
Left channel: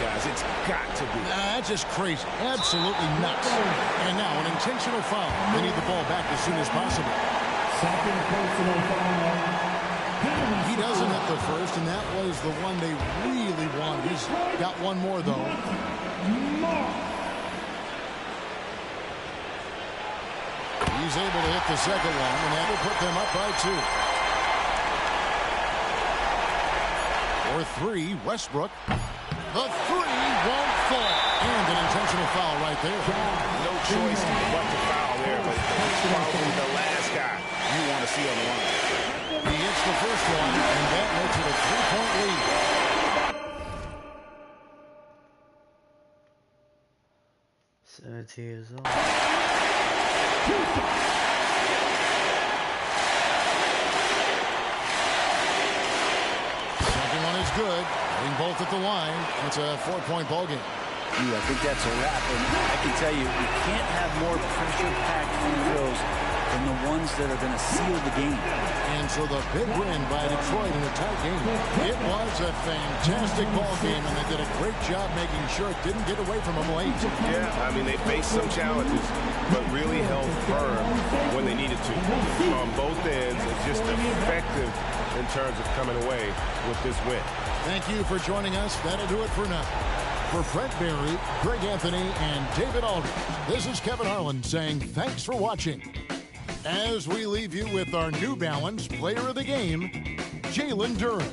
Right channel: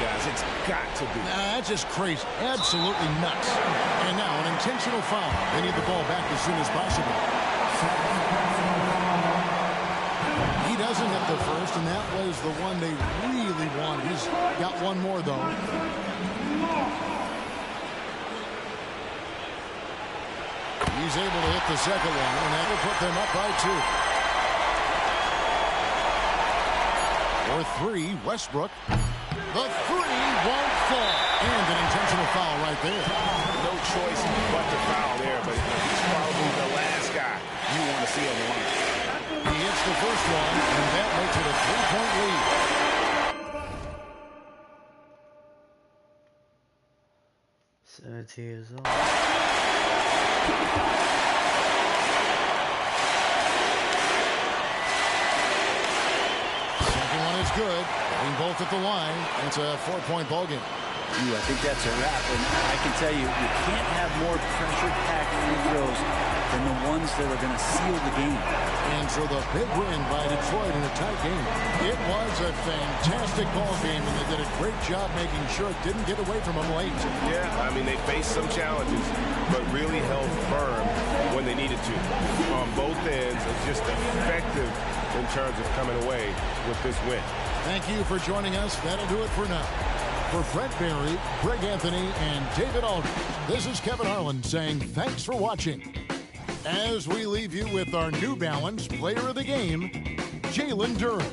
Guys, it's got to be. That's just crazy. Absolutely nuts. And now an intentional foul. They need the ball back as soon as possible. Second personal foul. He doesn't hit the first, and that was the one they really wanted. He's got one more, though. He's able to hit the second one, and that will put them up by 2. For 3, Westbrook. The three won't fall. And an intentional foul right there. No choice but to foul there, but he's probably the last guy you want to see on the line. He hits the first one, and that makes it a 3-point lead. Years old. Second one is good. Hitting both at the line. It's a 4-point ball game. I think that's a wrap. And I can tell you, you can't have more pressure-packed free throws than the ones that are going to seal the game. And so the big win by Detroit in a tight game. It was a fantastic ball game, and they did a great job making sure it didn't get away from them late. Yeah, I mean, they faced some challenges, but really held firm when they needed to. On both ends, just effective in terms of coming away with this win. Thank you for joining us. That'll do it for now. For Brett Barry, Greg Anthony, and David Aldridge, this is Kevin Harlan saying thanks for watching. As we leave you with our New Balance Player of the Game, Jalen Duren.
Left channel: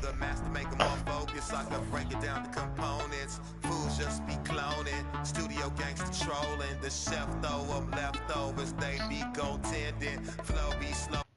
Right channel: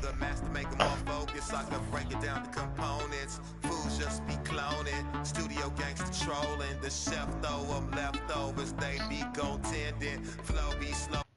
The master make them more focused. I can break it down to components. Fools just be cloning. Studio gangster trolling. The chef throw them leftovers. They be goaltending. Flow be slow.